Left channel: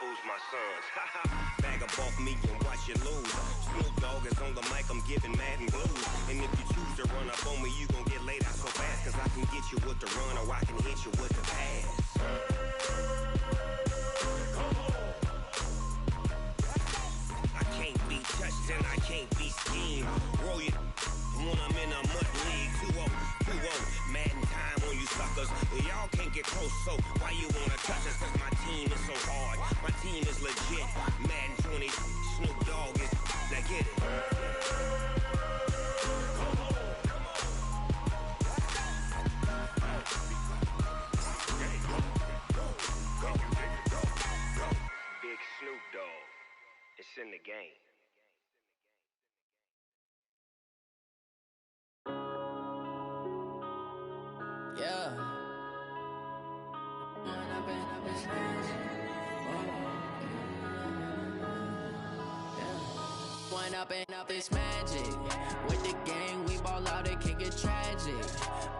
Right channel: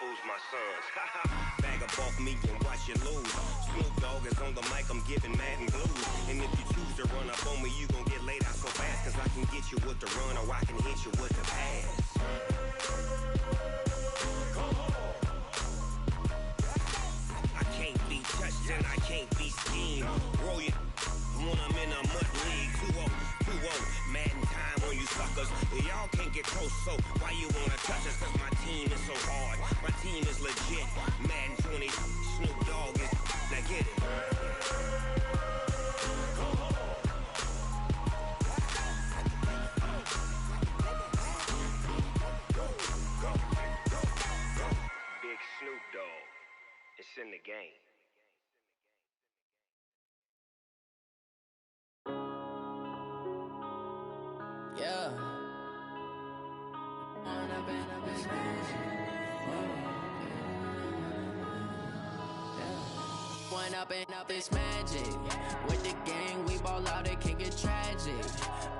fools my sons. Bag up off me and watch you lose. Snoop Dogg is on the mic, I'm giving Madden blues. And if you choose to run up on me, you gon' get laid out so fast. Cause I can get you with the run or I can hit you with the pass. I can't be touched and I can't be schemed. Roll you when I'm in a mud league. 2-0, Madden time on you suckers. Y'all can't get close, so why you wanna touch us? Cause my team is so hard, my team is legit. Madden 20, Snoop Dogg is, now get it. Big Snoop Dogg, it's in the game. Yeah. When I've been smashing. Yeah. When up it's magic. With the gang, we ball out, it can get tragic.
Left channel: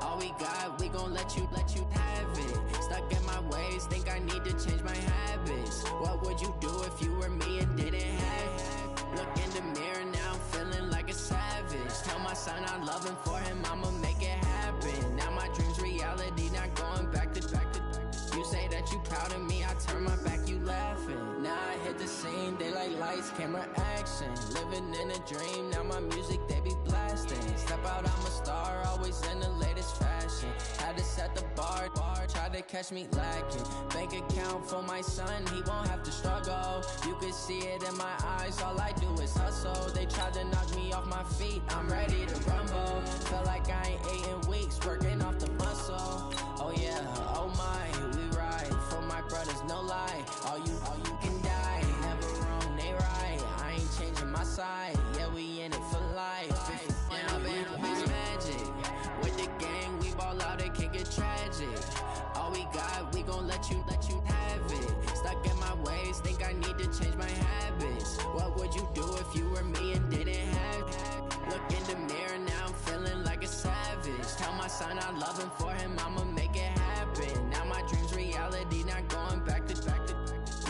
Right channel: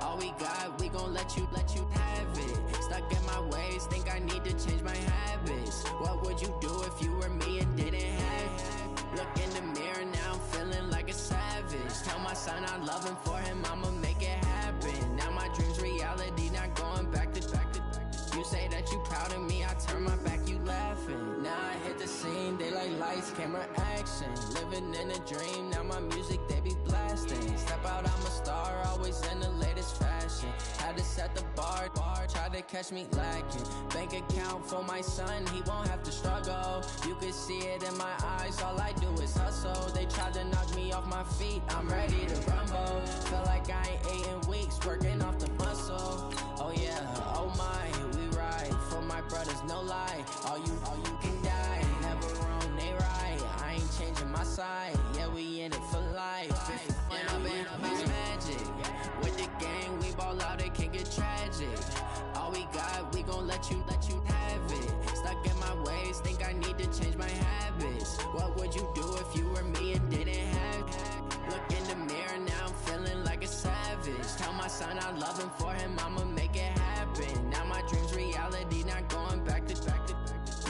All we got, we gon' let you have it. Stuck in my ways, think I need to change my habits. What would you do if you were me and didn't have it? Look in the mirror, now I'm feeling like a savage. Tell my son I love him, for him I'ma make it happen. Now my dream's reality, not going back to. You say that you proud of me, I turn my back, you laughing. Now I hit the scene, they like lights, camera, action. Living in a dream, now my music, they be blasting. Step out, I'm a star, always in the latest fashion. Had to set the bar, tried to catch me lacking. Bank account for my son, he won't have to struggle. You can see it in my eyes, all I do is hustle. They tried to knock me off my feet, I'm ready to rumble. Feel like I ain't ate in weeks, working off the muscle. Oh yeah, oh my, we ride for my brothers, no lie. All you can die, never wrong, they right. I ain't changing my side, yeah, we in it for life. When I've been it's magic. With the gang, we ball out, it can get tragic. All we got, we gon' let you have it. Stuck in my ways, think I need to change my habits. What would you do if you were me and didn't have it? Look in the mirror, now I'm feeling like a savage. Tell my son I love him, for him I'ma make it happen. Now my dream's reality, not going back to.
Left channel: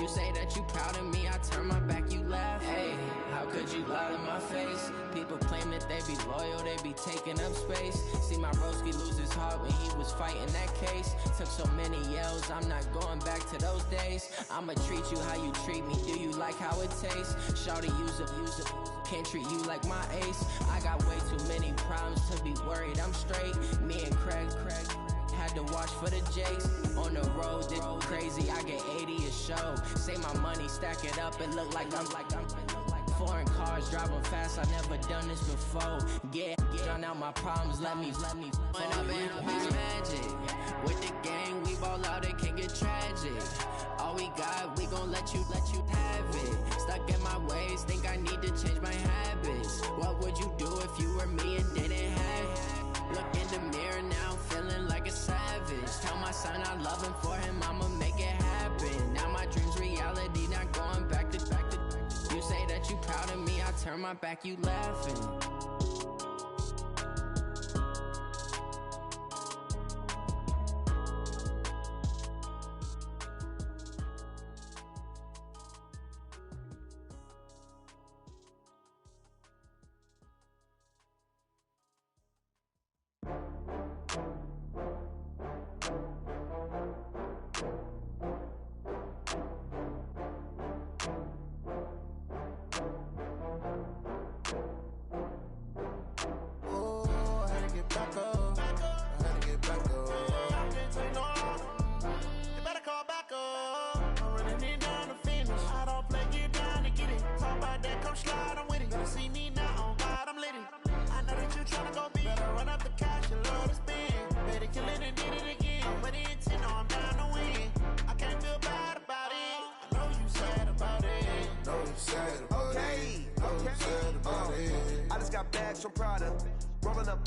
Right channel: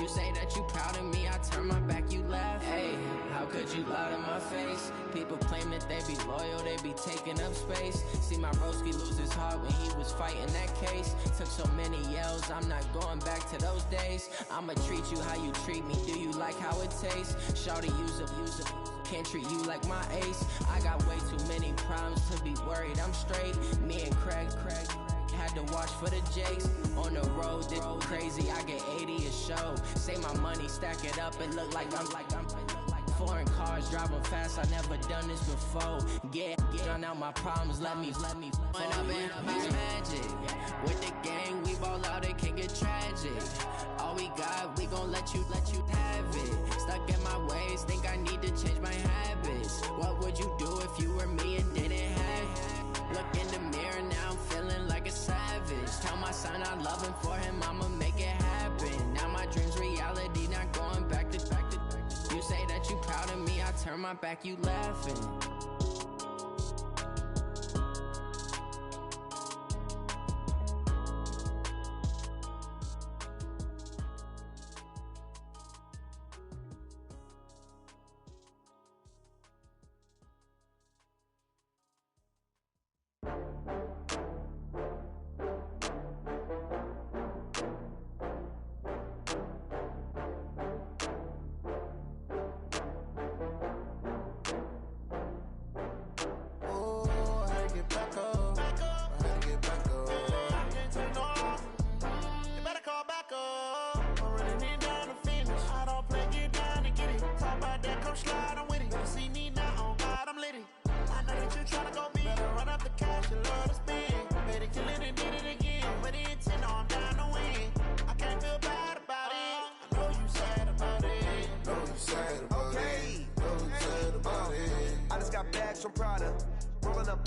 You say that you proud of me, I turn my back, you laugh. Hey, how could you lie to my face? People claim that they be loyal, they be taking up space. See my broski lose his heart when he was fighting that case. Took so many yells, I'm not going back to those days. I'ma treat you how you treat me, do you like how it tastes? Shawty, use up, can't treat you like my ace. I got way too many problems to be worried, I'm straight. Me and Craig had to watch for the Jakes. On the road, this crazy, I get 80 a show. Say my money, stack it up, it look like I'm foreign cars, driving fast, I never done this before. Get drown out my problems, let me When I've been it's magic. With the gang, we ball out, it can get tragic. All we got, we gon' let you have it. Stuck in my ways, think I need to change my habits. What would you do if you were me and didn't have it? Look in the mirror, now I'm feeling like a savage. Tell my son I love him, for him I'ma make it happen. Now my dream's reality, not going back to. You say that you proud of me, I turn my back, you laughing. From Prada, rolling up.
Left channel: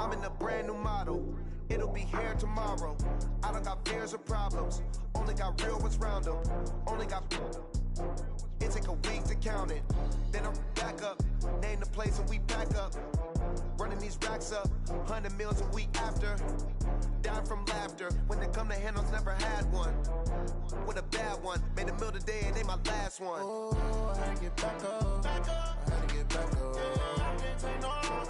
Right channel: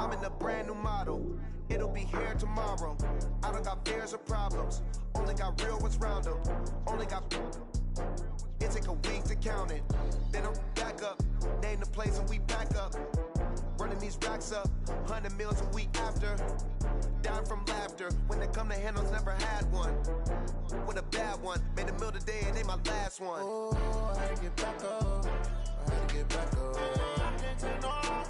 I'm in a brand new model. It'll be here tomorrow. I don't got fears or problems. Only got real ones round them. Only got. It take a week to count it. Then I'm back up. Name the place and we back up. Running these racks up. 100 meals a week after. Dying from laughter. When it come to handles, never had one. With a bad one. Made a meal today and they my last one. Oh, I had to get back up. I had to get back up. I can't take no loss.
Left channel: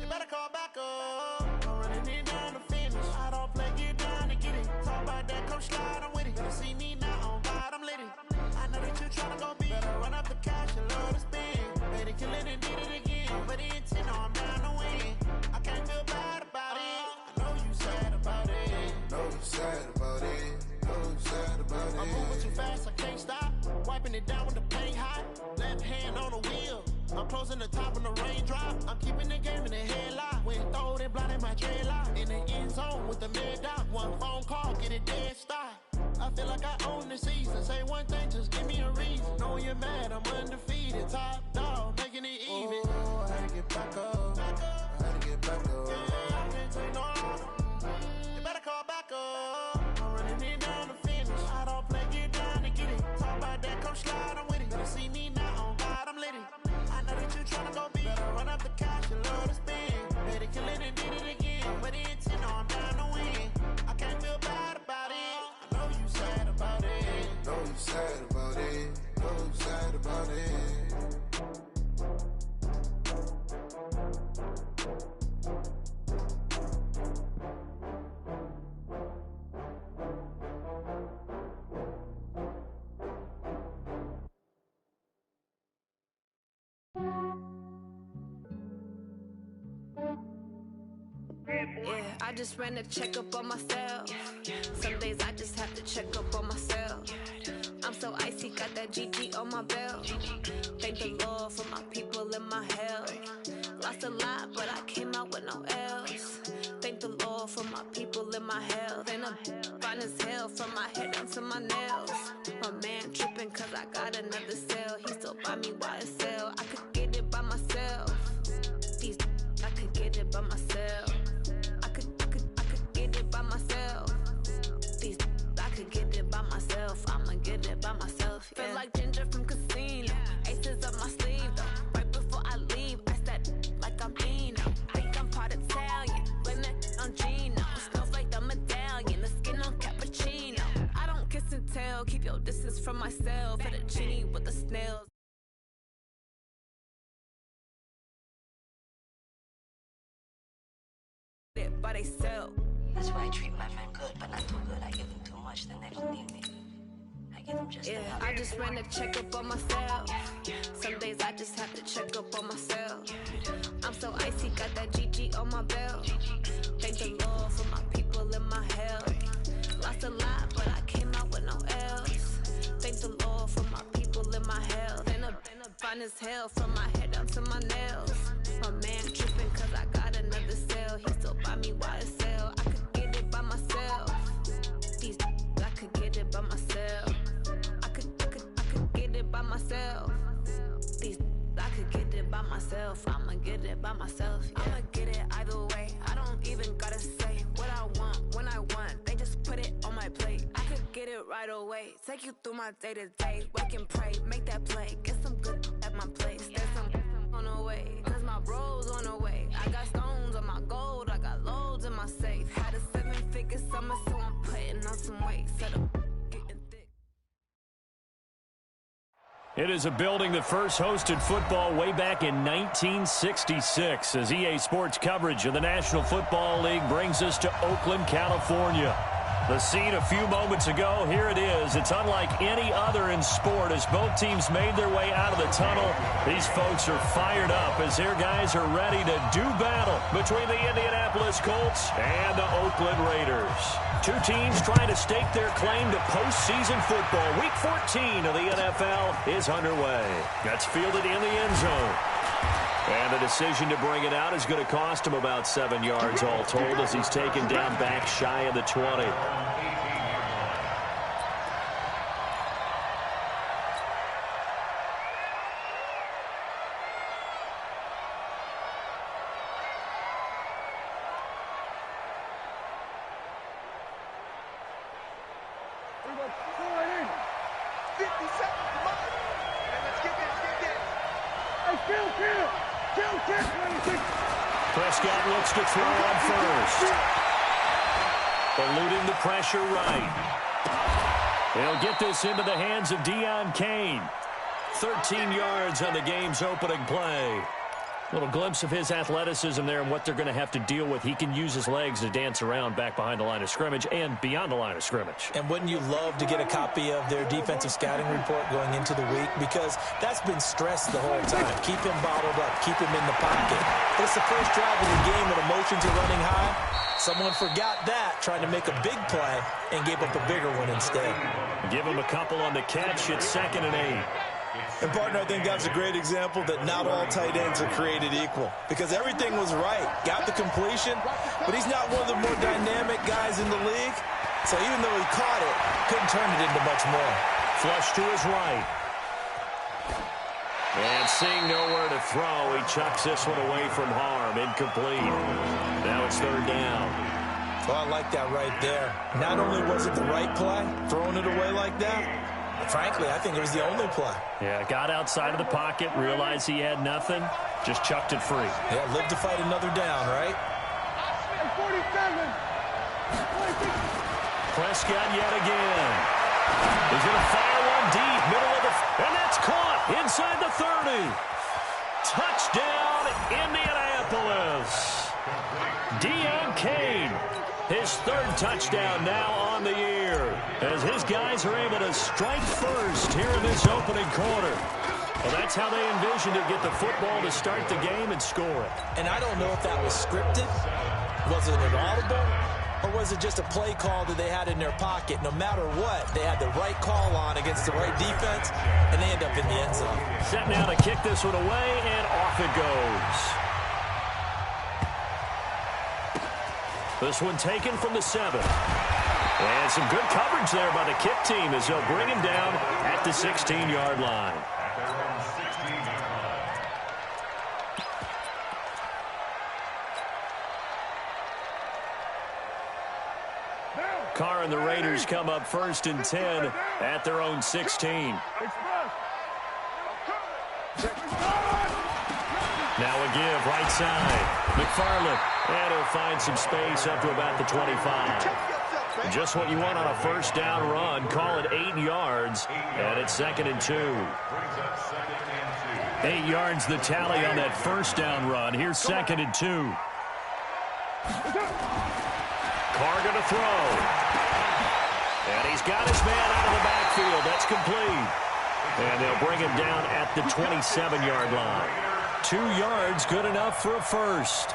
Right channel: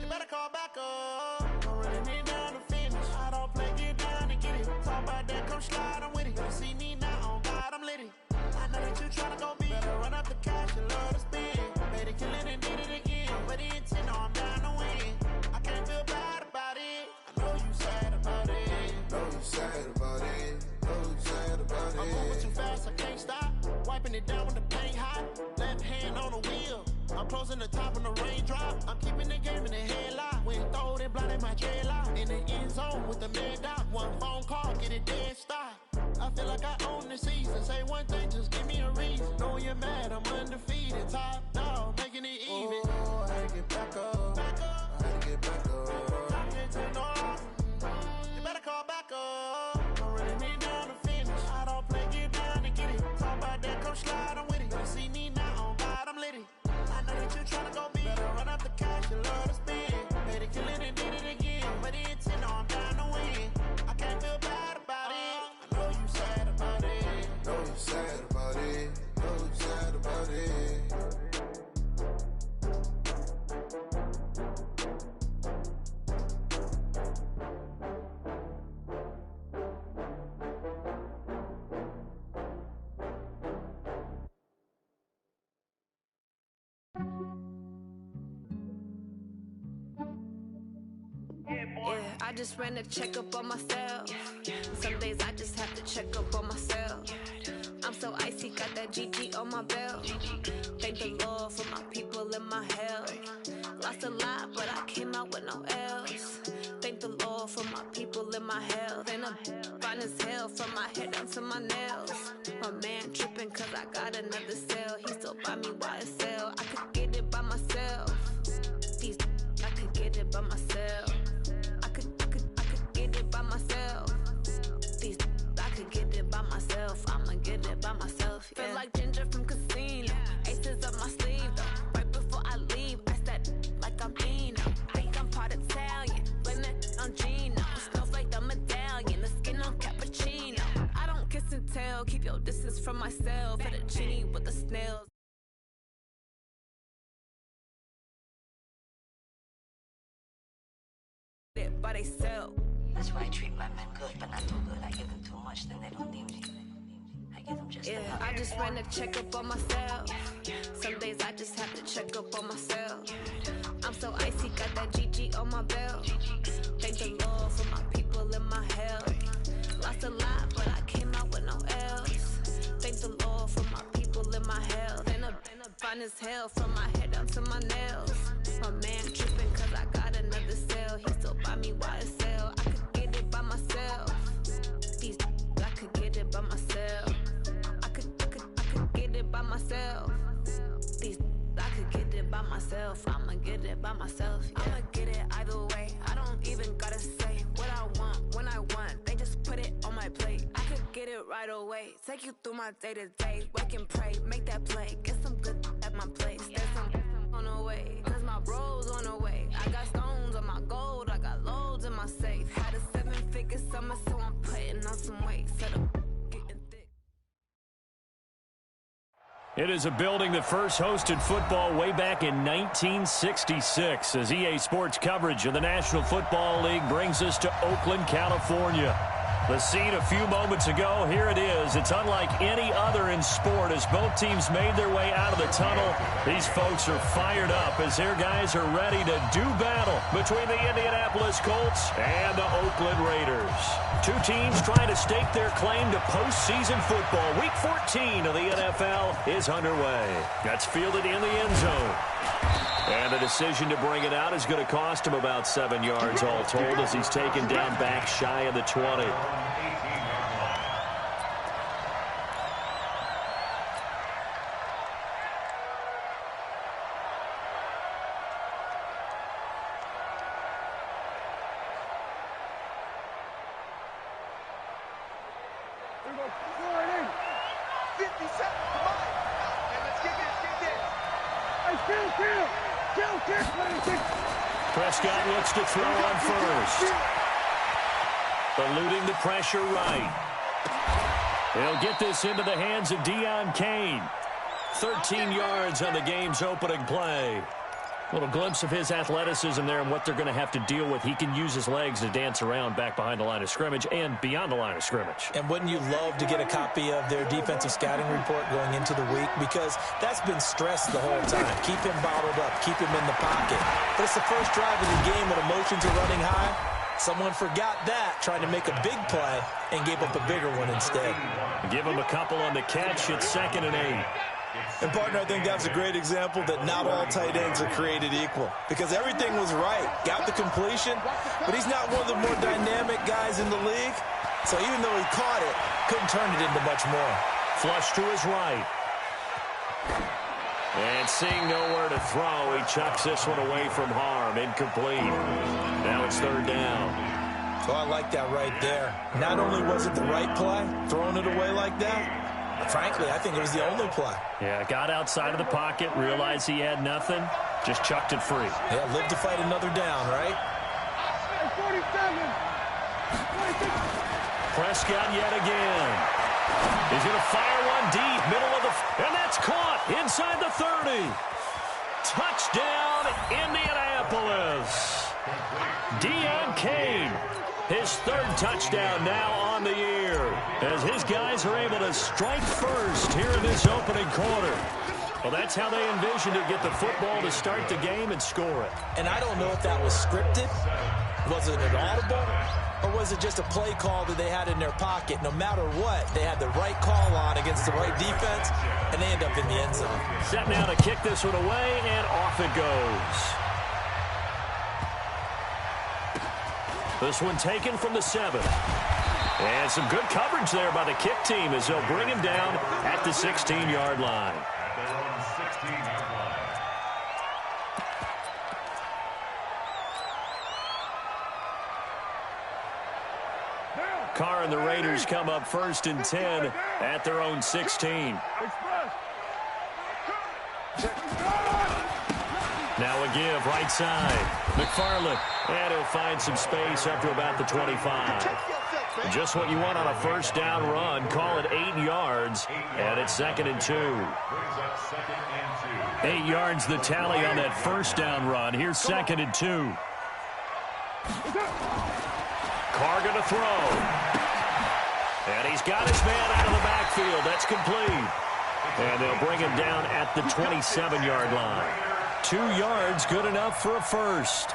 You better call back up. I'm running it down to finish. I don't play, get down and get it. Talk about that, come slide, I'm with it. Better see me now, on God, I'm litty. I know that you tryna go big. Better run up the cash and love to spend. Made it, kill it and did it again. I put the intent on, I'm down to win. I can't feel bad about it. I know you sad about it. Know you sad about it. Know you sad about it. I'm moving too fast, I can't stop. Wiping it down with the paint hot. Left hand on the wheel. I'm closing the top when the raindrop. I'm keeping the game in the headlock. When throwed and blinded my dreadlock. In the end zone with the mad dot. One phone call, get it dead stop. I feel like I own the season. Say one thing, just give me a reason. Knowing you're mad, I'm undefeated. Top dog, making it even. Oh, I had to get back up. I had to get back up. I can't take no loss. You better call back up. I'm running it down to finish. I don't play, get down and get it. Talk about that, come slide, I'm with it. Better see me now, on God, I'm litty. I know that you tryna go big. Better run up the cash and love to spend. Made it, kill it and did it again. But the intent, I'm down to win. I can't feel bad about it. I know you sad about it. Know you sad about it. Know you sad about it. Yeah, I just ran a checkup on myself. Some days I just have to check up on myself. I'm so icy, got that GG on my belt. Thank the Lord for my people and my health. Lost a lot, but I came out with no else. Thank the Lord for my people and my health. And I'm fine as hell from my head down to my nails. My man tripping cause I got another cell. He still buy me YSL. I could get it by myself. These I could get it by myself. I could get it by myself. These I could get it by myself. I'ma get it by myself. Yeah. Feel like Ginger from Casino. Aces up my sleeve though. Right before I leave, I said like I'm Eno. Think I'm part Italian. Blame that on Gino. Smells like the medallion. The skin on cappuccino. I don't kiss and tell. Keep your distance from myself. Fettuccine with the snails. By they sell. That's why you treat my men good, but not too good. I give them too much, then they don't need me. I give them just enough. I just ran a checkup on myself. Some days I just have to check up on myself. I'm so icy, got that GG on my belt. Thank the Lord for my people and my health. Lost a lot, but I came out with no else. Thank the Lord for my people and my health. And I'm fine as hell from my head down to my nails. My man tripping cause I got another cell. He still buy me YSL. I could get it by myself. These I could get it by myself. I could get it by myself. These I could get it by myself. I'ma get it by myself. Yeah. I'ma get it either way. I don't even gotta say what I want when I want. They just put it on my plate. I could get it right away. Take you through my day to day. Wake and pray, make that play. Get some good at my place. There's some on the way. Cause my bro's on the way. I got stones on my gold. I got loads in my safe. Had a 7-figure summer, so I'm putting on some weight. Set up, getting thick. It is a building that first hosted football way back in 1966 as EA Sports coverage of the National Football League brings us to Oakland, California. The scene a few moments ago, here it is. It's unlike any other in sport as both teams made their way out of the tunnel. These folks are fired up as their guys are ready to do battle between the Indianapolis Colts and the Oakland Raiders. Two teams trying to stake their claim to postseason football. Week 14 of the NFL is underway. That's fielded in the end zone. And the decision to bring it out is going to cost him about 7 yards all told as he's taken down back shy of the 20. Prescott looks to throw on first. Eluding the pressure right. He'll get this into the hands of Deion Kane. 13 yards on the game's opening play. Little glimpse of his athleticism there and what they're going to have to deal with. He can use his legs to dance around back behind the line of scrimmage and beyond the line of scrimmage. And wouldn't you love to get a copy of their defensive scouting report going into the week? Because that's been stressed the whole time. Keep him bottled up. Keep him in the pocket. But it's the first drive of the game and emotions are running high. Someone forgot that, trying to make a big play, and gave up a bigger one instead. Give him a couple on the catch. It's 2nd and 8. And, partner, I think that's a great example that not all tight ends are created equal. Because everything was right. Got the completion, but he's not one of the more dynamic guys in the league. So even though he caught it, couldn't turn it into much more. Flush to his right. And seeing nowhere to throw, he chucks this one away from harm. Incomplete. Now it's 3rd down. Oh, I like that right there. Not only was it the right play, throwing it away like that, frankly, I think it was the only play. Yeah, got outside of the pocket, realized he had nothing, just chucked it free. Yeah, live to fight another down, right? 47. Prescott yet again. He's going to fire one deep, middle of the... And that's caught inside the 30. Touchdown, Indianapolis. Deion Kane, his 3rd touchdown now on the year, as his guys are able to strike first here in this opening quarter. Well, that's how they envisioned it, get the football to start the game and score it. And I don't know if that was scripted. Was it an audible? Or was it just a play call that they had in their pocket? No matter what, they had the right call on against the right defense, and they end up in the end zone. Set now to kick this one away, and off it goes. This one taken from the 7. And some good coverage there by the kick team as they'll bring him down at the 16-yard line. Carr and the Raiders come up 1st and 10 at their own 16. Now a give, right side. McFarland, and he'll find some space up to about the 25. Just what you want on a 1st down run. Call it 8 yards, and it's 2nd and 2. 8 yards the tally on that 1st down run. Here's 2nd and 2. Carr going to throw. And he's got his man out of the backfield. That's complete. And they'll bring him down at the 27-yard line. 2 yards, good enough for a first.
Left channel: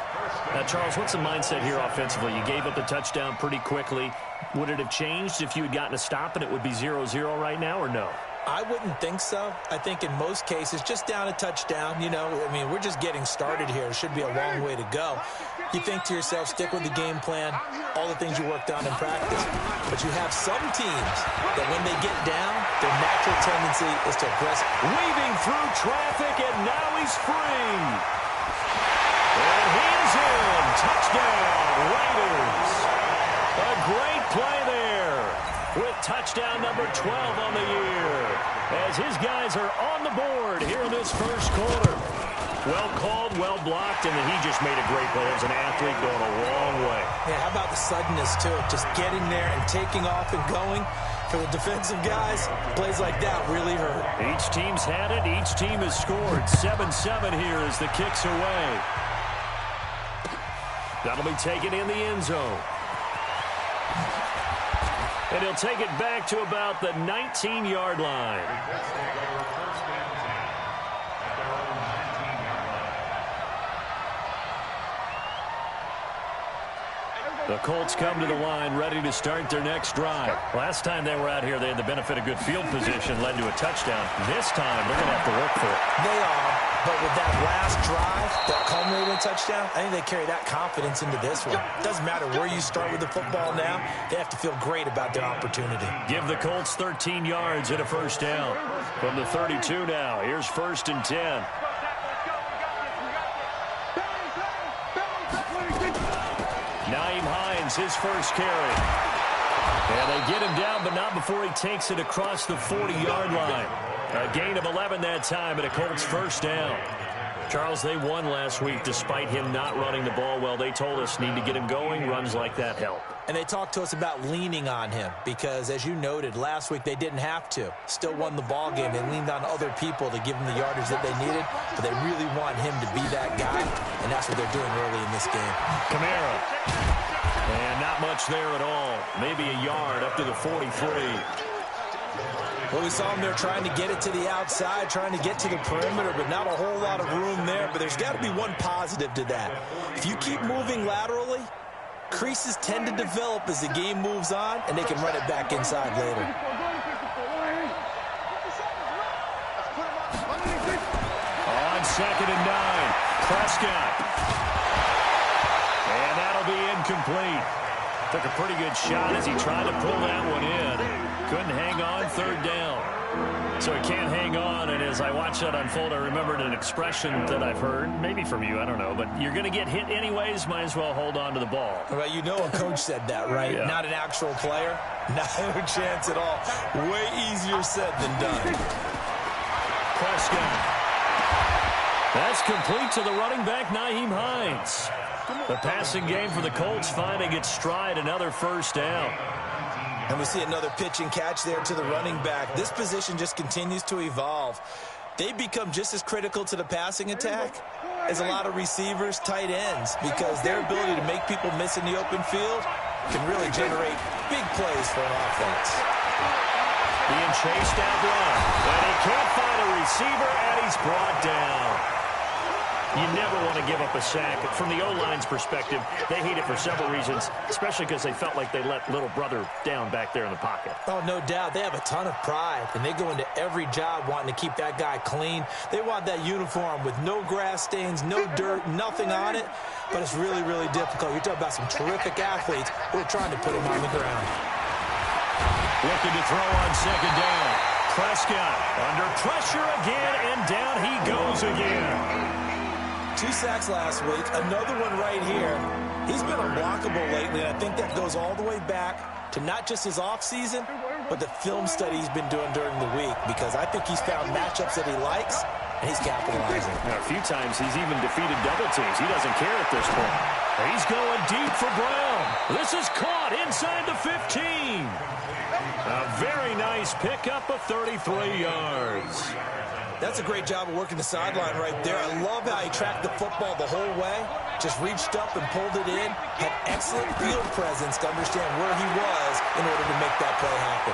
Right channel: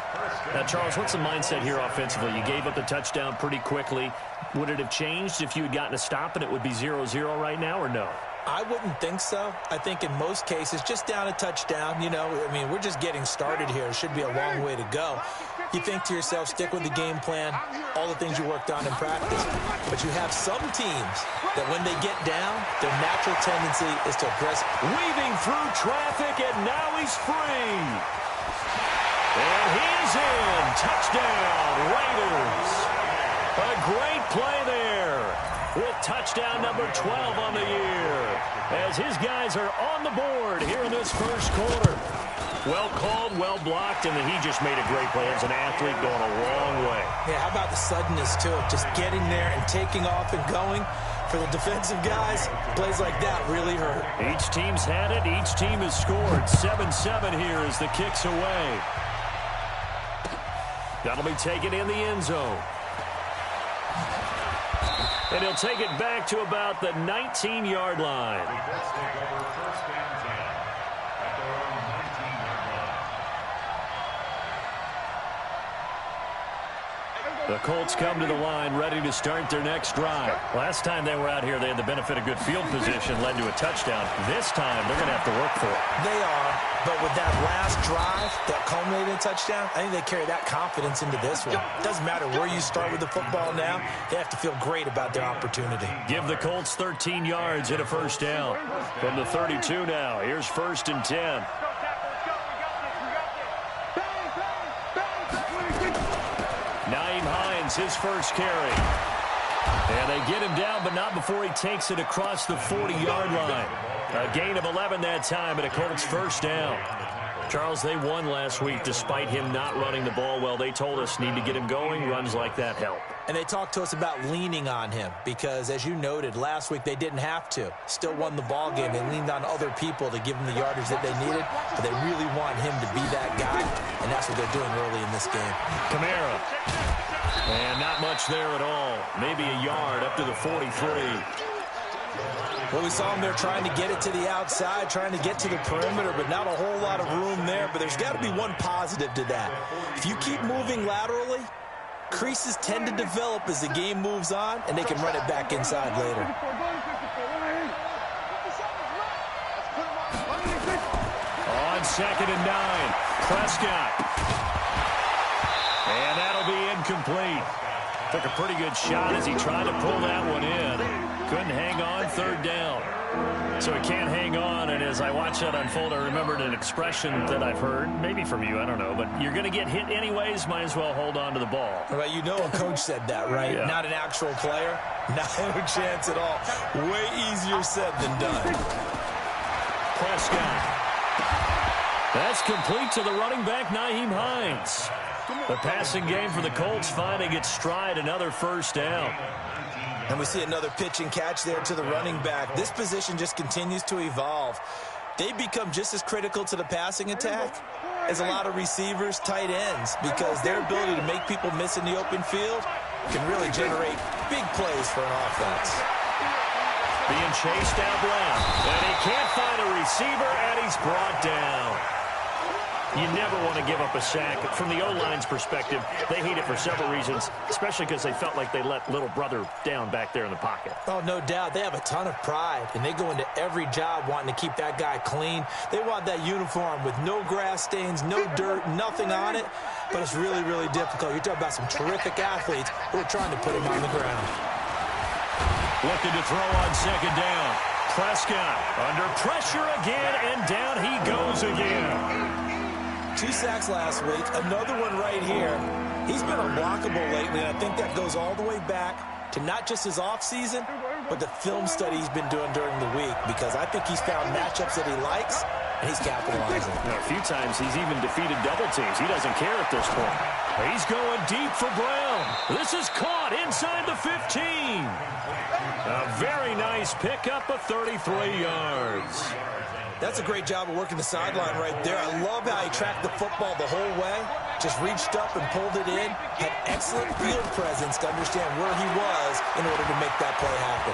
Now, Charles, what's the mindset here offensively? You gave up the touchdown pretty quickly. Would it have changed if you had gotten a stop and it would be 0-0 right now, or no? I wouldn't think so. I think in most cases, just down a touchdown, you know, I mean, we're just getting started here. It should be a long way to go. You think to yourself, stick with the game plan, all the things you worked on in practice. But you have some teams that when they get down, their natural tendency is to aggress. Weaving through traffic, and now he's free. And he is in. Touchdown, Raiders. A great play there with touchdown number 12 on the year, as his guys are on the board here in this first quarter. Well called, well blocked, and then he just made a great play. As an athlete going a long way. Yeah, how about the suddenness, too? Just getting there and taking off and going. For the defensive guys, plays like that really hurt. Each team's had it. Each team has scored. 7-7 here as the kick's away. That'll be taken in the end zone. And he'll take it back to about the 19-yard line. The Colts come to the line ready to start their next drive. Last time they were out here, they had the benefit of good field position, led to a touchdown. This time, they're going to have to work for it. They are, but with that last drive that culminated in a touchdown, I think they carry that confidence into this one. Doesn't matter where you start with the football now, they have to feel great about their opportunity. Give the Colts 13 yards and a first down. From the 32 now, here's 1st and 10. His first carry. And they get him down, but not before he takes it across the 40-yard line. A gain of 11 that time, and a Colts first down. Charles, they won last week despite him not running the ball well. They told us need to get him going. Runs like that help. And they talked to us about leaning on him because, as you noted, last week they didn't have to. Still won the ball game. They leaned on other people to give them the yardage that they needed, but they really want him to be that guy, and that's what they're doing early in this game. Kamara. And not much there at all. Maybe a yard up to the 43. Well, we saw him there trying to get it to the outside, trying to get to the perimeter, but not a whole lot of room there. But there's got to be one positive to that. If you keep moving laterally, creases tend to develop as the game moves on, and they can run it back inside later. On 2nd and 9, Prescott. And that'll be incomplete. Took a pretty good shot as he tried to pull that one in. Couldn't hang on, 3rd down. So he can't hang on, and as I watched that unfold, I remembered an expression that I've heard, maybe from you, I don't know, but you're going to get hit anyways, might as well hold on to the ball. Well, you know a coach said that, right? Yeah. Not an actual player. No chance at all. Way easier said than done. Prescott. That's complete to the running back, Nyheim Hines. The passing game for the Colts finding its stride, another 1st down. And we see another pitch and catch there to the running back. This position just continues to evolve. They become just as critical to the passing attack as a lot of receivers, tight ends, because their ability to make people miss in the open field can really generate big plays for an offense. Being chased out left, and he can't find a receiver, and he's brought down. You never want to give up a sack. From the O-line's perspective, they hate it for several reasons, especially because they felt like they let little brother down back there in the pocket. Oh, no doubt. They have a ton of pride, and they go into every job wanting to keep that guy clean. They want that uniform with no grass stains, no dirt, nothing on it, but it's really, really difficult. You're talking about some terrific athletes who are trying to put him on the ground. Looking to throw on 2nd down. Prescott under pressure again, and down he goes again. 2 sacks last week, another one right here. He's been unblockable lately, and I think that goes all the way back to not just his offseason, but the film study he's been doing during the week, because I think he's found matchups that he likes, and he's capitalizing. Now, a few times he's even defeated double teams. He doesn't care at this point. He's going deep for Brown. This is caught inside the 15. A very nice pickup of 33 yards. That's a great job of working the sideline right there. I love how he tracked the football the whole way, just reached up and pulled it in, had excellent field presence to understand where he was in order to make that play happen.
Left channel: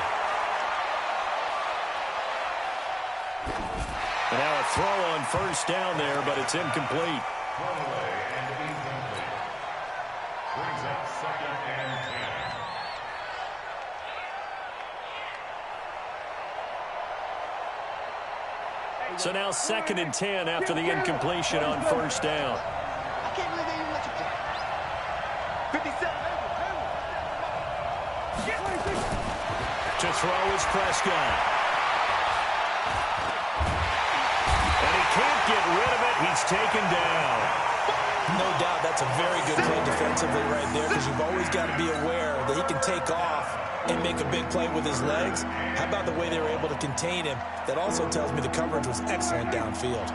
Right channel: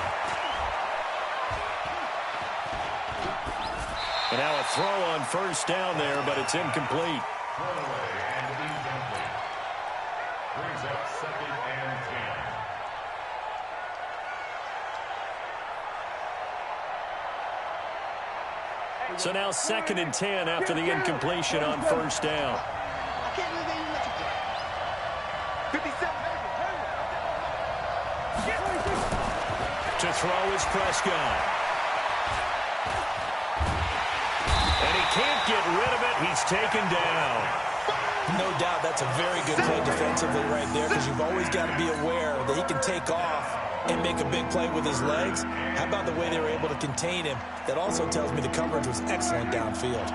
And now a throw on 1st down there, but it's incomplete. Brings up 2nd and 10. So now 2nd and 10 after the incompletion on 1st down. I can't believe they even let you play. 57. To throw is Prescott. And he can't get rid of it. He's taken down. No doubt that's a very good play defensively right there, because you've always got to be aware that he can take off and make a big play with his legs. How about the way they were able to contain him? That also tells me the coverage was excellent downfield.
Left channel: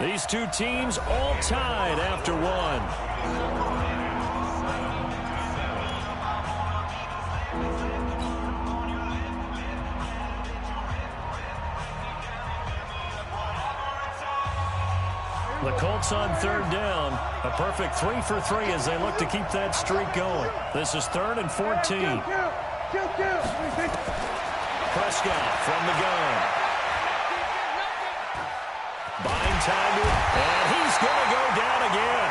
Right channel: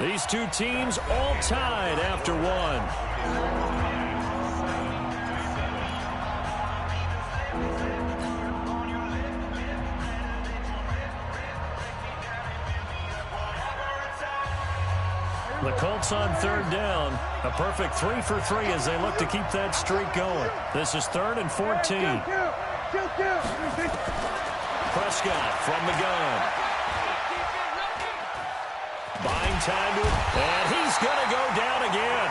These two teams all tied after one. The Colts on 3rd down. A perfect 3 for 3 as they look to keep that streak going. This is 3rd and 14. Prescott from the gun. Buying time to it, and he's going to go down again.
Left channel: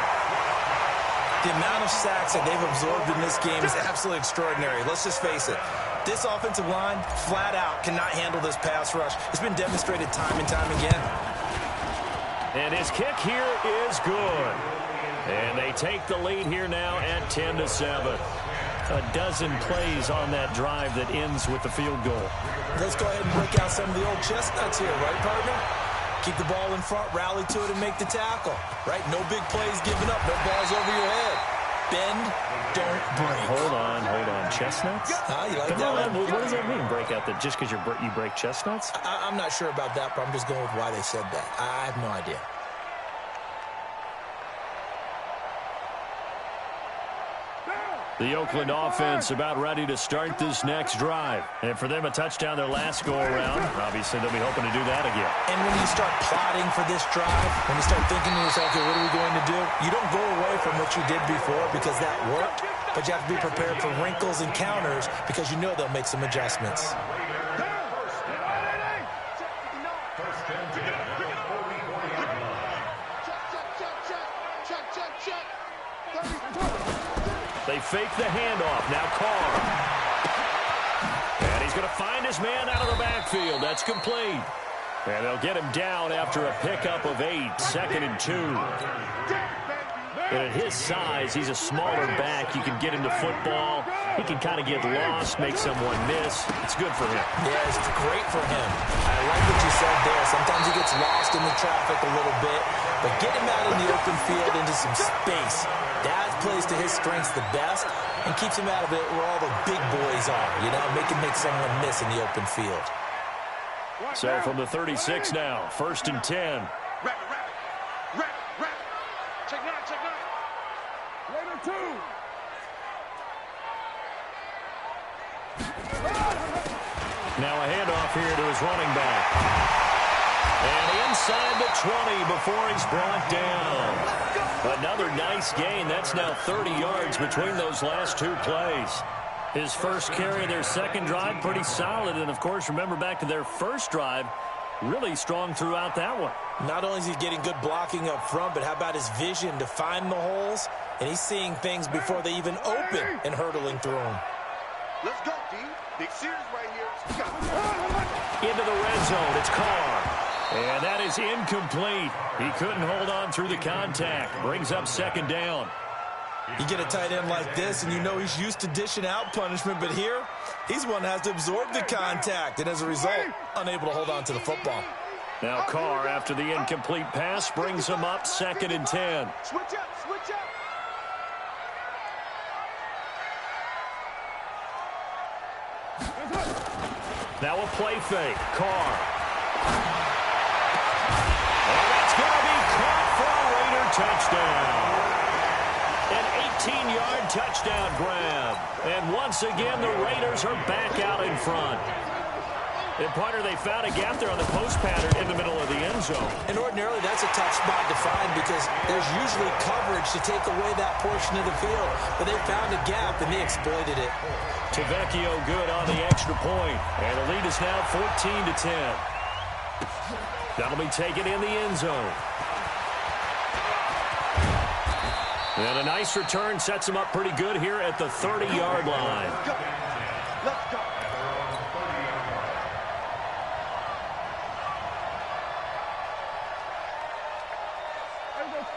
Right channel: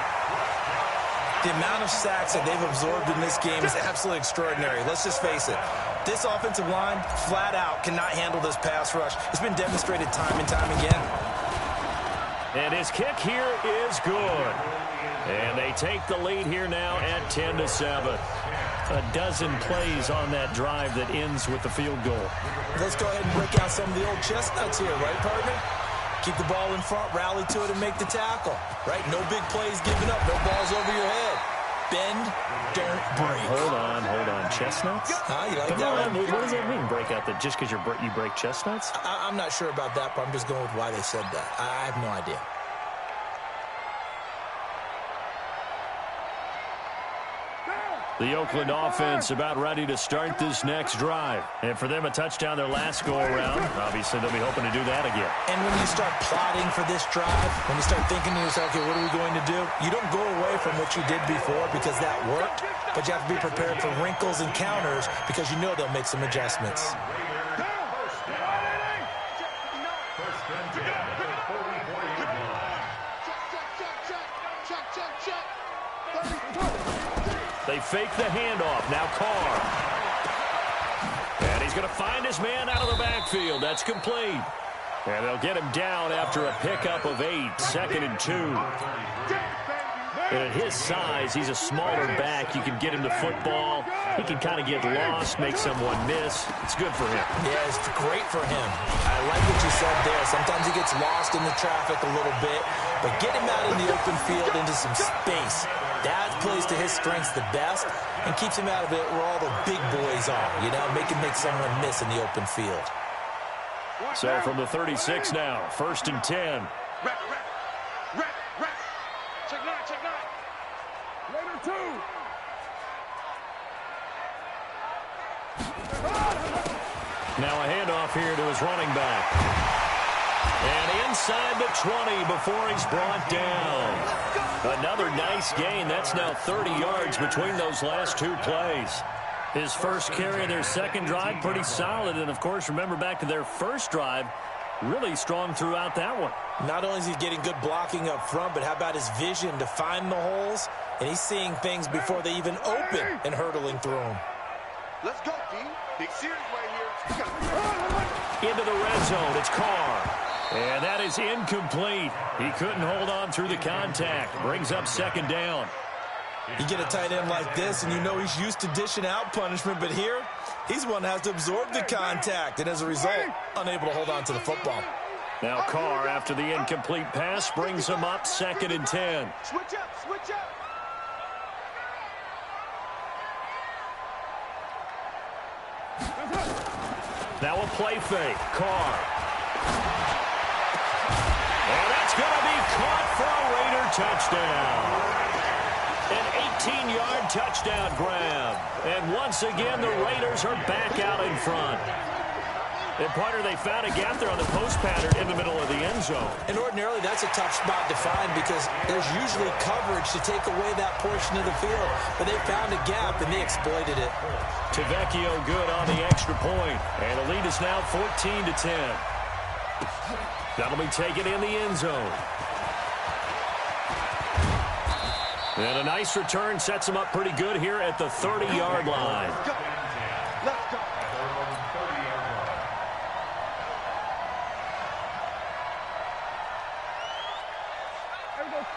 The amount of sacks that they've absorbed in this game is absolutely extraordinary. Let's just face it. This offensive line, flat out, cannot handle this pass rush. It's been demonstrated time and time again. And his kick here is good. And they take the lead here now at 10-7. A dozen plays on that drive that ends with the field goal. Let's go ahead and break out some of the old chestnuts here, right, partner? Keep the ball in front, rally to it, and make the tackle, right? No big plays given up, no balls over your head. Bend, don't break. Hold on. Chestnuts? You like that one? What does that mean, break out the, just because you break chestnuts? I'm not sure about that, but I'm just going with why they said that. I have no idea. The Oakland offense about ready to start this next drive. And for them, a touchdown their last go-around. Obviously, they'll be hoping to do that again. And when you start plotting for this drive, when you start thinking to yourself, okay, what are we going to do? You don't go away from what you did before because that worked, but you have to be prepared for wrinkles and counters because you know they'll make some adjustments. They fake the handoff. Now Carr. And he's going to find his man out of the backfield. That's complete. And they'll get him down after a pickup of 8. 2nd and 2. And at his size, he's a smaller back. You can get him the football. He can kind of get lost, make someone miss. It's good for him. Yeah, it's great for him. I like what you said there. Sometimes he gets lost in the traffic a little bit, but get him out in the open field into some space. That plays to his strengths the best and keeps him out of it where all the big boys are, you know, make someone miss in the open field. So from the 36 now, 1st and 10. Rapid. Check nine. Later 2. Now a handoff here to his running back. And inside the 20 before he's brought down. Another nice gain. That's now 30 yards between those last 2 plays. His first carry of their second drive, pretty solid. And, of course, remember back to their first drive, really strong throughout that one. Not only is he getting good blocking up front, but how about his vision to find the holes? And he's seeing things before they even open and hurtling through them. Let's go, D. Big series right here. Into the red zone. It's Carr. And that is incomplete. He couldn't hold on through the contact. Brings up 2nd down. You get a tight end like this, and you know he's used to dishing out punishment, but here, he's one that has to absorb the contact, and as a result, unable to hold on to the football. Now Carr, after the incomplete pass, brings him up 2nd and 10. Switch up. Now a play fake. Carr. And that's going to be caught for a Raider touchdown. An 18-yard touchdown grab. And once again, the Raiders are back out in front. And, partner, they found a gap there on the post pattern in the middle of the end zone. And ordinarily, that's a tough spot to find because there's usually coverage to take away that portion of the field. But they found a gap, and they exploited it. Tavecchio good on the extra point. And the lead is now 14-10. That'll be taken in the end zone. And a nice return sets him up pretty good here at the 30-yard line. Let's go.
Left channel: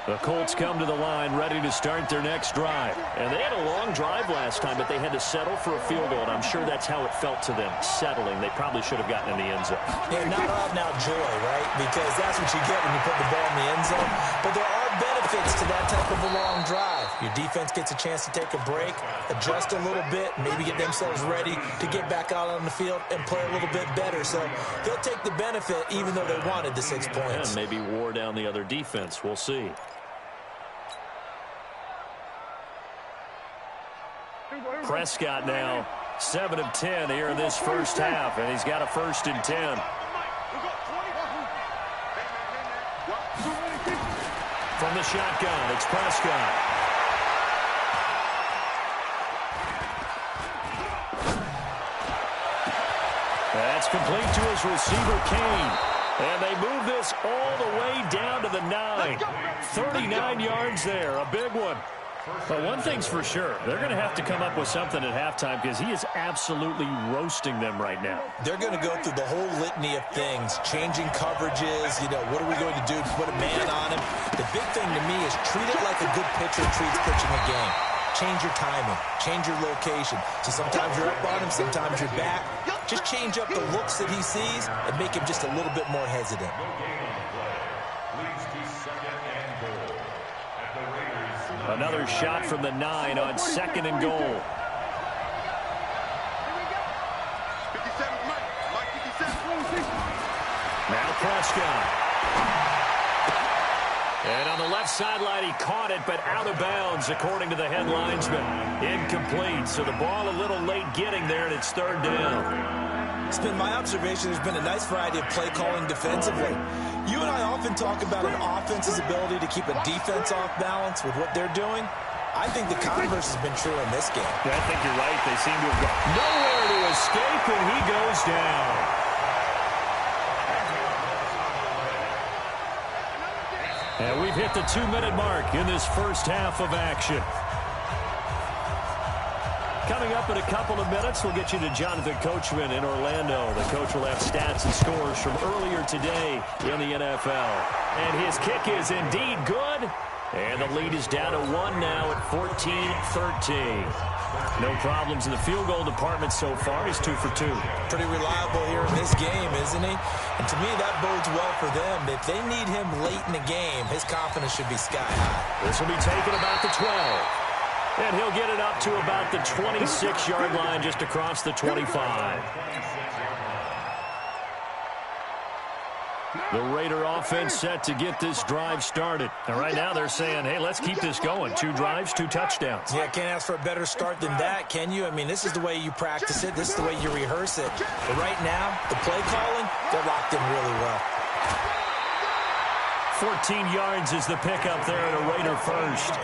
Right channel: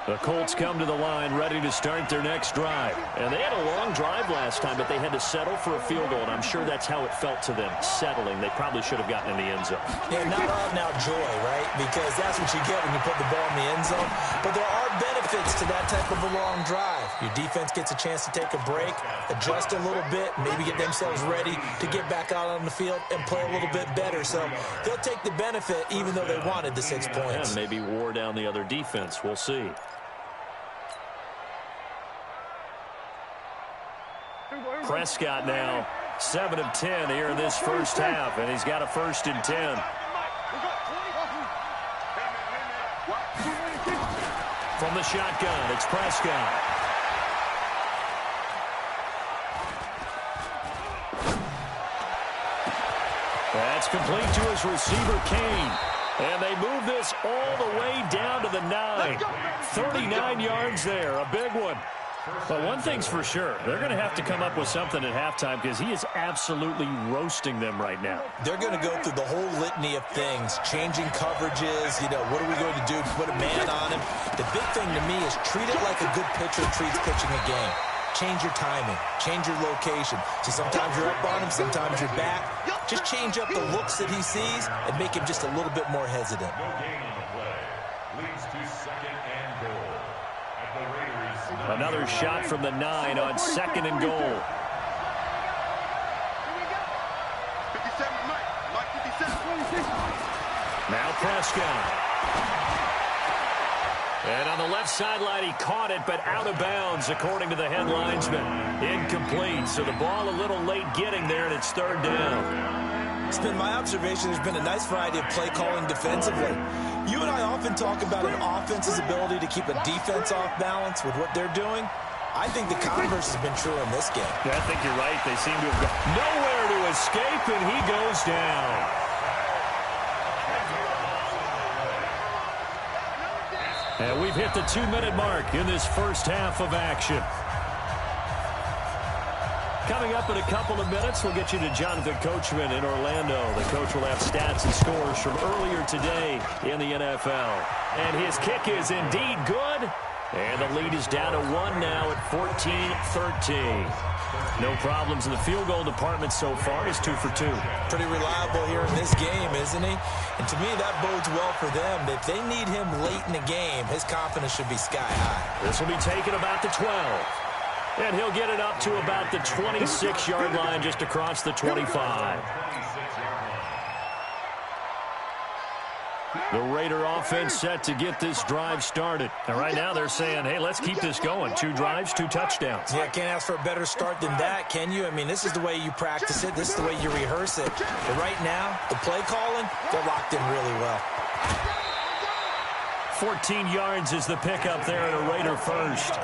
The Colts come to the line ready to start their next drive. And they had a long drive last time, but they had to settle for a field goal. And I'm sure that's how it felt to them, settling. They probably should have gotten in the end zone. Yeah, not all now joy, right? Because that's what you get when you put the ball in the end zone. But there are benefits to that type of a long drive. Your defense gets a chance to take a break, adjust a little bit, maybe get themselves ready to get back out on the field and play a little bit better. So they'll take the benefit even though they wanted the 6 points. And maybe wore down the other defense. We'll see. Prescott now 7 of 10 here in this first half, and he's got a 1st and 10. From the shotgun, it's Prescott. That's complete to his receiver, Kane. And they move this all the way down to the 9. 39 yards there, a big one. But one thing's for sure, they're going to have to come up with something at halftime because he is absolutely roasting them right now. They're going to go through the whole litany of things, changing coverages, you know, what are we going to do to put a man on him? The big thing to me is treat it like a good pitcher treats pitching a game. Change your timing, change your location. So sometimes you're up on him, sometimes you're back. Just change up the looks that he sees and make him just a little bit more hesitant. No gain on the play. Leads to 2nd and goal. At Another shot from the 9 on 2nd and goal. 57, Mike 57. Now Prescott. And on the left sideline, he caught it, but out of bounds, according to the head linesman. Incomplete, so the ball a little late getting there, and it's 3rd down. It's been my observation there's been a nice variety of play calling defensively. You and I often talk about an offense's ability to keep a defense off balance with what they're doing. I think the converse has been true in this game. Yeah, I think you're right. They seem to have gone nowhere to escape, and he goes down. And we've hit the 2-minute mark in this first half of action. Coming up in a couple of minutes, we'll get you to Jonathan Coachman in Orlando. The coach will have stats and scores from earlier today in the NFL. And his kick is indeed good. And the lead is down to 1 now at 14-13. No problems in the field goal department so far. He's 2 for 2. Pretty reliable here in this game, isn't he? And to me, that bodes well for them. If they need him late in the game, his confidence should be sky high. This will be taken about the 12. And he'll get it up to about the 26-yard line just across the 25. The Raider offense set to get this drive started. And right now they're saying, hey, let's keep this going. 2 drives, 2 touchdowns. Yeah, can't ask for a better start than that, can you? I mean, this is the way you practice it. This is the way you rehearse it. But right now, the play calling, they're locked in really well. 14 yards is the pickup there at a Raider first.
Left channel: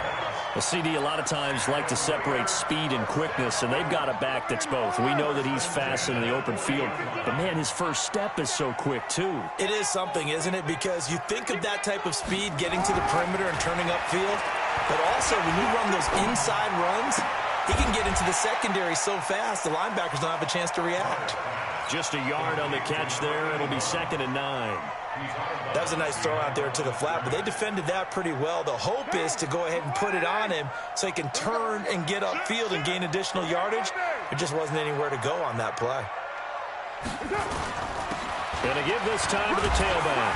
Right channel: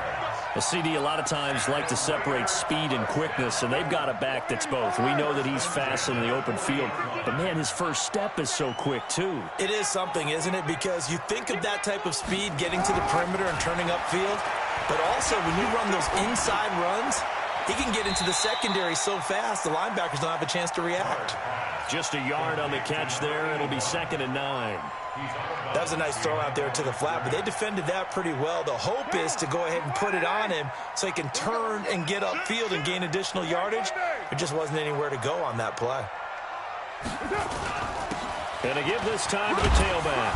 Well, CD a lot of times like to separate speed and quickness, and they've got a back that's both. We know that he's fast in the open field, but, man, his first step is so quick, too. It is something, isn't it? Because you think of that type of speed getting to the perimeter and turning upfield, but also when you run those inside runs, he can get into the secondary so fast the linebackers don't have a chance to react. Just a yard on the catch there. It'll be 2nd and 9. That was a nice throw out there to the flat, but they defended that pretty well. The hope is to go ahead and put it on him so he can turn and get upfield and gain additional yardage. There just wasn't anywhere to go on that play. Going to give this time to the tailback.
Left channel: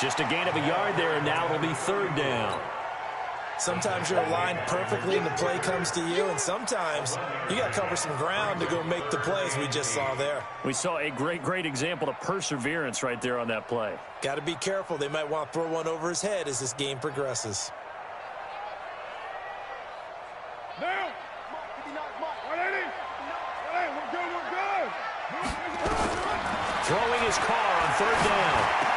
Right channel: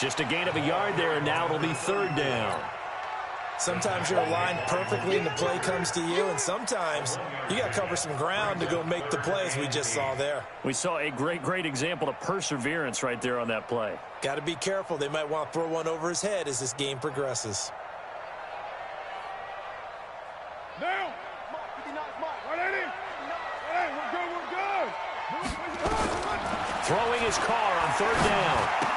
Just a gain of a yard there, and now it'll be 3rd down. Sometimes you're aligned perfectly and the play comes to you, and sometimes you got to cover some ground to go make the plays we just saw there. We saw a great example of perseverance right there on that play. Got to be careful. They might want to throw one over his head as this game progresses. Now, 59, Mike. 180. 180, we're good. Throwing his car on 3rd down.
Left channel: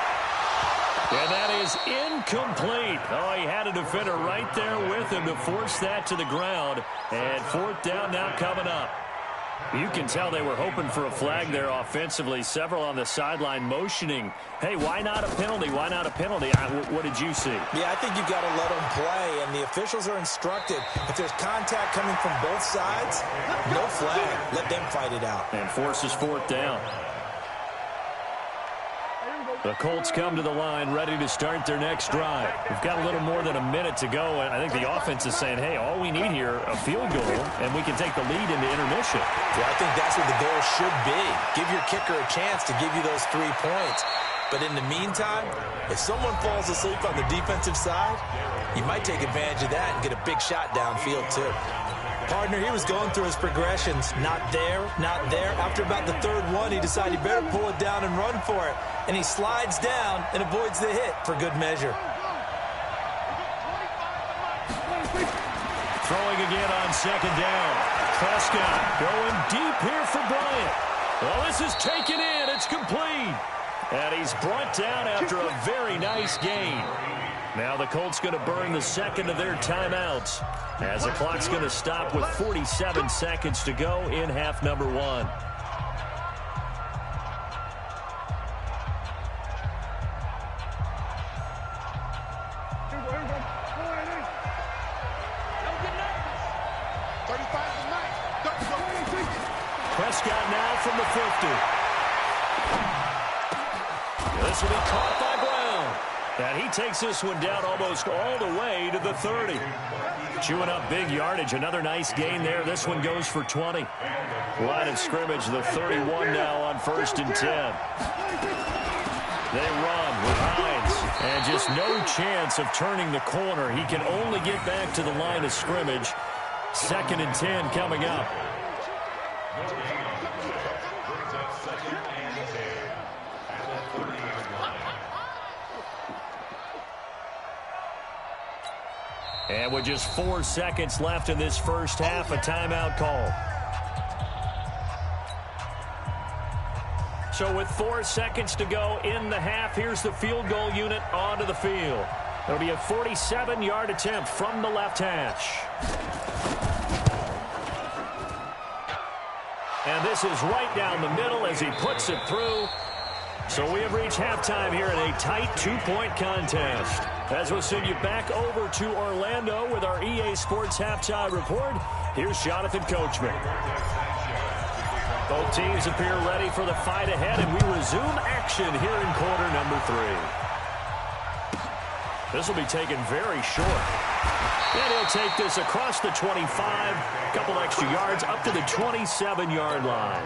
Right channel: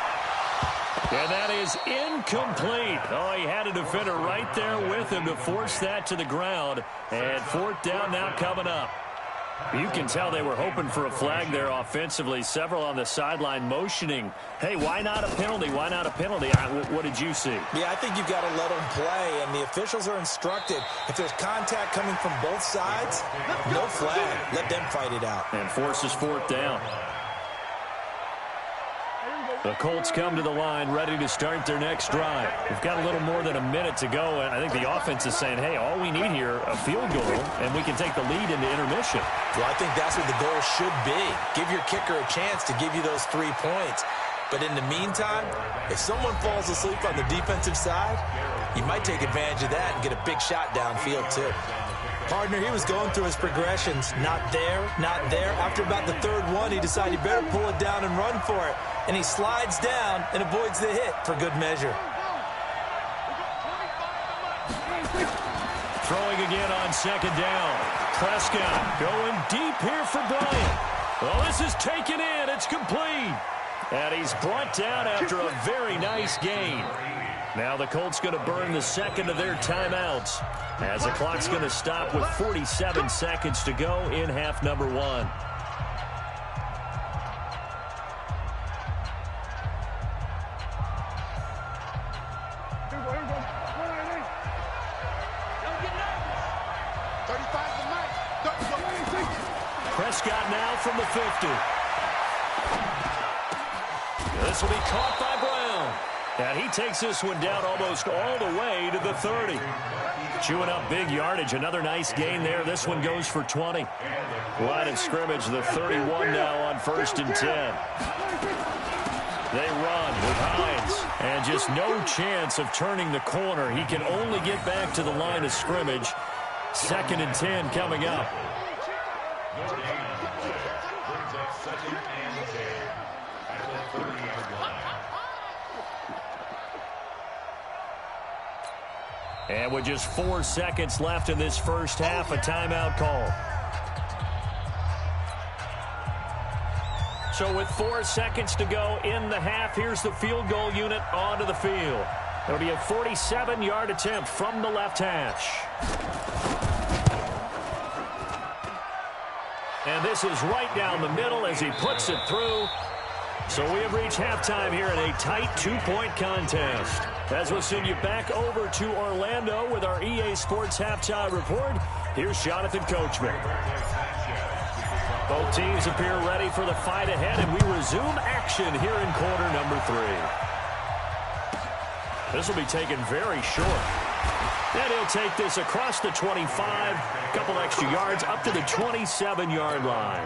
And that is incomplete. Oh, he had a defender right there with him to force that to the ground. And 4th down now coming up. You can tell they were hoping for a flag there offensively. Several on the sideline motioning. Hey, why not a penalty? Why not a penalty? What did you see? Yeah, I think you've got to let them play. And the officials are instructed, if there's contact coming from both sides, no flag. Let them fight it out. And forces 4th down. The Colts come to the line ready to start their next drive. We've got a little more than a minute to go, and I think the offense is saying, hey, all we need here, a field goal, and we can take the lead into intermission. Well, I think that's what the goal should be. Give your kicker a chance to give you those 3 points. But in the meantime, if someone falls asleep on the defensive side, you might take advantage of that and get a big shot downfield too. Partner, he was going through his progressions. Not there, not there. After about the 3rd one, he decided he better pull it down and run for it. And he slides down and avoids the hit for good measure. Throwing again on 2nd down. Prescott going deep here for Bryant. Well, this is taken in. It's complete. And he's brought down after a very nice gain. Now the Colts going to burn the 2nd of their timeouts as the clock's going to stop with 47 seconds to go in half number 1. Prescott now from the 50. This will be caught by Brown. And he takes this one down almost all the way to the 30. Chewing up big yardage. Another nice gain there. This one goes for 20. Line of scrimmage, the 31 now on 1st and 10. They run with Hines, and just no chance of turning the corner. He can only get back to the line of scrimmage. 2nd and 10 coming up. Brings up 2nd and 10 at the 30-yard line. And with just 4 seconds left in this first half, a timeout call. So with 4 seconds to go in the half, here's the field goal unit onto the field. It'll be a 47-yard attempt from the left hash. And this is right down the middle as he puts it through. So we have reached halftime here in a tight 2-point contest. As we'll send you back over to Orlando with our EA Sports Halftime Report, here's Jonathan Coachman. Both teams appear ready for the fight ahead, and we resume action here in quarter number 3. This will be taken very short. And he'll take this across the 25, a couple extra yards, up to the 27-yard line.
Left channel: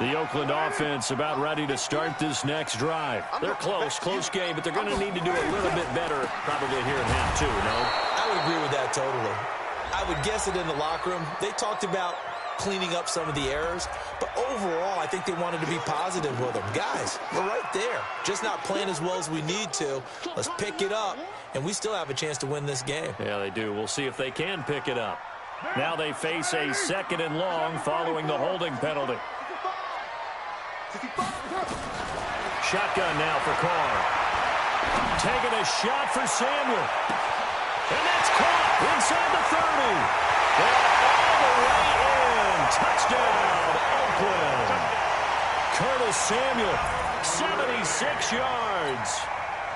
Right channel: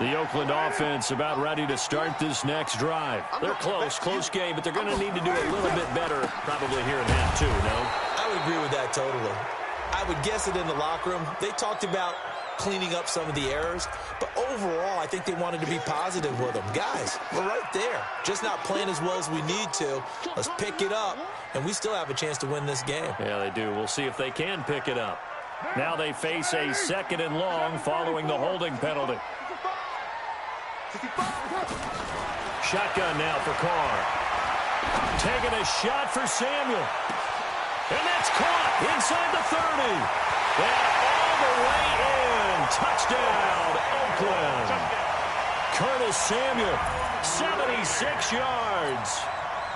The Oakland offense about ready to start this next drive. They're close game, but they're going to need to do a little bit better probably here in half 2, no? I would agree with that totally. I would guess it in the locker room. They talked about cleaning up some of the errors, but overall, I think they wanted to be positive with them. Guys, we're right there. Just not playing as well as we need to. Let's pick it up, and we still have a chance to win this game. Yeah, they do. We'll see if they can pick it up. Now they face a 2nd and long following the holding penalty. Shotgun now for Carr. Taking a shot for Samuel. And that's caught inside the 30. And all the way in. Touchdown, Oakland. Curtis Samuel, 76 yards.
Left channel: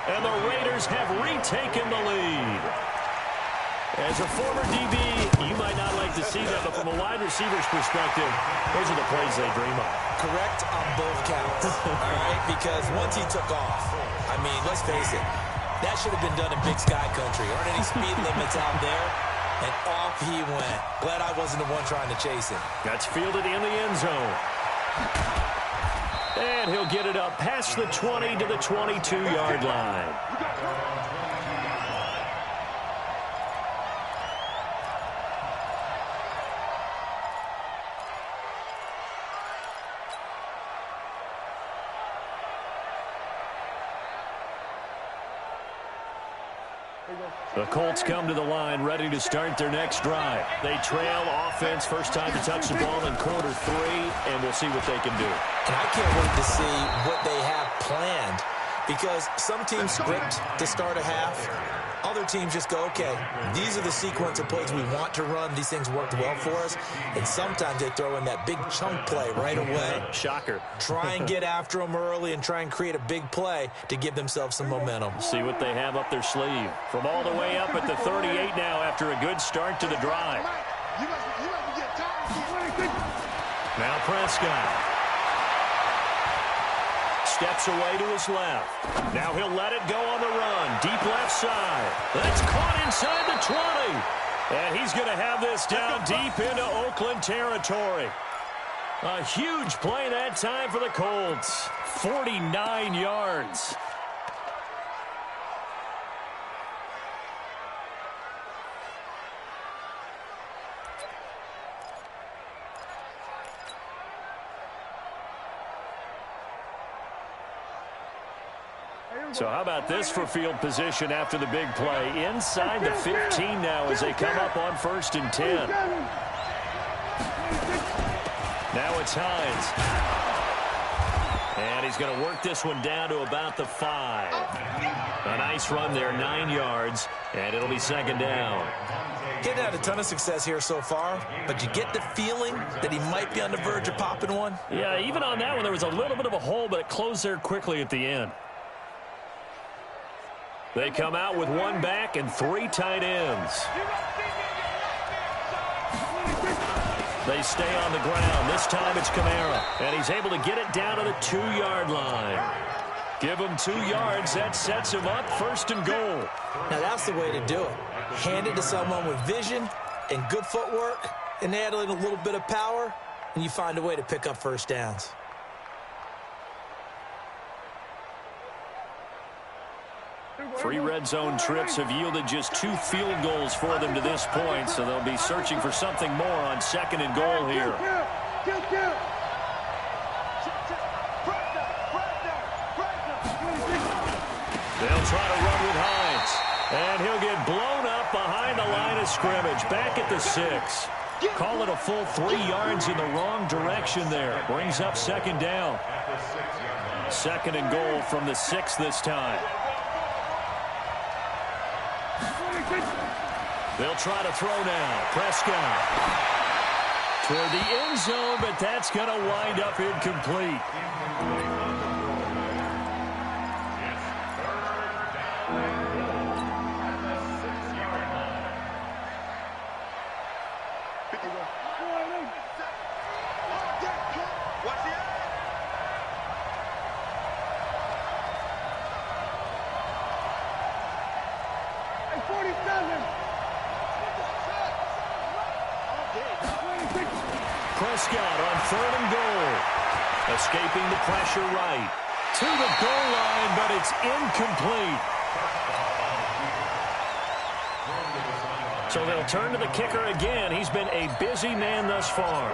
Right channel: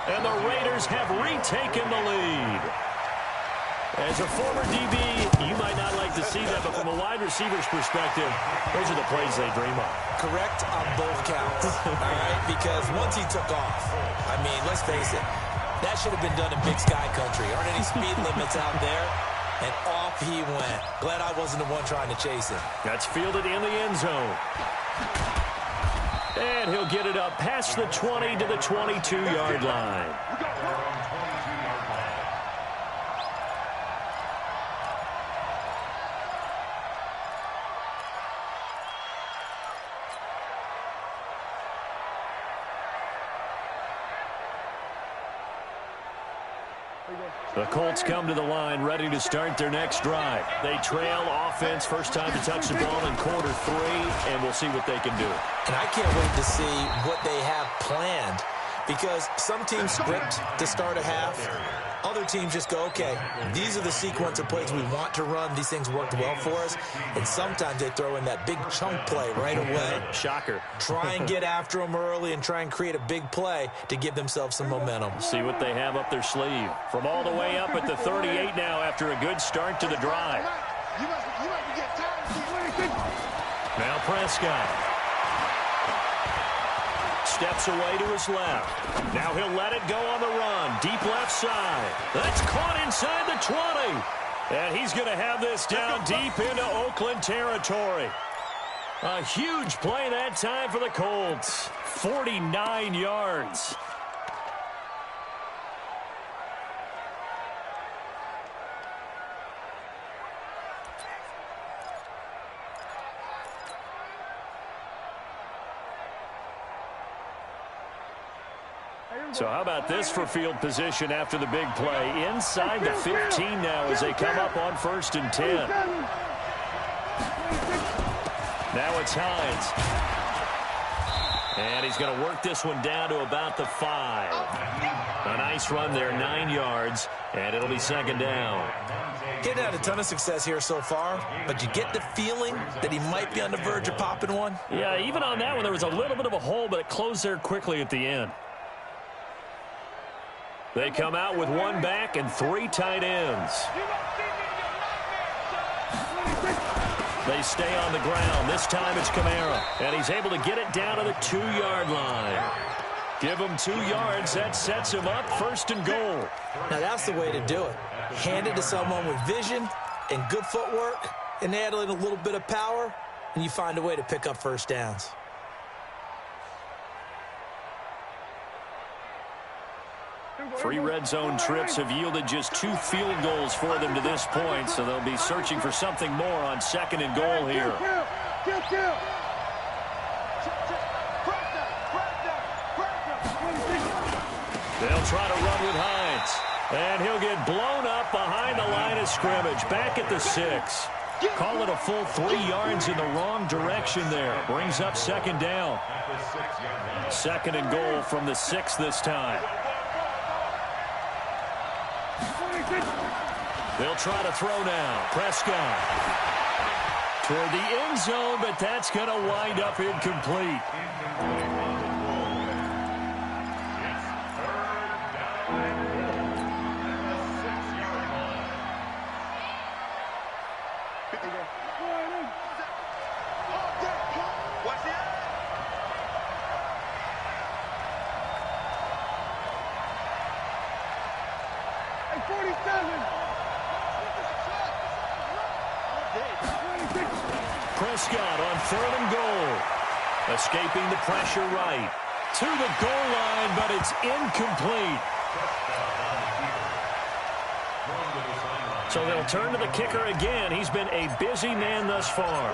And the Raiders have retaken the lead. As a former DB, you might not like to see that, but from a wide receiver's perspective, those are the plays they dream of. Correct on both counts, all right? Because once he took off, I mean, let's face it, that should have been done in Big Sky country. Aren't any speed limits out there? And off he went. Glad I wasn't the one trying to chase him. That's fielded in the end zone. And he'll get it up past the 20 to the 22-yard line. The Colts come to the line ready to start their next drive. They trail offense, first time to touch the ball in quarter 3, and we'll see what they can do. And I can't wait to see what they have planned, because some teams script to start a half. Other teams just go, okay, these are the sequence of plays we want to run. These things worked well for us. And sometimes they throw in that big chunk play right away. Shocker. Try and get after them early and try and create a big play to give themselves some momentum. See what they have up their sleeve. From all the way up at the 38 now after a good start to the drive. Now Prescott. Steps away to his left. Now he'll let it go on the run. Deep left side. That's caught inside the 20. And he's going to have this down deep into Oakland territory. A huge play that time for the Colts. 49 yards. So how about this for field position after the big play? Inside the 15 now as they come up on 1st and 10. Now it's Hines. And he's going to work this one down to about the 5. A nice run there, 9 yards, and it'll be 2nd down. Getting had a ton of success here so far, but you get the feeling that he might be on the verge of popping one? Yeah, even on that one, there was a little bit of a hole, but it closed there quickly at the end. They come out with 1 back and 3 tight ends. They stay on the ground. This time it's Kamara, and he's able to get it down to the 2-yard line. Give him 2 yards. That sets him up 1st and goal. Now that's the way to do it. Hand it to someone with vision and good footwork and add in a little bit of power. and you find a way to pick up first downs. Three red zone trips have yielded just 2 field goals for them to this point, so they'll be searching for something more on 2nd and goal here. They'll try to run with Hines, and he'll get blown up behind the line of scrimmage, back at the 6. Call it a full 3 yards in the wrong direction there. Brings up 2nd down. 2nd and goal from the 6 this time. They'll try to throw now. Prescott toward the end zone, but that's going to wind up incomplete. Watch the end. Hey, 47. Prescott on 3rd and goal. Escaping the pressure right. To the goal line, but it's incomplete. So they'll turn to the kicker again. He's been a busy man thus far.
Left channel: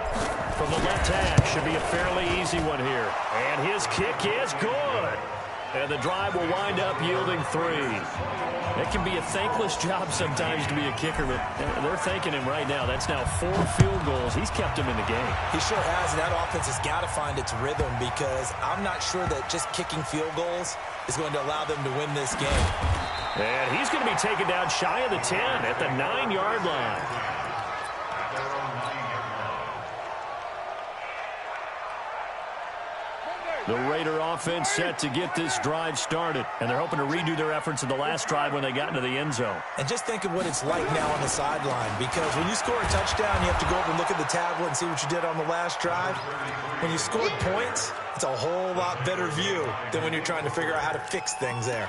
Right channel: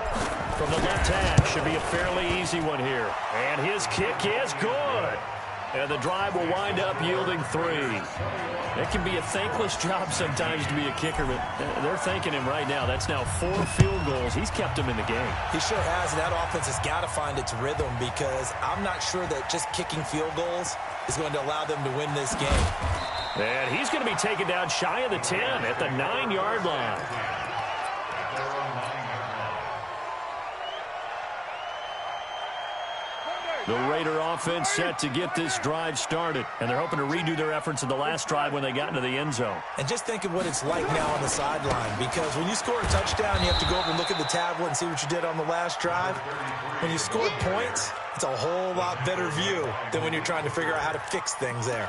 From the left hash, should be a fairly easy one here. And his kick is good. And the drive will wind up yielding 3. It can be a thankless job sometimes to be a kicker, but they're thanking him right now. That's now 4 field goals. He's kept him in the game. He sure has, and that offense has got to find its rhythm, because I'm not sure that just kicking field goals is going to allow them to win this game. And he's going to be taken down shy of the 10 at the 9-yard line. The Raider offense set to get this drive started, and they're hoping to redo their efforts in the last drive when they got into the end zone. And just think of what it's like now on the sideline, because when you score a touchdown, you have to go over and look at the tablet and see what you did on the last drive. When you scored points, it's a whole lot better view than when you're trying to figure out how to fix things there.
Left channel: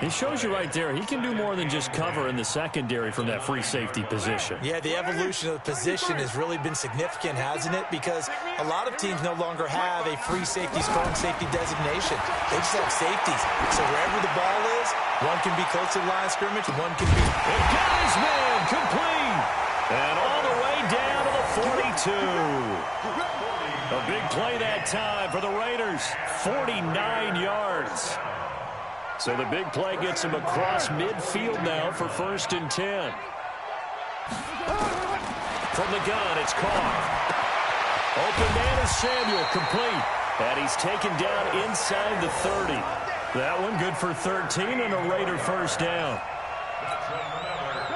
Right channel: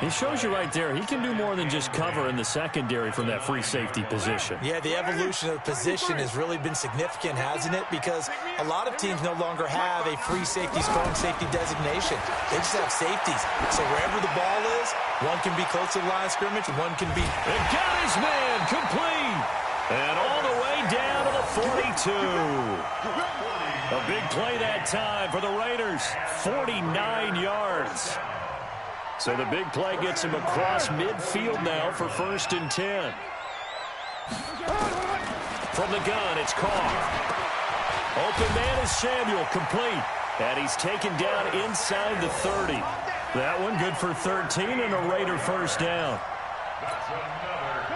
He shows you right there, he can do more than just cover in the secondary from that free safety position. Yeah, the evolution of the position has really been significant, hasn't it? Because a lot of teams no longer have a free safety, strong safety designation. They just have safeties. So wherever the ball is, one can be close to the line of scrimmage, one can be... It got his man complete. And all the way down to the 42. A big play that time for the Raiders. 49 yards. So the big play gets him across midfield now for 1st and 10. From the gun, it's Carr. Open man is Samuel, complete. And he's taken down inside the 30. That one good for 13 and a Raider first down.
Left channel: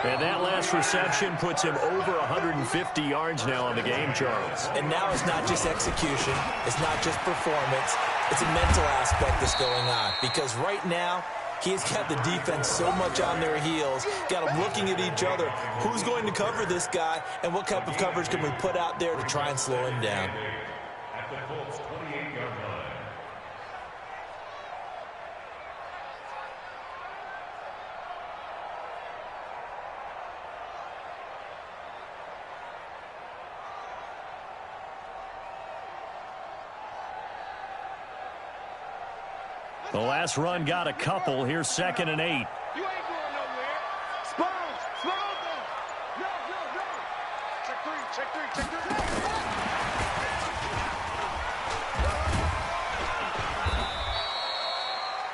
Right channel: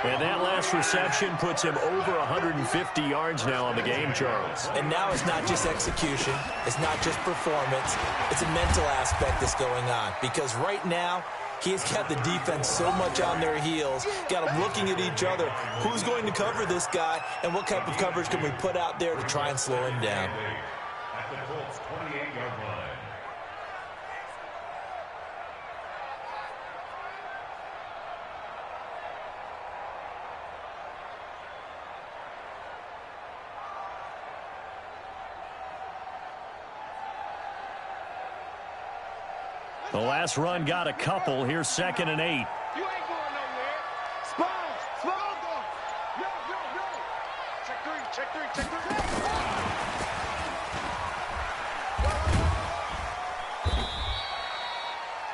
And that last reception puts him over 150 yards now on the game, Charles. And now it's not just execution. It's not just performance. It's a mental aspect that's going on. Because right now, he's got the defense so much on their heels, got them looking at each other. Who's going to cover this guy, and what type of coverage can we put out there to try and slow him down? At the Colts' 28-yard line. The last run got a couple. Here's 2nd and 8. You ain't going nowhere. Sponge, Sponge. No. Check three.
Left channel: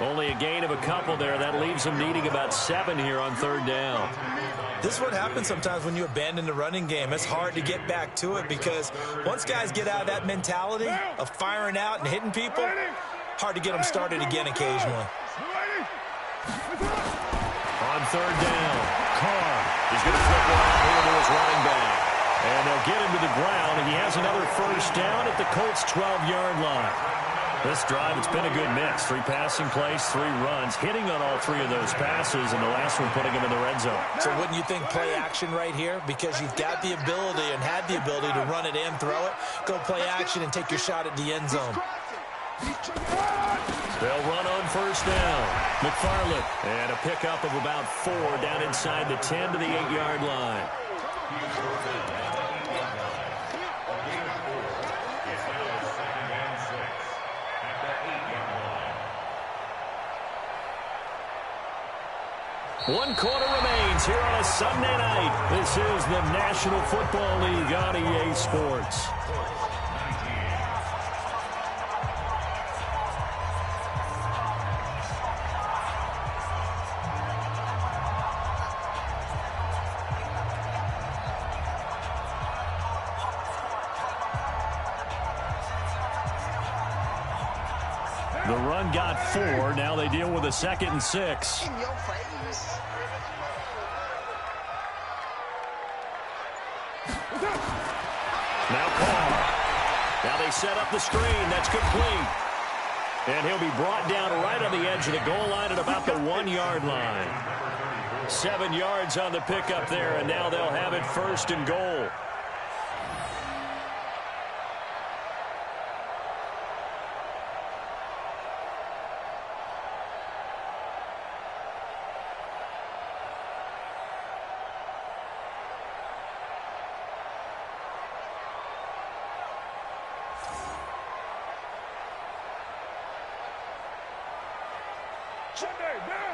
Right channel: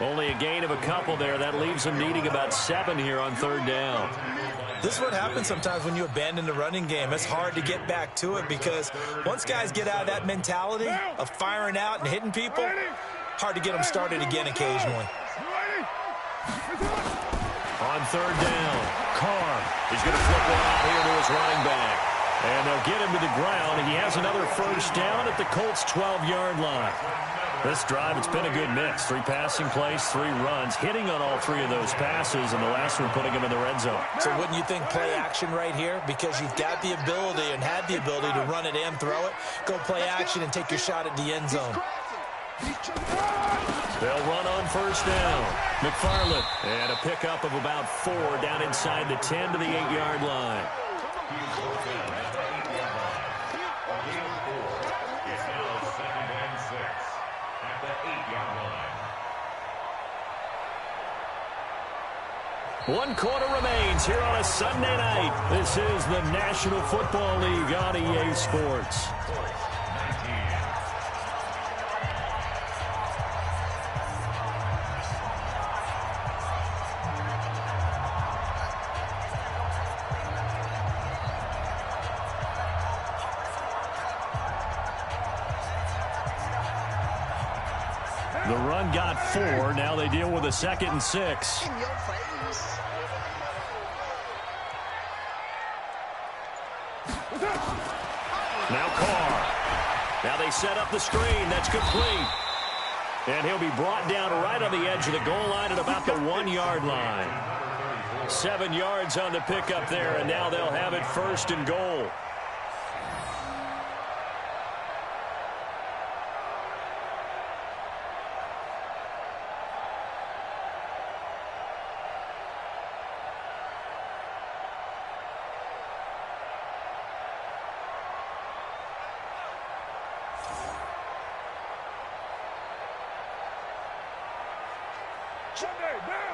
Only a gain of a couple there. That leaves them needing about 7 here on 3rd down. This is what happens sometimes when you abandon the running game. It's hard to get back to it, because once guys get out of that mentality of firing out and hitting people, hard to get them started again occasionally. On 3rd down, Carr is going to flip one out here to his running back. And they'll get him to the ground, and he has another first down at the Colts' 12-yard line. This drive, it's been a good mix. 3 passing plays, 3 runs, hitting on all 3 of those passes, and the last one putting him in the red zone. So wouldn't you think play action right here? Because you've got the ability and had the ability to run it and throw it. Go play action and take your shot at the end zone. They'll run on first down. McFarland, and a pickup of about 4 down inside the 10 to the 8-yard line. 1 quarter remains here on a Sunday night. This is the National Football League on EA Sports. The run got 4. Now they deal with a 2nd and 6. In your face. Now Carr. Now they set up the screen. That's complete. And he'll be brought down right on the edge of the goal line at about the 1-yard line. 7 yards on the pickup there, and now they'll have it 1st and goal.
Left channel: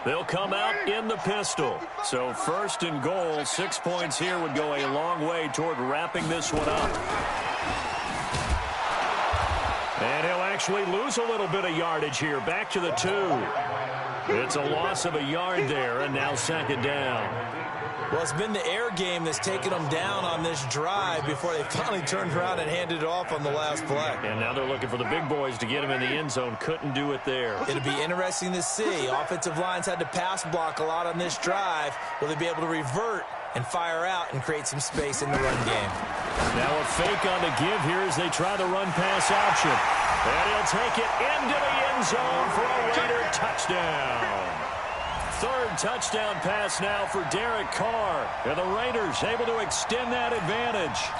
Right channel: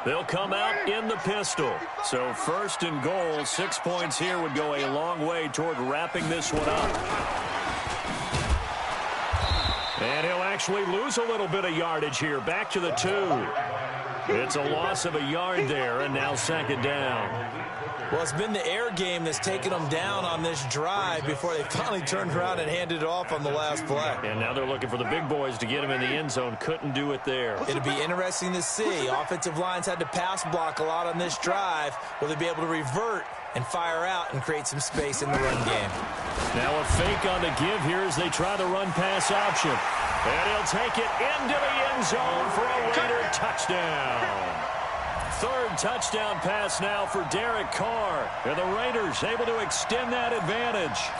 They'll come out in the pistol. So 1st and goal, 6 points here would go a long way toward wrapping this one up. And he'll actually lose a little bit of yardage here. Back to the 2. It's a loss of a yard there, and now 2nd down. Well, it's been the air game that's taken them down on this drive before they finally turned around and handed it off on the last play. And now they're looking for the big boys to get him in the end zone. Couldn't do it there. It'll be interesting to see. Offensive lines had to pass block a lot on this drive. Will they be able to revert and fire out and create some space in the run game? Now a fake on the give here as they try the run-pass option. And he'll take it into the end zone for a Raider touchdown. 3rd touchdown pass now for Derek Carr. And the Raiders able to extend that advantage.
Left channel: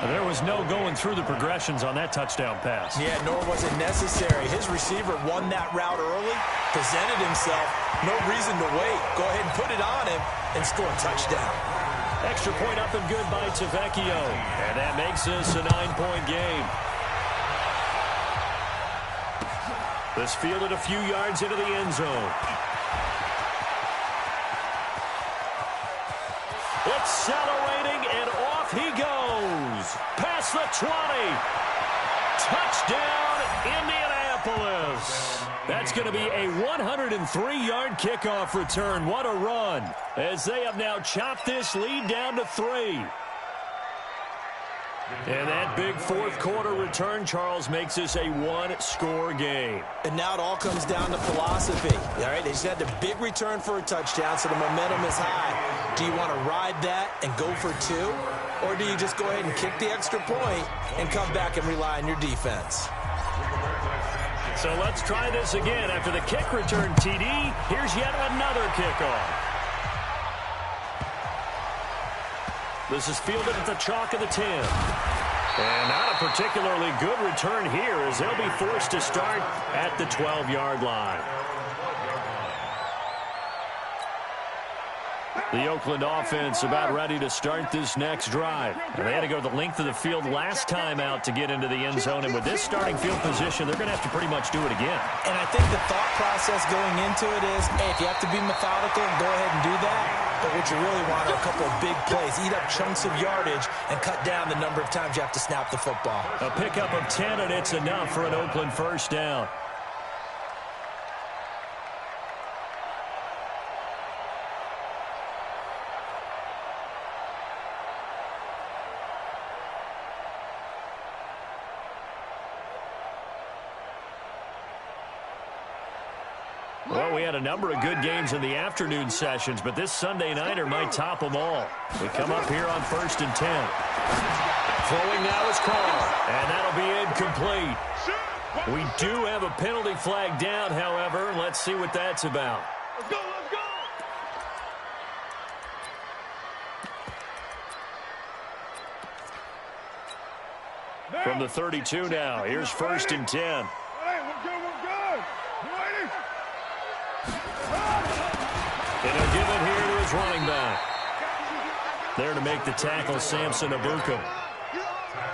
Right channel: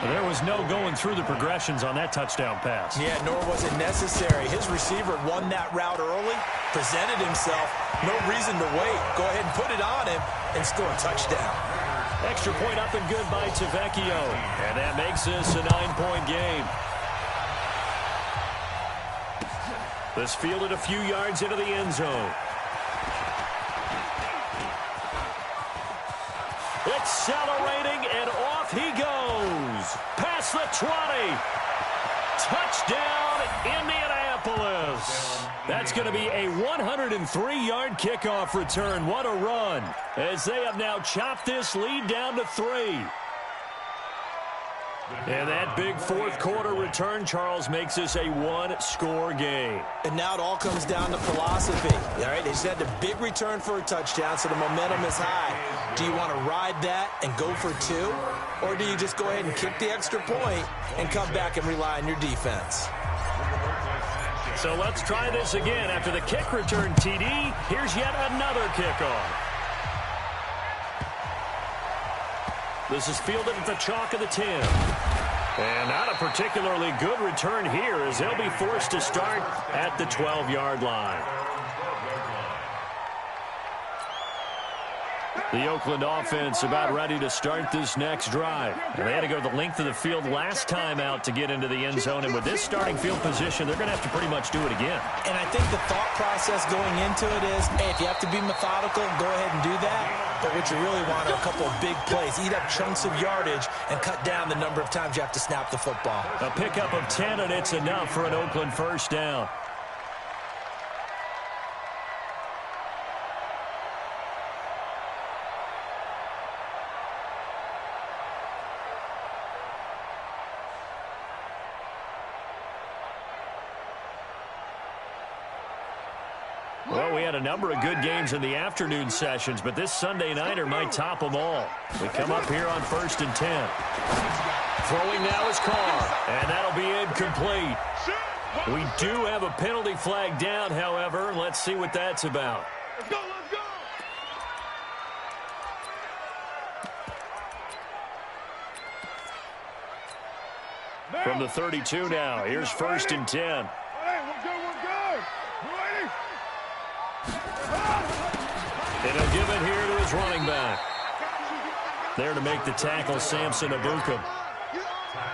There was no going through the progressions on that touchdown pass. Yeah, nor was it necessary. His receiver won that route early, presented himself, no reason to wait. Go ahead and put it on him and score a touchdown. Extra point up and good by Tavecchio. And that makes this a 9-point game. This fielded a few yards into the end zone. Accelerating, and off he goes. Past the 20. Touchdown, Indianapolis. That's going to be a 103-yard kickoff return. What a run, as they have now chopped this lead down to 3. And that big 4th quarter return, Charles, makes this a 1-score game. And now it all comes down to philosophy. All right, they just had the big return for a touchdown, so the momentum is high. Do you want to ride that and go for 2? Or do you just go ahead and kick the extra point and come back and rely on your defense? So let's try this again. After the kick return, TD, here's yet another kickoff. This is fielded at the chalk of the 10. And not a particularly good return here, as they'll be forced to start at the 12-yard line. The Oakland offense about ready to start this next drive. And they had to go the length of the field last time out to get into the end zone. And with this starting field position, they're going to have to pretty much do it again. And I think the thought process going into it is, hey, if you have to be methodical, go ahead and do that. But what you really want are a couple of big plays. Eat up chunks of yardage and cut down the number of times you have to snap the football. A pickup of 10, and it's enough for an Oakland 1st down. Well, we had a number of good games in the afternoon sessions, but this Sunday nighter might top them all. We come up here on 1st and 10. Throwing now is Carr, and that'll be incomplete. We do have a penalty flag down, however. Let's see what that's about. Let's go, let's go! From the 32 now, here's 1st and 10. All right, we're good, we're good. Ready? And he'll give it here to his running back. There to make the tackle, Samson Ebukam.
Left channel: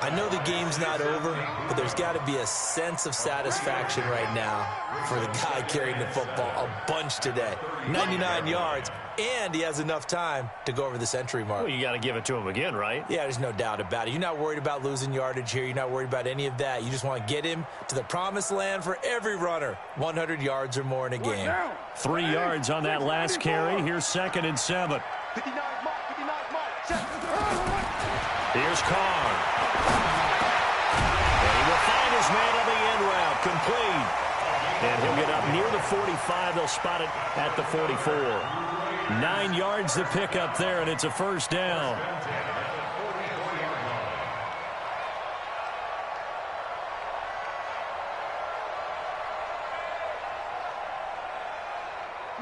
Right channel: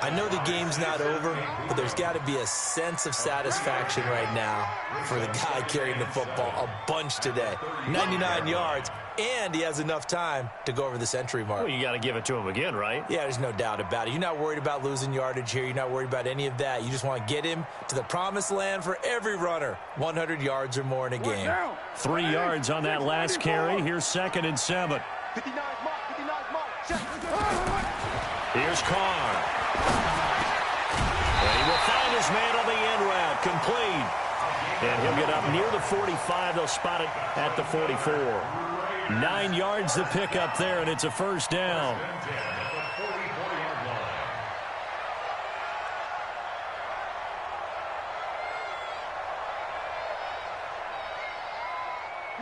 I know the game's not over, but there's got to be a sense of satisfaction right now for the guy carrying the football a bunch today. 99 yards, and he has enough time to go over the century mark. Well, you got to give it to him again, right? Yeah, there's no doubt about it. You're not worried about losing yardage here. You're not worried about any of that. You just want to get him to the promised land for every runner. 100 yards or more in a game. 3 yards on that last carry. Here's 2nd and 7. 59 mark, 59 mark. Check. Here's Carr. And he will find his man on the end route. Complete. And he'll get up near the 45. They'll spot it at the 44. 9 yards to pick up there, and it's a first down.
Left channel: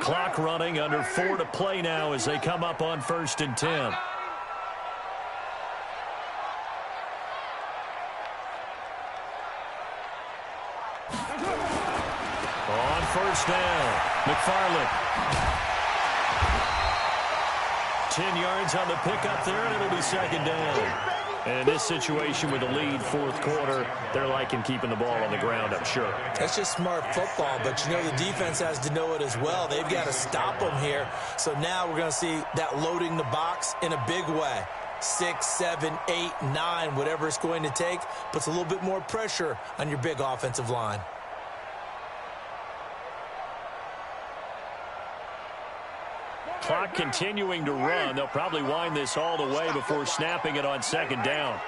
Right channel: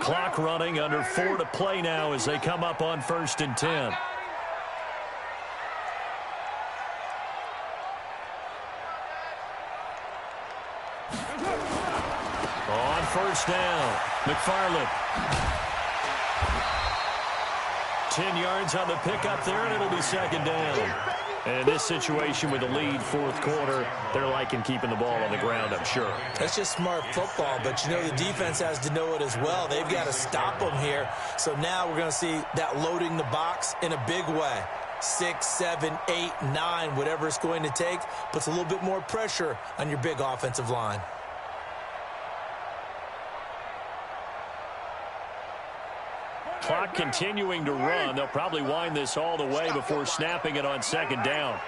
Clock running, under 4 to play now as they come up on 1st and 10. On 1st down, McFarland. 10 yards on the pickup there, and it'll be 2nd down. And in this situation with the lead 4th quarter, they're liking keeping the ball on the ground, I'm sure. That's just smart football, but you know the defense has to know it as well. They've got to stop them here. So now we're going to see that loading the box in a big way. 6, 7, 8, 9, whatever it's going to take, puts a little bit more pressure on your big offensive line. Clock continuing to run. They'll probably wind this all the way before snapping it on 2nd down.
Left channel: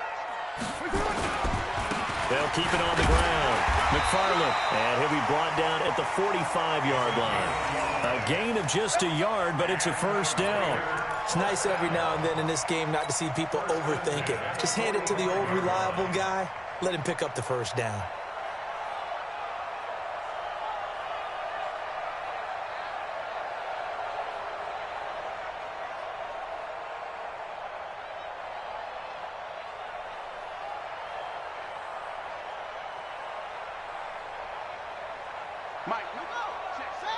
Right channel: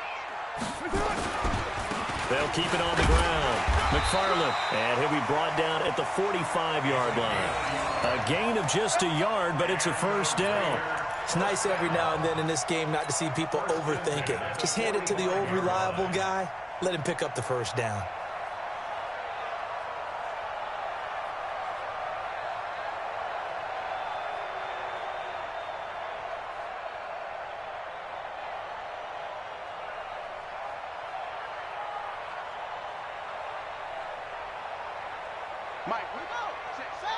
They'll keep it on the ground. McFarland, and he'll be brought down at the 45-yard line. A gain of just a yard, but it's a first down. It's nice every now and then in this game not to see people overthink it. Just hand it to the old reliable guy. Let him pick up the first down. Mike, we go. Check, set.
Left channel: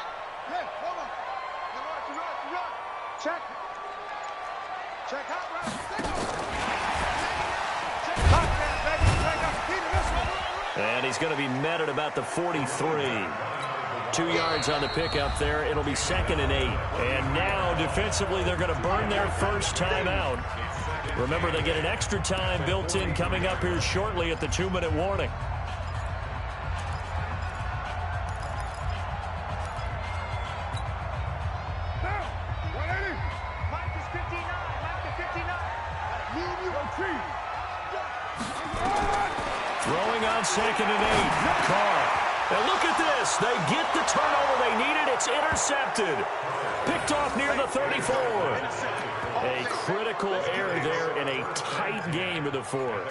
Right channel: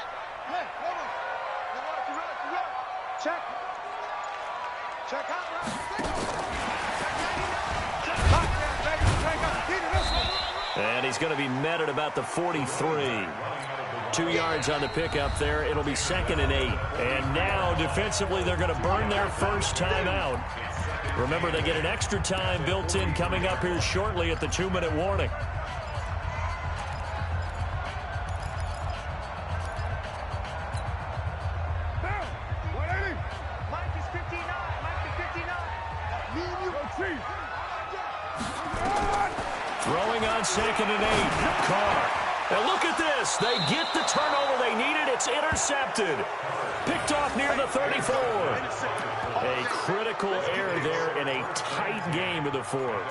Hey, come on. You run. Check. Check out, right. Check out, baby. Check out. And he's going to be met at about the 43. 2 yards on the pickup there. It'll be 2nd and 8. And now, defensively, they're going to burn their first time out. Remember, they get an extra time built in coming up here shortly at the 2-minute warning. Throwing on 2nd and 8. Carr. And look at this. They get the turnover they needed. It's intercepted. Picked off near the 34. A critical error there in a tight game of the 4th.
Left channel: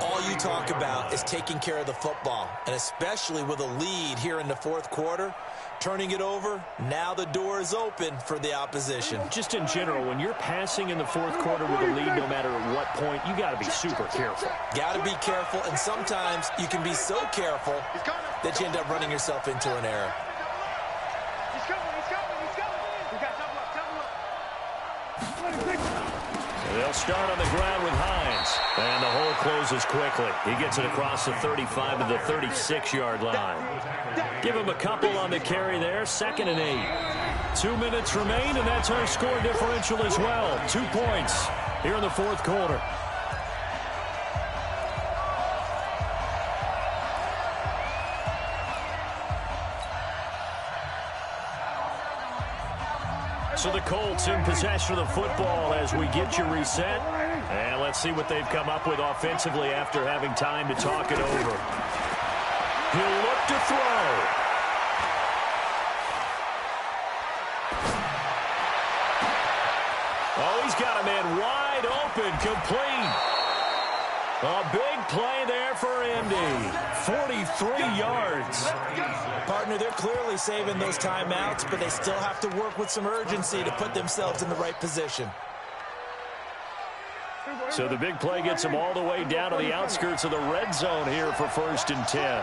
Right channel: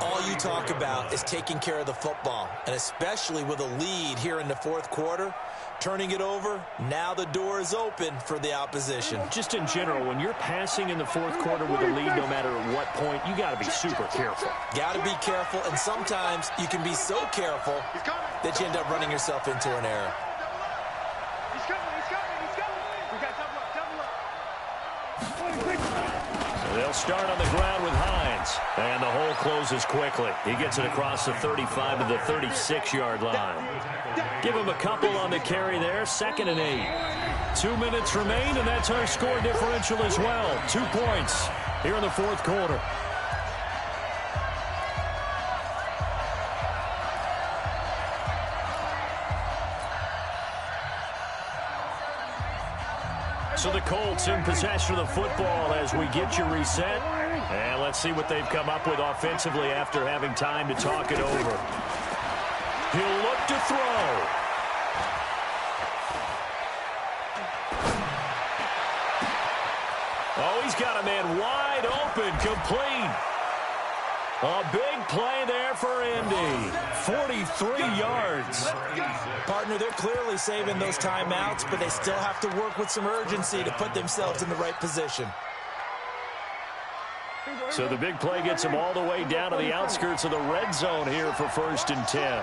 All you talk about is taking care of the football, and especially with a lead here in the 4th quarter, turning it over, now the door is open for the opposition. Just in general, when you're passing in the 4th quarter with a lead, no matter at what point, you got to be super careful. Got to be careful, and sometimes you can be so careful that you end up running yourself into an error. He's coming. We got double up. So they'll start on the ground with Hines. And the hole closes quickly. He gets it across the 35 to the 36-yard line. Give him a couple on the carry there. 2nd and 8. 2 minutes remain, and that's our score differential as well. 2 points here in the 4th quarter. So the Colts in possession of the football as we get you reset. And let's see what they've come up with offensively after having time to talk it over. He'll look to throw. Oh, he's got a man wide open, complete. A big play there for Indy. 43 yards. Partner, they're clearly saving those timeouts, but they still have to work with some urgency to put themselves in the right position. So the big play gets them all the way down to the outskirts of the red zone here for 1st and 10.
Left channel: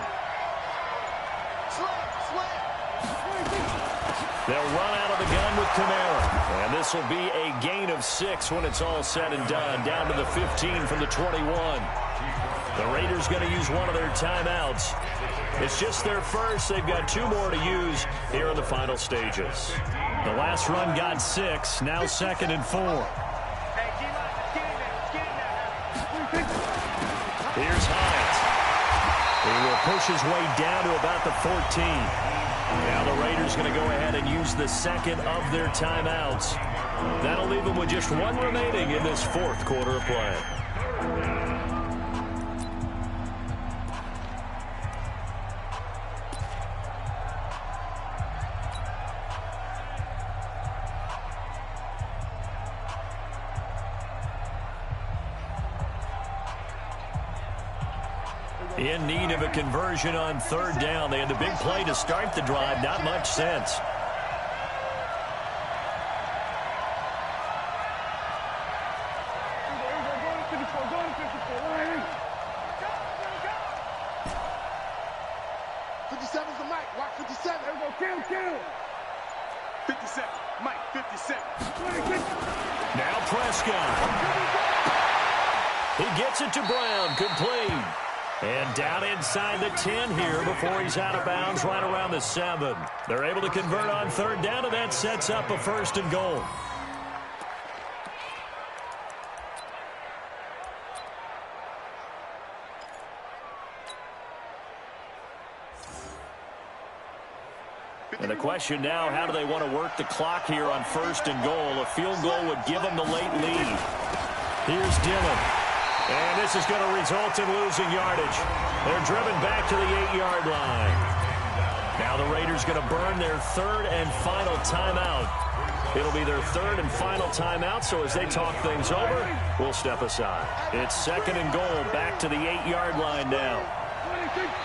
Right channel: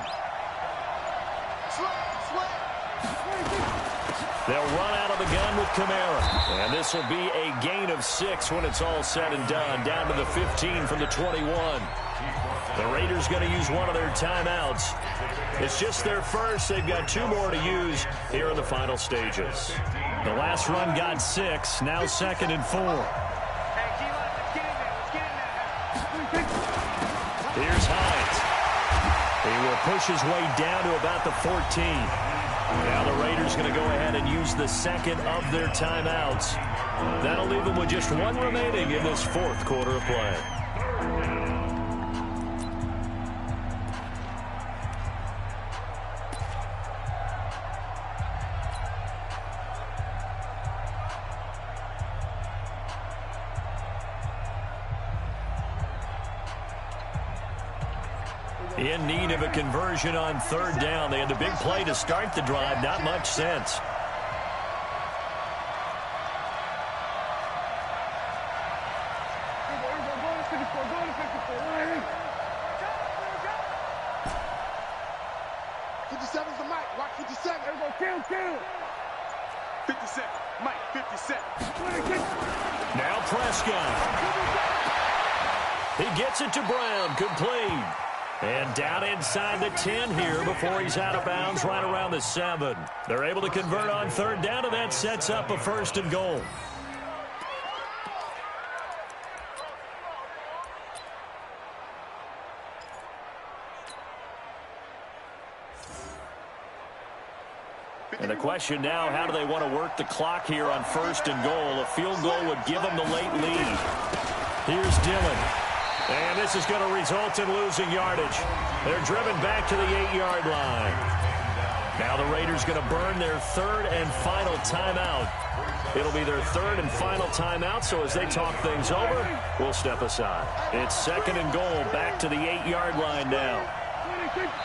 They'll run out of the gun with Kamara. And this will be a gain of 6 when it's all said and done. Down to the 15 from the 21. The Raiders going to use one of their timeouts. It's just their first. They've got 2 more to use here in the final stages. The last run got 6. Now 2nd and 4. Hey, G-Line, let's get in there. Let's get in there. Here's Hines. He will push his way down to about the 14. Now the Raiders going to go ahead and use the second of their timeouts. That'll leave them with just 1 remaining in this 4th quarter of play. In need of a conversion on 3rd down. They had the big play to start the drive. Not much sense. The Mike, watch 57. There we go, kill. 57, Mike, 57. Now Prescott. He gets it to Brown, complete. And down inside the 10 here before he's out of bounds right around the 7. They're able to convert on 3rd down, and that sets up a 1st and goal. And the question now, how do they want to work the clock here on 1st and goal? A field goal would give them the late lead. Here's Dillon. And this is going to result in losing yardage. They're driven back to the 8-yard line. Now the Raiders going to burn their 3rd and final timeout. It'll be their 3rd and final timeout, so as they talk things over, we'll step aside. It's 2nd and goal, back to the 8-yard line now.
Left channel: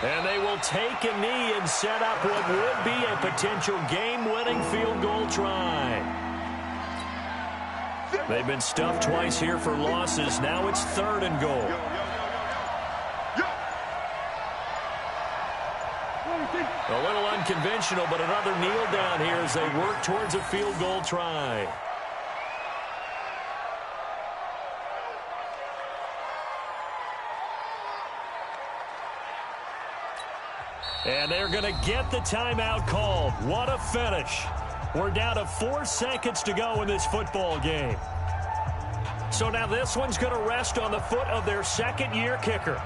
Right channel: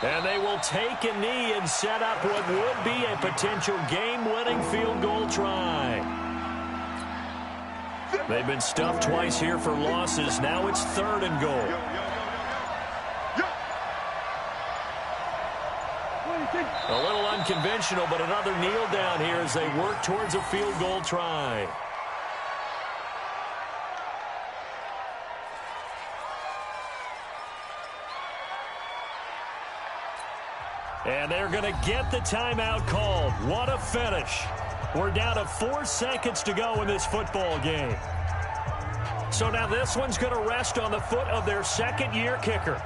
And they will take a knee and set up what would be a potential game-winning field goal try. They've been stuffed twice here for losses. Now it's 3rd and goal. A little unconventional, but another kneel down here as they work towards a field goal try. And they're going to get the timeout called. What a finish. We're down to 4 seconds to go in this football game. So now this one's going to rest on the foot of their 2nd-year kicker.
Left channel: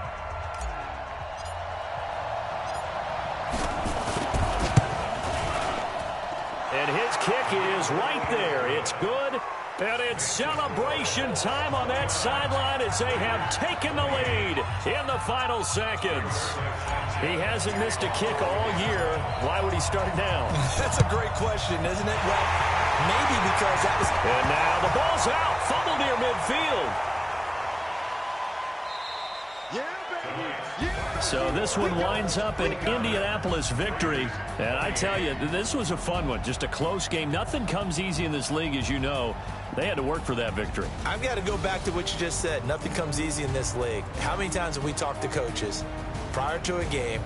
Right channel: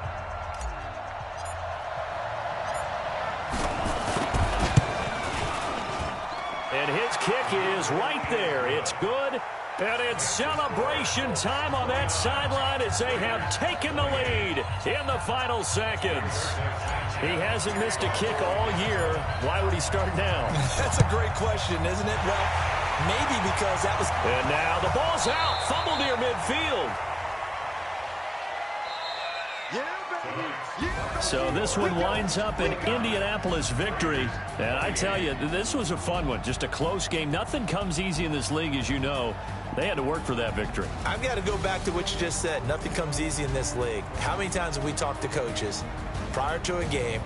And his kick is right there. It's good. And it's celebration time on that sideline as they have taken the lead in the final seconds. He hasn't missed a kick all year. Why would he start now? That's a great question, isn't it? Well, maybe because that was... And now the ball's out. Fumble near midfield. So this one winds up an Indianapolis victory. And I tell you, this was a fun one. Just a close game. Nothing comes easy in this league, as you know. They had to work for that victory. I've got to go back to what you just said. Nothing comes easy in this league. How many times have we talked to coaches prior to a game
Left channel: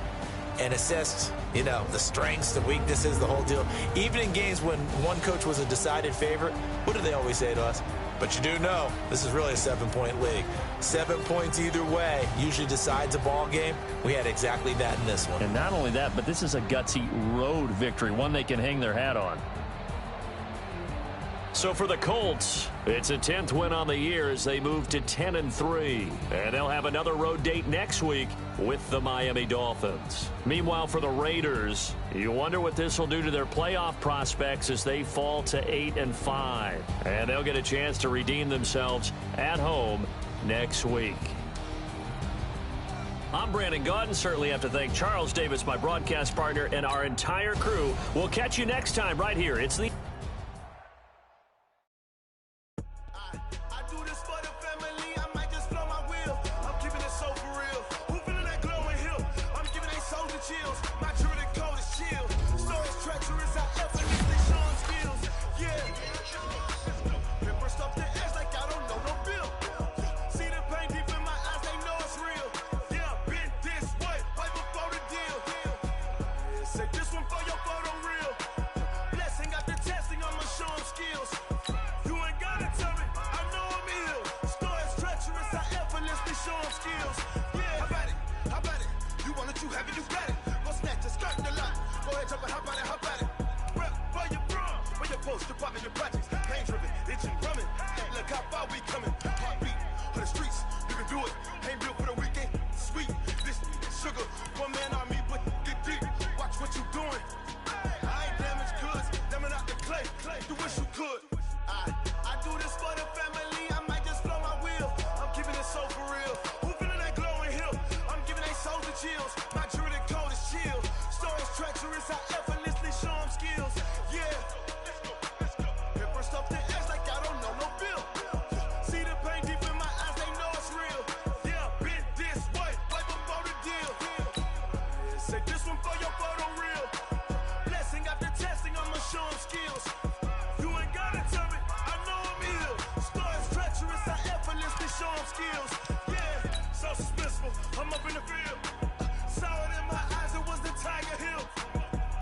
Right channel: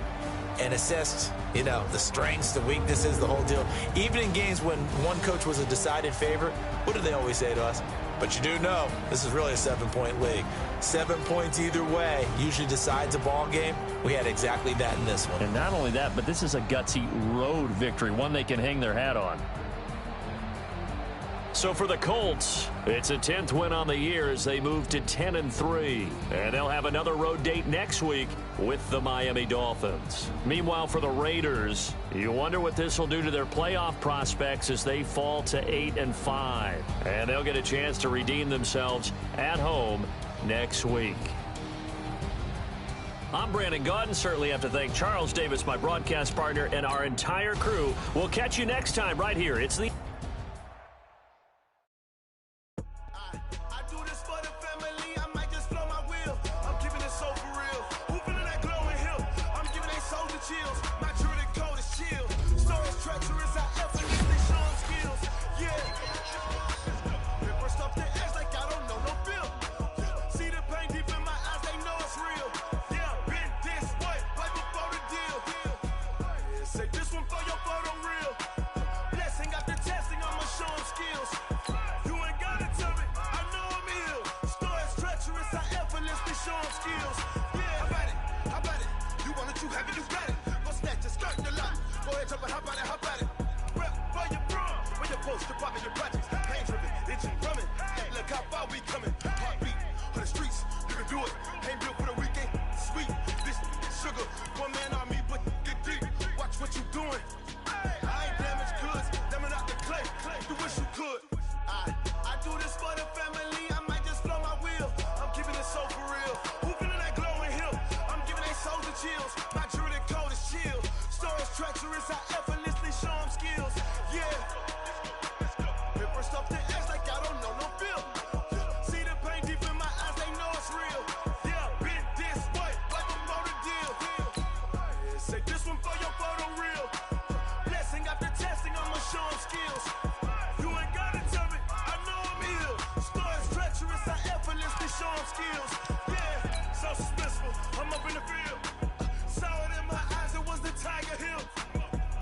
and assessed, you know, the strengths, the weaknesses, the whole deal? Even in games when one coach was a decided favorite, what do they always say to us? But you do know this is really a 7-point league. 7 points either way usually decides a ball game. We had exactly that in this one. And not only that, but this is a gutsy road victory, one they can hang their hat on. So for the Colts, it's a 10th win on the year as they move to 10-3. And they'll have another road date next week with the Miami Dolphins. Meanwhile, for the Raiders, you wonder what this will do to their playoff prospects as they fall to 8-5. And they'll get a chance to redeem themselves at home next week. I'm Brandon Gaudin. Certainly have to thank Charles Davis, my broadcast partner, and our entire crew. We'll catch you next time right here. It's the... Skills. Yeah, you got it. Go snatch it, skirt the lot. Go ahead, jump and hop on it, hop at it. Rep for your bro, for your post, your pop, and your projects. Pain driven, itching, drumming. Look how far we coming. Heartbeat for the streets, you can do it. Ain't built for the weekend. Sweet, this sugar, one man army, but get deep. Watch what you doing. I ain't damaged goods, damn out the clay. You wish you could. I do this for the family. I might just blow my wheel. I'm keeping it so for real. Who feeling that glowing hill? I'm giving they souls the chills. My jewelry code is chill. Stories treacherous, I effortlessly show them skills. Yeah. Paper stuff the edge like I don't know no feel. See the pain deep in my eyes, they know it's real. Yeah, been this way, way before the deal. Say this one for your photo real. Blessing after testing, I'ma show them skills. You ain't gotta tell me, I know I'm ill. Stories treacherous, I effortlessly show them skills. Yeah, so suspenseful, I'm up in the field. Saw it in my eyes, it was the Tiger Hill.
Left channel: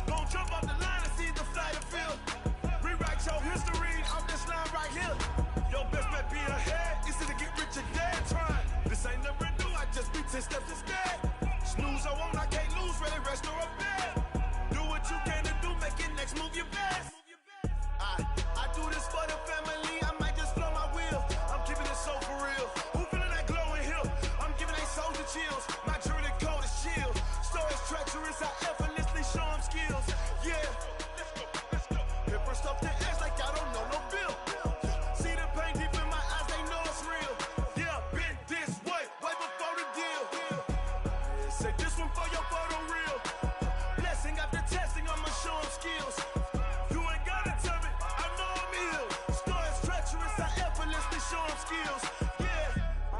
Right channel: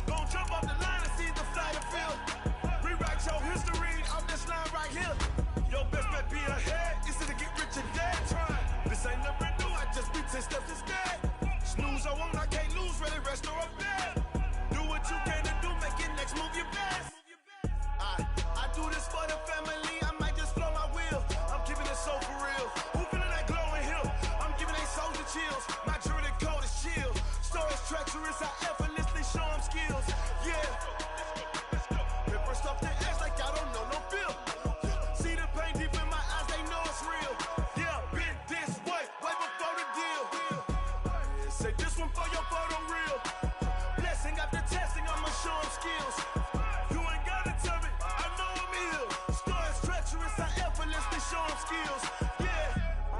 Gon' jump off the line and see the flight of field. Rewrite your history on this line right here. Your best bet be ahead, easy to get rich or dead trying. This ain't never new, I just be 10 steps instead. Snooze I won't, I can't lose, ready, rest or up bed. Do what you can to do, make it next move your best. I do this for the family, I might just blow my wheel. I'm keeping it so for real. Who feeling that glowing hill? I'm giving they souls the chills. My jewelry code is chill. Stories treacherous, I effortlessly show them skills. Yeah. Paper stuff the edge like I don't know no feel. See the pain deep in my eyes, they know it's real. Yeah, been this way, way before the deal. Say this one for your photo real. Blessing after testing, I'ma show them skills. You ain't gotta tell me, I know I'm ill. Stories treacherous, I effortlessly show them skills. Yeah.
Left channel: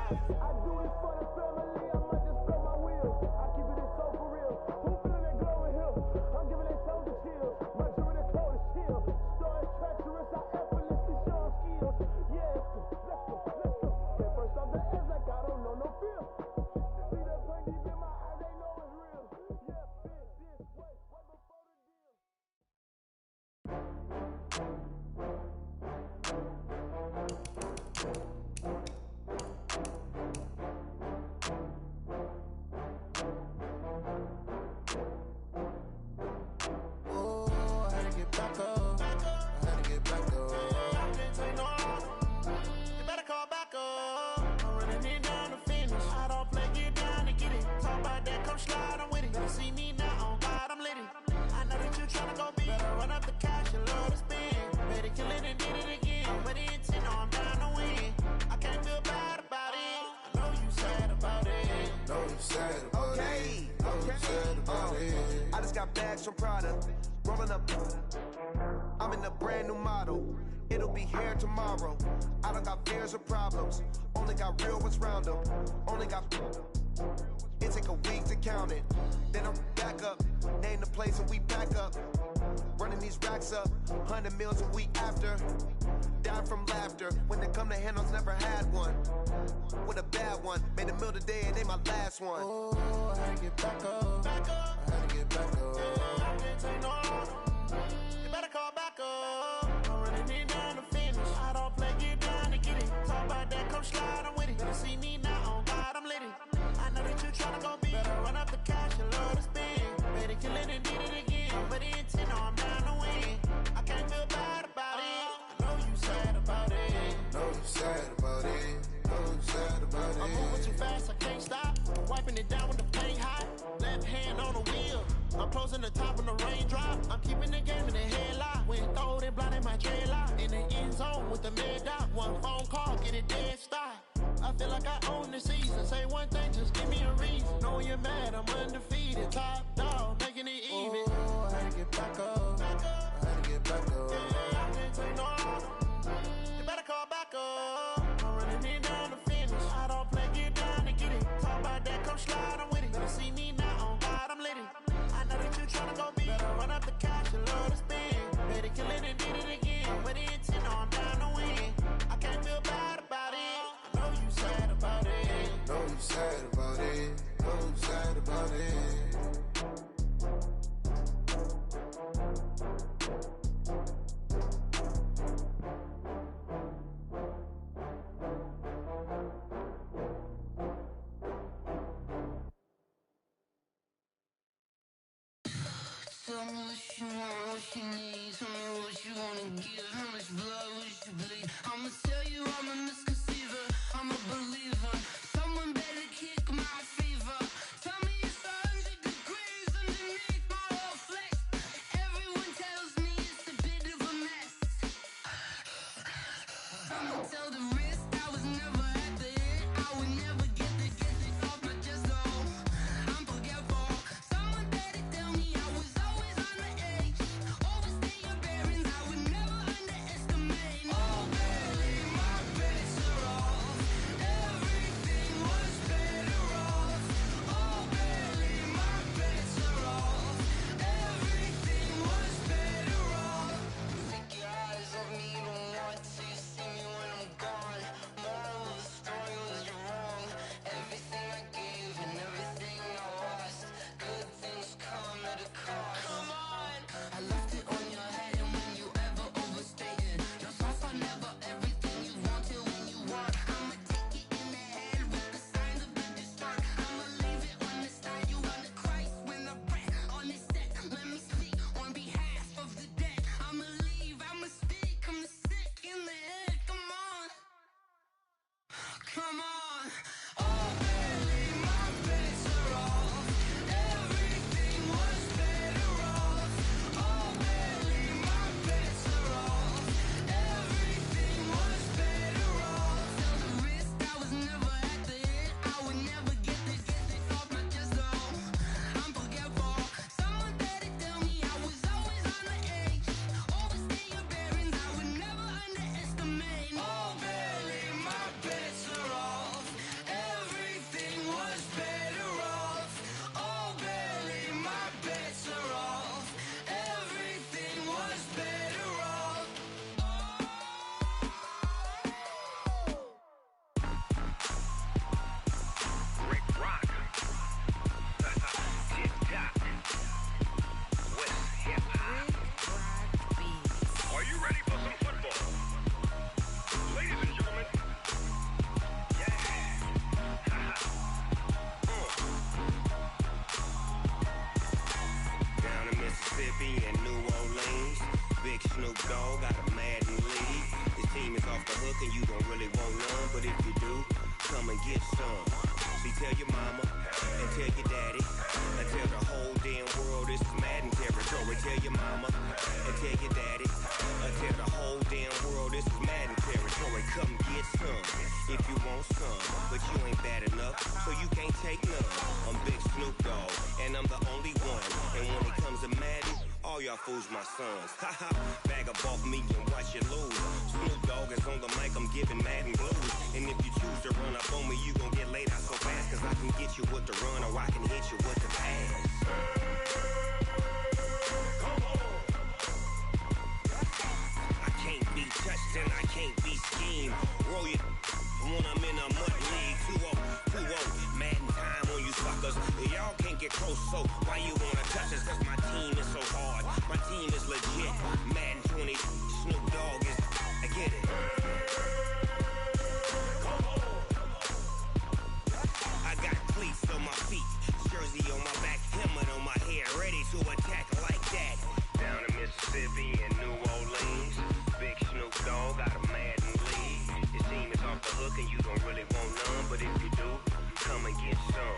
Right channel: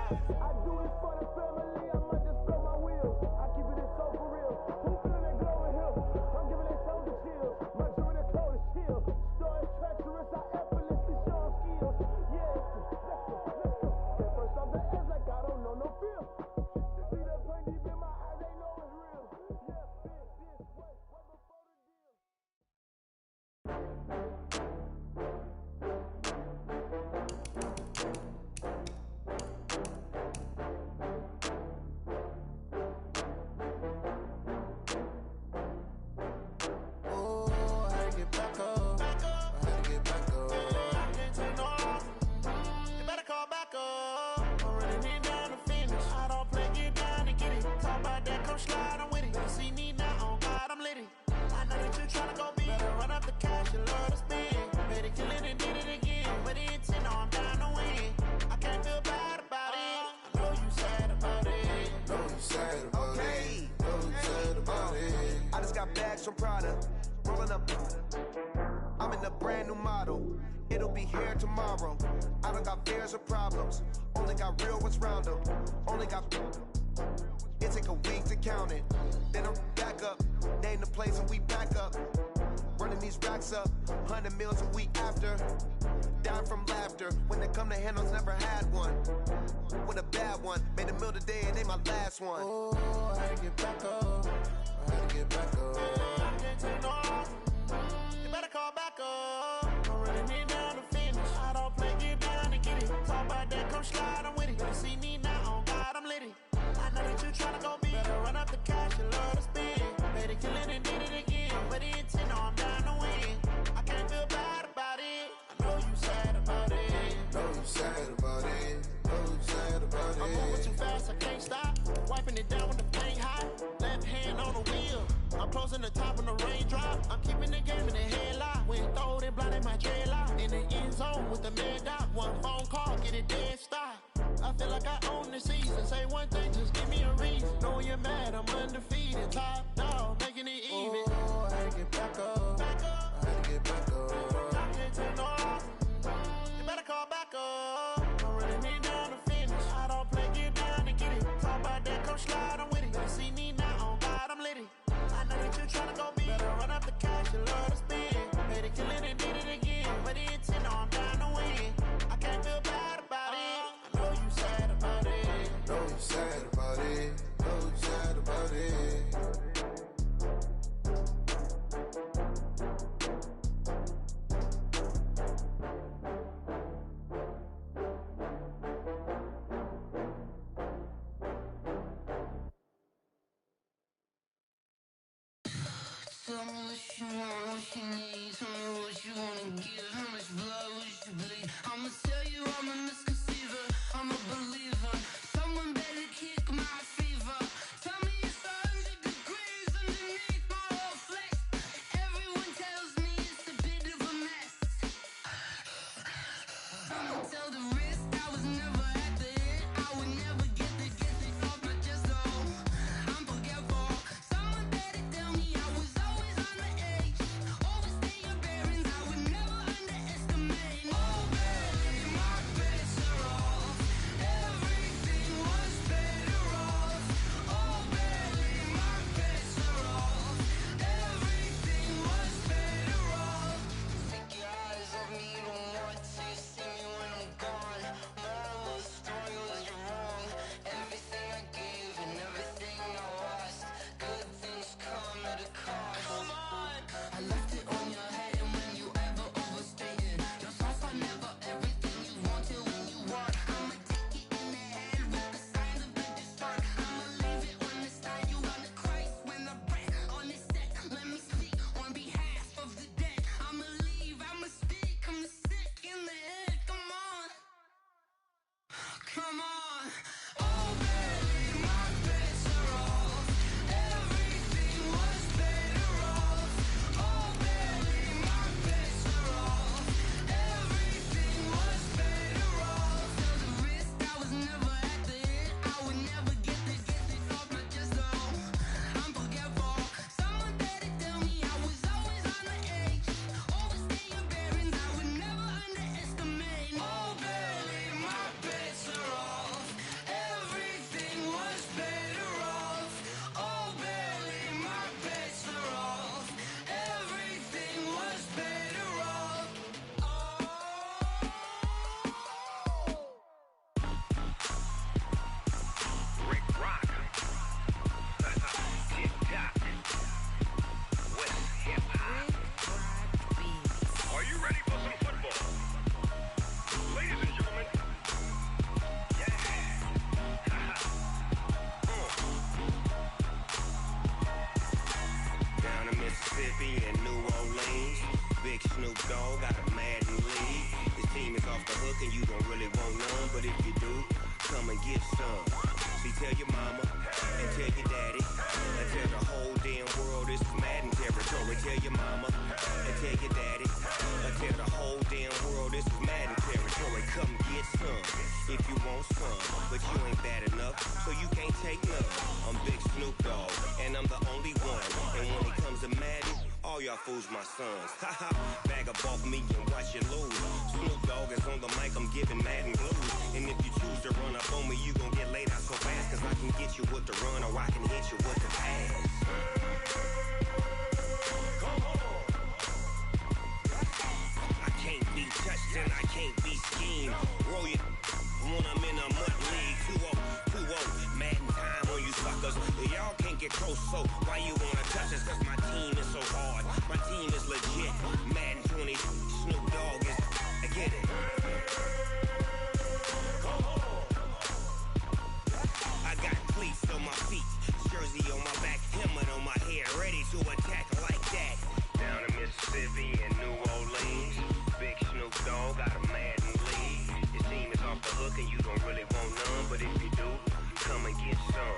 I do this for the family, I might just blow my wheel. I keep it so for real. Who feeling that glowing hill? I'm giving they souls the chills. My jewelry code is chill. Stories treacherous, I effortlessly show them skills. Yeah, let's go. Get first off the edge like I don't know no feel. See that pain deep in my eyes, they know it's real. Yeah, been this way, way before the deal. Oh, I had to get back up. I had to get back up. I can't take no loss. You better call back up. I'm running it down to finish. I don't play, get down and get it. Talk about that, come slide, I'm with it. Better see me now, on God, I'm litty. I know that you tryna go big. Better run up the cash, you love to spend. Better kill it and did it again. I'm with the intent, no, I'm down to win. I can't feel bad about it. I know you sad about it. Know you sad about Okay. it. Know you sad about it. I just got bags from Prada, rolling up. I'm in a brand new model. It'll be here tomorrow. I don't got fears or problems. Only got real ones round them. Only got. It take a week to count it. Then I'm back up. Name the place and we back up. Running these racks up. 100 meals a week after. Down from laughter. When they come to handles, never had one. With a bad one. Made a meal today and they my last one. Oh, I had to get back up. I had to get back up. I can't take no loss. You better call back up. I'm running it down to finish. I don't play, get down and get it. Talk about that, come slide, I'm with it. Better see me now, on God, I'm litty. I know that you tryna go big. Better run up the cash, you love to spend. Better kill it and did it again. I'm with the intent, no, I'm down to win. I can't feel bad about it. I know you sad about it. Know you sad about it. Know you sad about it. I'm moving too fast, I can't stop. Wiping it down with the paint hot. Left hand on the wheel. I'm closing the top when the raindrop. I'm keeping the game in the headlock. When throwed and blinded my dreadlock. In the end zone with the mad dot. One phone call, get it dead stop. I feel like I own the season. Say one thing, just give me a reason. Knowing you're mad, I'm undefeated. Top dog, making it even. Oh, I had to get back up. I had to get back up. I can't take no loss. You better call back up. I'm running it down to finish. I don't play, get down and get it. Talk about that, come slide, I'm with it. Better see me now, on God, I'm litty. I know that you tryna go big. Better run up the cash, you love to spend. Better kill it and did it again. I'm with the intent, no, I'm down to win. I can't feel bad about it. I know you sad about it. Know you sad about it. Know you sad about it. Tell me what you want, what you need. Tell me what you wanna give. How much blood would you bleed? I'ma tell you I'm a misconceiver. I'm a believer. Someone better kick my fever. Tell me it's 100 degrees underneath my whole flesh. Everyone tells me it's a bit of a mess. I'ma tell the risk I was never at the end. I would never get the off my chest though. I'm forgetful. Someone better tell me I was always on the edge. Overstay your bearings, I would never underestimate. Oh, barely, my bets are off. Everything was better off. Oh, barely, my bets are off. Everything was better off. Take your eyes off me, don't want to see me when I'm gone. Moral of the story was you're wrong. Everything I gave and everything I lost. Good things come at a cost. I left it on your head, and when you ever overstated, your thoughts are never everything you wanted when you want. I'ma take it in the head with the signs of a distort. I'ma leave it on the side. You wanna Christ when the breath on this set. Let me speak on behalf of the dead. I'ma leave, I'ma speak. I'm the sick in the head. Come on, come on. Oh, barely, my bets are off. Everything was better off. Oh, barely, my bets are off. Everything was better off. Tell the risk I was never at the end. I would never get this off my chest though. I'm forgetful. Someone better tell me I was always on the edge. Overstay your bearings, I would never underestimate. Oh, barely, my bets are off. Everything was better off. Oh, barely, my bets are off. Everything was better off. Rick Rock. Tip Top. West Hip Hop. Are you ready for some football? Ladies and gentlemen. Yeah. Down in Mississippi and New Orleans, Big Snoop Dogg got a Madden league. His team is off the hook and you don't really want none, but if you do, come and get some. See, tell your mama and tell your daddy and tell the whole damn world this is Madden territory. Tell your mama and tell your daddy and tell the whole damn world this is Madden territory. Come get some if you want some, but you ain't bad enough, so you can't take none. I'm Big Snoop Dogg and I'm the only one. And when it comes to Madden, all y'all fools my sons. Haha, bag up off me and watch you lose. Snoop Dogg is on the mic, I'm giving Madden blues. And if you choose to run up on me, you gon' get laid out so fast. Cause I can get you with the run or I can hit you with the pass. Come on. I can't be touched and I can't be schemed. Roll your when I'm in a mud league. 2-0, Madden time on you suckers. Y'all can't get close, so why you wanna touch us? Cause my team is so hard. My team is legit. Madden 20, Snoop Dogg is, I get it. Come on. I got cleats on my feet, jersey on my back, helmet on my head, ready to attack like that. Down in Mississippi and New Orleans, Big Snoop Dogg got a Madden league. His team is off the hook and you don't really want none, but if you do, come and get some.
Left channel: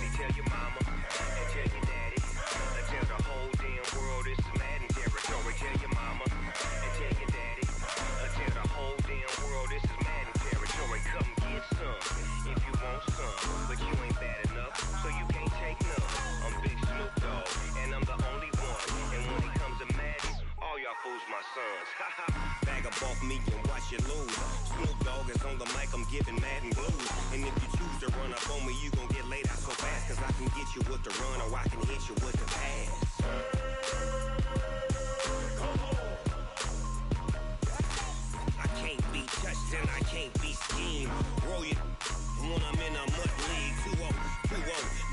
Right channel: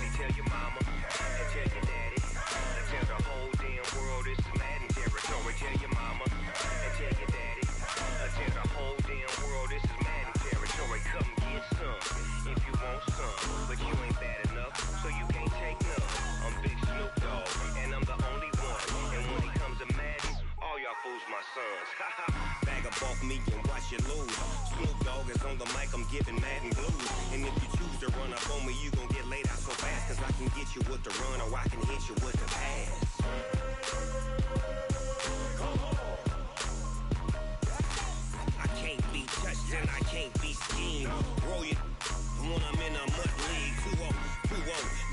See, tell your mama and tell your daddy and tell the whole damn world this is Madden territory. Tell your mama and tell your daddy and tell the whole damn world this is Madden territory. Come get some if you want some, but you ain't bad enough, so you can't take none. I'm Big Snoop Dogg and I'm the only one. And when it comes to Madden, all y'all fools my sons. Bag up off me and watch you lose. Snoop Dogg is on the mic, I'm giving Madden blues. And if you choose to run up on me, you gon' get laid out so fast. Cause I can get you with the run or I can hit you with the pass. Come on. I can't be touched and I can't be schemed. Roll your when I'm in a mud league. 2-0,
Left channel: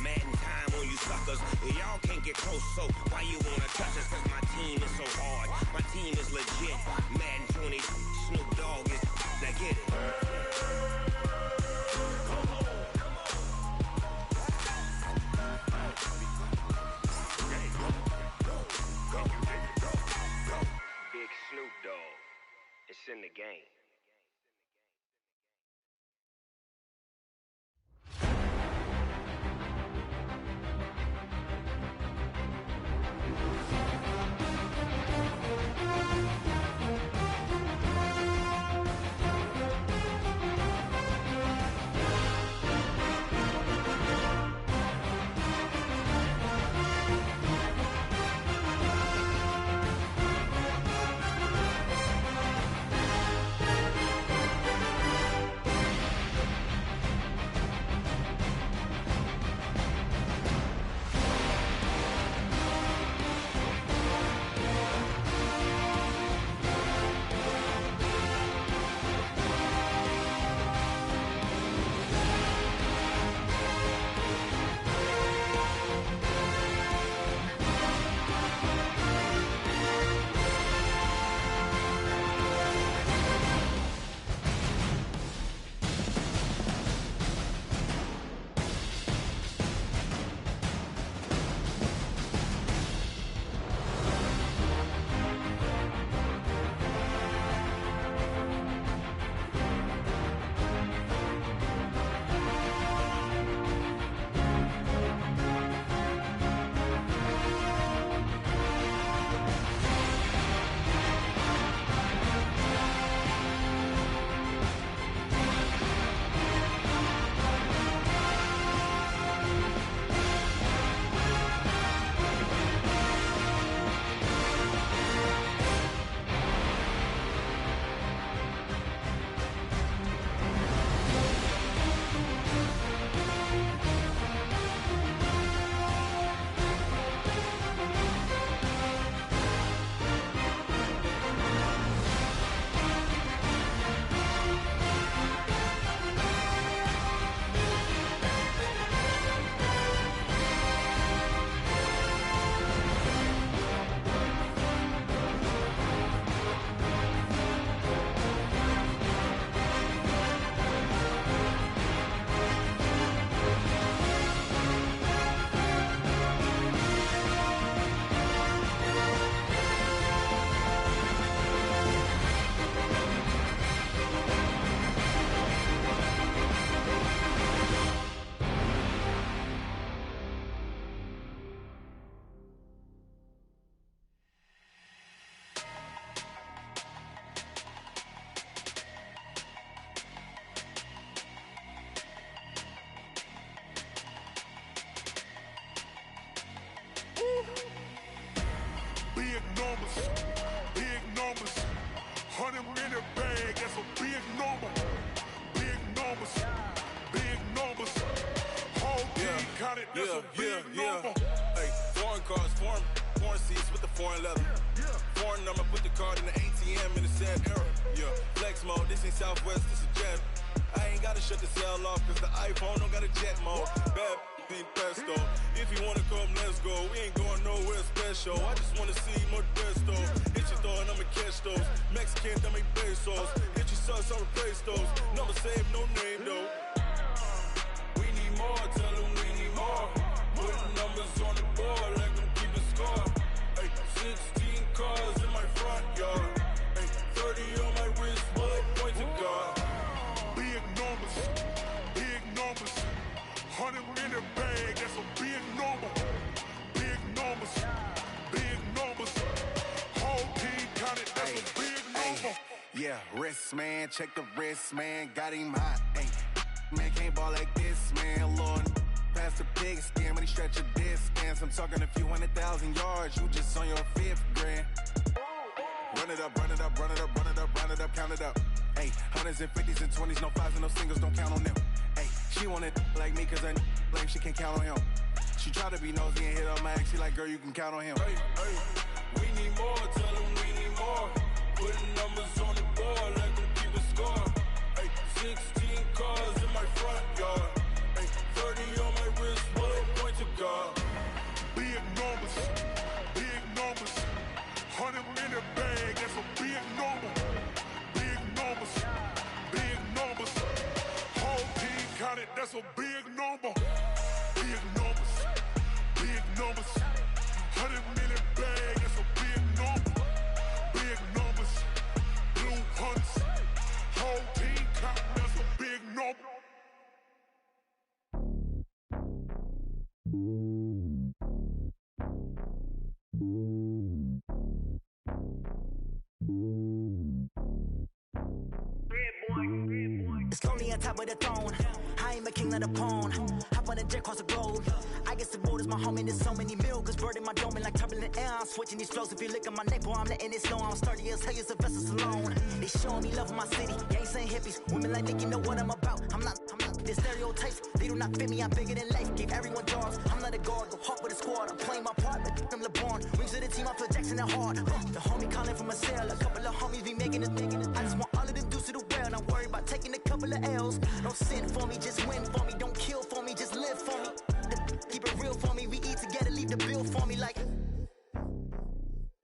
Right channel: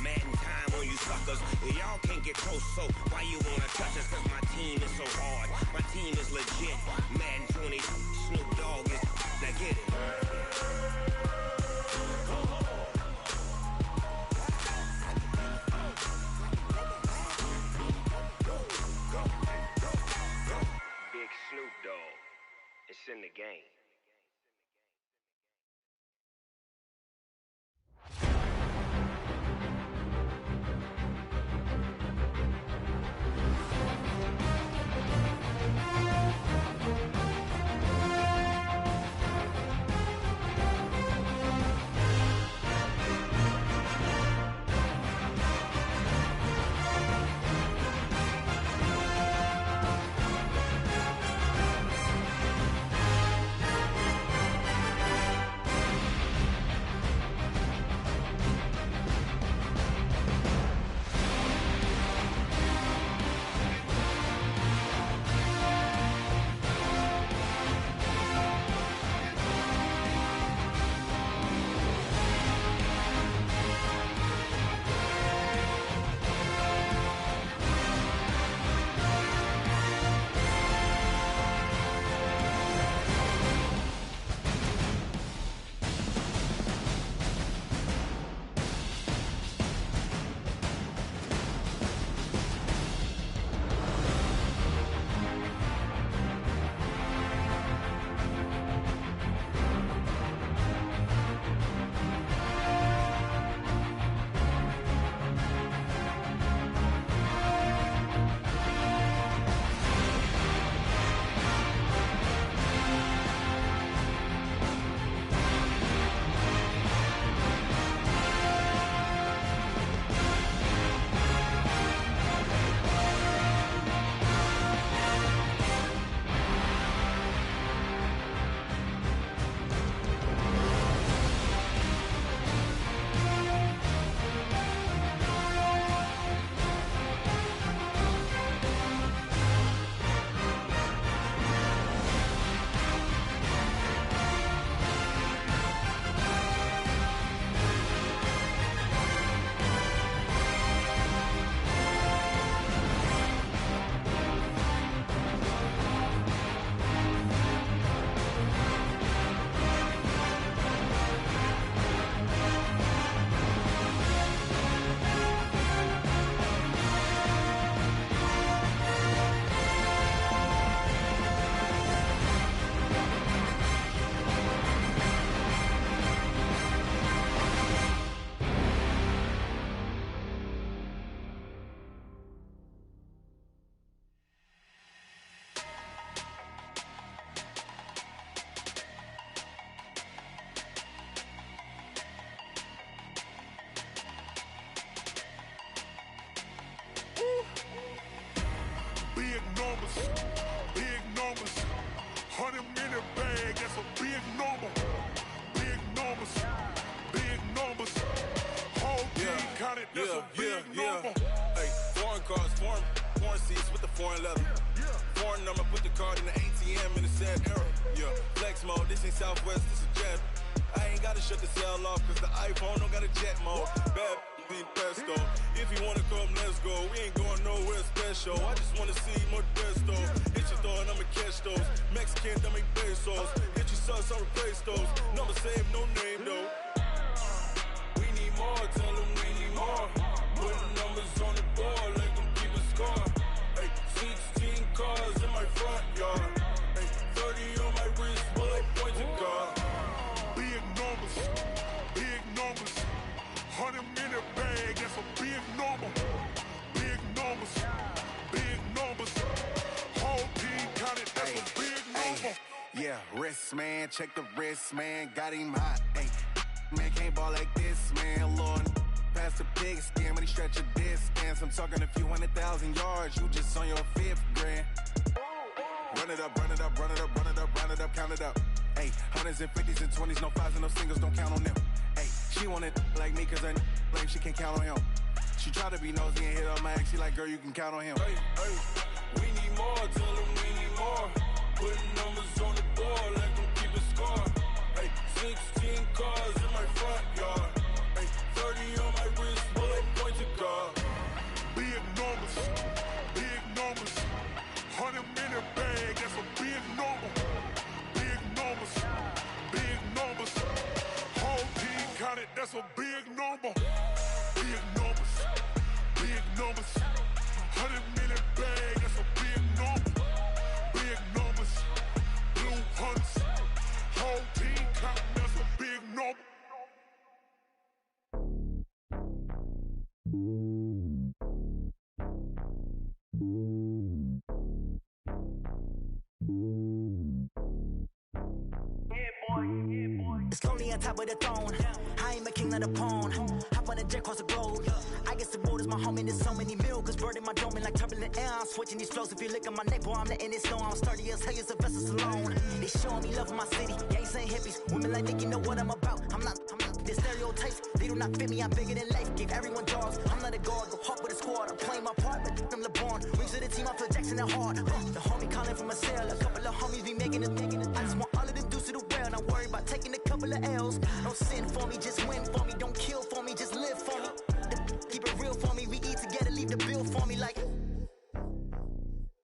Madden time on you suckers. Y'all can't get close, so why you wanna touch us? Cause my team is so hard. My team is legit. Madden 20, Snoop Dogg is, now get it. Come on. game. Big numbers, 100-minute bag, that's a big number. Big numbers, whole team counted, that's a big number. Hey, foreign cars, foreign seats with the foreign leather. Foreign number, put the card in the ATM in the sad era. Yeah, flex mode, this ain't Southwest, this is Jet. I ain't gotta shut the cell off, cause the iPhone don't got a jet mode. Bad pesto. If you wanna come, let's go. We ain't going nowhere special. I just wanna see more Modesto. Hit your throw and I'ma catch those. Mexican, dame pesos. Hit your sus, I'll replace those. Number save, no name though. We need more, tell them we need more. Putting numbers on the board, like them keep a score. Hey, 16 cars in my front yard. Hey, 30 on my wrist, bullet point to God. Big numbers, 100-minute bag, that's a big number. Big numbers, whole team counted, that's a big number. Yeah, wrist man, check the wrist man, got him hot. Ay, man can't ball like this, man. Lord, past the pig skin when he stretch a distance. I'm talking a few 100,000 yards, you just on your 5th grand. Run it up, count it up. Ay, hundreds and 50s and 20s, no 5s and no singles, don't count on them. Ay, she want it like me, cause her blame, she can't count on him. She try to be nosy and hit up my ex, she like, girl, you can count on him. Hey, we need more, tell them we need more. Putting numbers on the board, like them keep a score. Hey, 16 cars in my front yard. Hey, 30 on my wrist, bullet point to God. Big numbers, 100-minute bag, that's a big number. Big numbers, whole team counted, that's a big number. Big numbers, 100-minute bag, that's a big number. Big king of the pawn. Hop on a jet across the globe. I guess the road is my home and there's so many mil. Cause bird in my dome and like turbulent air. I'm switching these flows. If you look at my neck, boy, I'm letting it slow. I'm sturdy as hell as a vessel alone. They showing me love in my city. Gangsta hippies. Women like Nick, you know what I'm about. I'm not. The stereotypes, they do not fit me. I'm bigger than life. Gave everyone jobs. I'm not a guard. Go hard with a squad. I'm playing my part, but I'm LeBron. Rings of the team, I feel Jackson and hard. The homie calling from a cell. A couple of homies be making it. I just want all of them dudes to do well. Not worry about taking a couple of L's. Don't sin for me, just win for me. Don't kill for me, just live for me. Keep it real for me. We eat together, leave the bill for me like.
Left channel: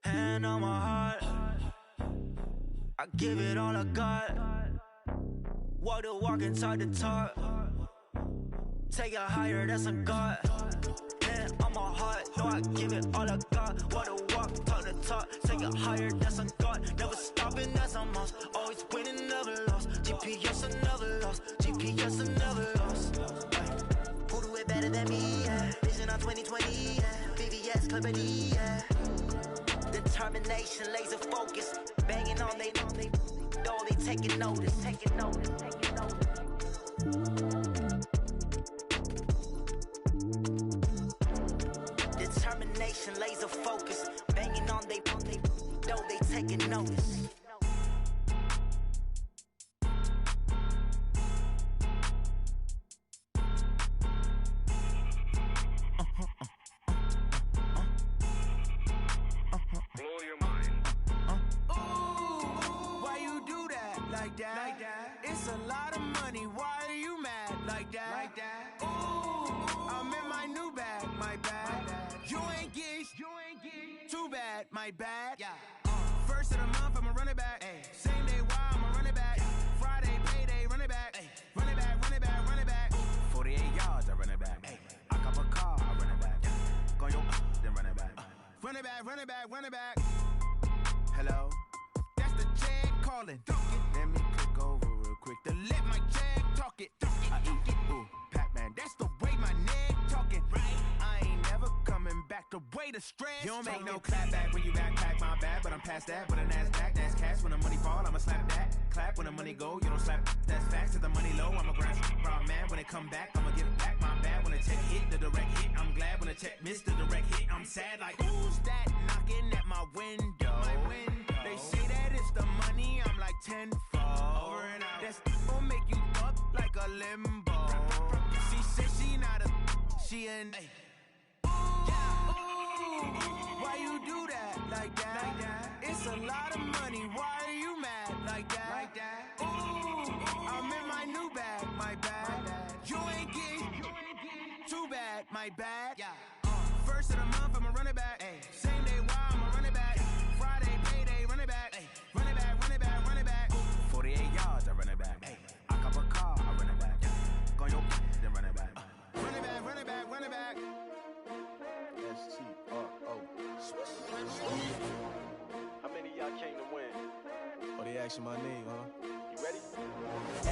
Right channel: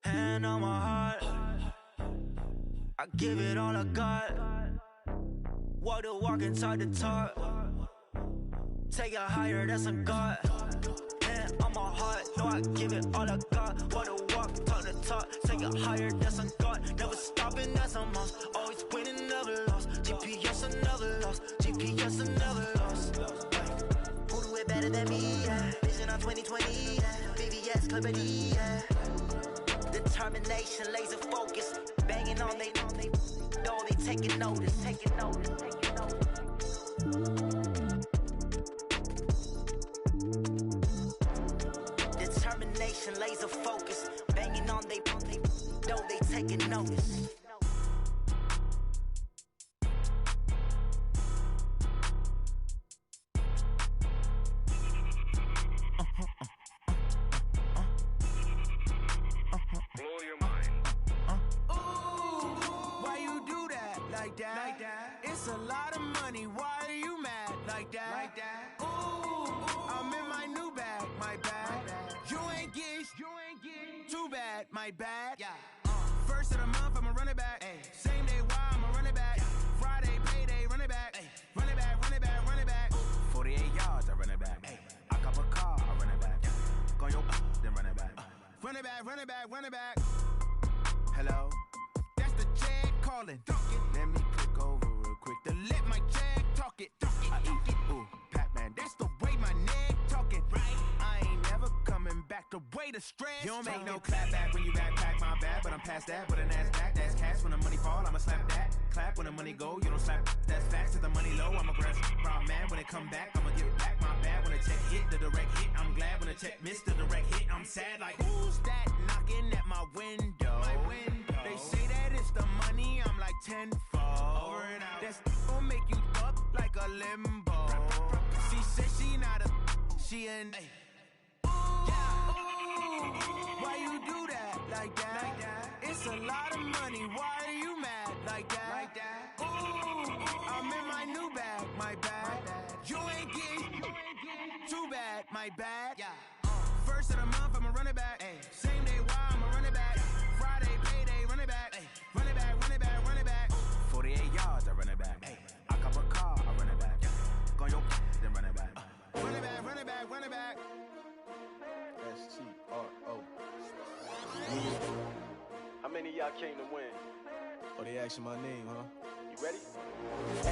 Hand on my heart, I give it all I got. Walk the walk and talk the talk. Take it higher, that's a God. Hand on my heart, no, I give it all I got. Walk the walk, talk the talk. Take it higher, that's a God. Never stopping, that's a must. Always winning, never lost. GPS, I never lost. GPS, I never lost. Who do it better than me? Yeah. Vision on 2020, yeah. VVS, Clarity, yeah. Determination, laser focus. Banging on they though they taking notice. Determination, laser focus. Banging on they though they taking notice. Like that. It's a lot of money. Why are you mad like that? Ooh, I'm in my new bag, my bad. You ain't get too bad, my bad. Yeah. First of the month, I'ma run it back. Ay. Same day, why I'ma run it back. Friday, payday, run it back. Ay. Run it back, run it back, run it back. 48 yards, I run it back. Ay. I cop a car, I run it back. Go your then run it back. Run it back, run it back, run it back. Hello? That's the jag calling. Let me click over real quick to let my jag talk it. I eat it, ooh, Pac-Man. That's the way my neck talking. Right? I ain't never coming back. The way the stress. You don't make no clap back when you backpack, my bad. But I'm past that. But a NASDAQ, that's cash. When the money fall, I'ma slap that. Clap when the money go. You don't slap. That's facts. If the money low, I'ma grab brown man. When it come back, I'ma give back my bad. When the check hit, the direct hit. I'm glad when the check missed the direct hit. I'm sad like who's that knocking at my window? My window. They say that it's the money. I'm like tenfold. Over and out. That's gon' make you up like a limbo. She said she not a. She an. Ooh, why you do that like that? It's a lot of money. Why are you mad like that? Ooh, I'm in my new bag, my bad. You ain't get too bad, my bad. Yeah. First of the month, I'ma run it back. Ay. Same day, why I'ma run it back. Friday, payday, run it back. Ay. Run it back, run it back, run it back. 48 yards, I run it back. Ay. I cop a car, I run it back. Go your then run it back. Run it back, run it back, run it back. STRO. How many of y'all came to win? Oh, they asking my name, huh? You ready?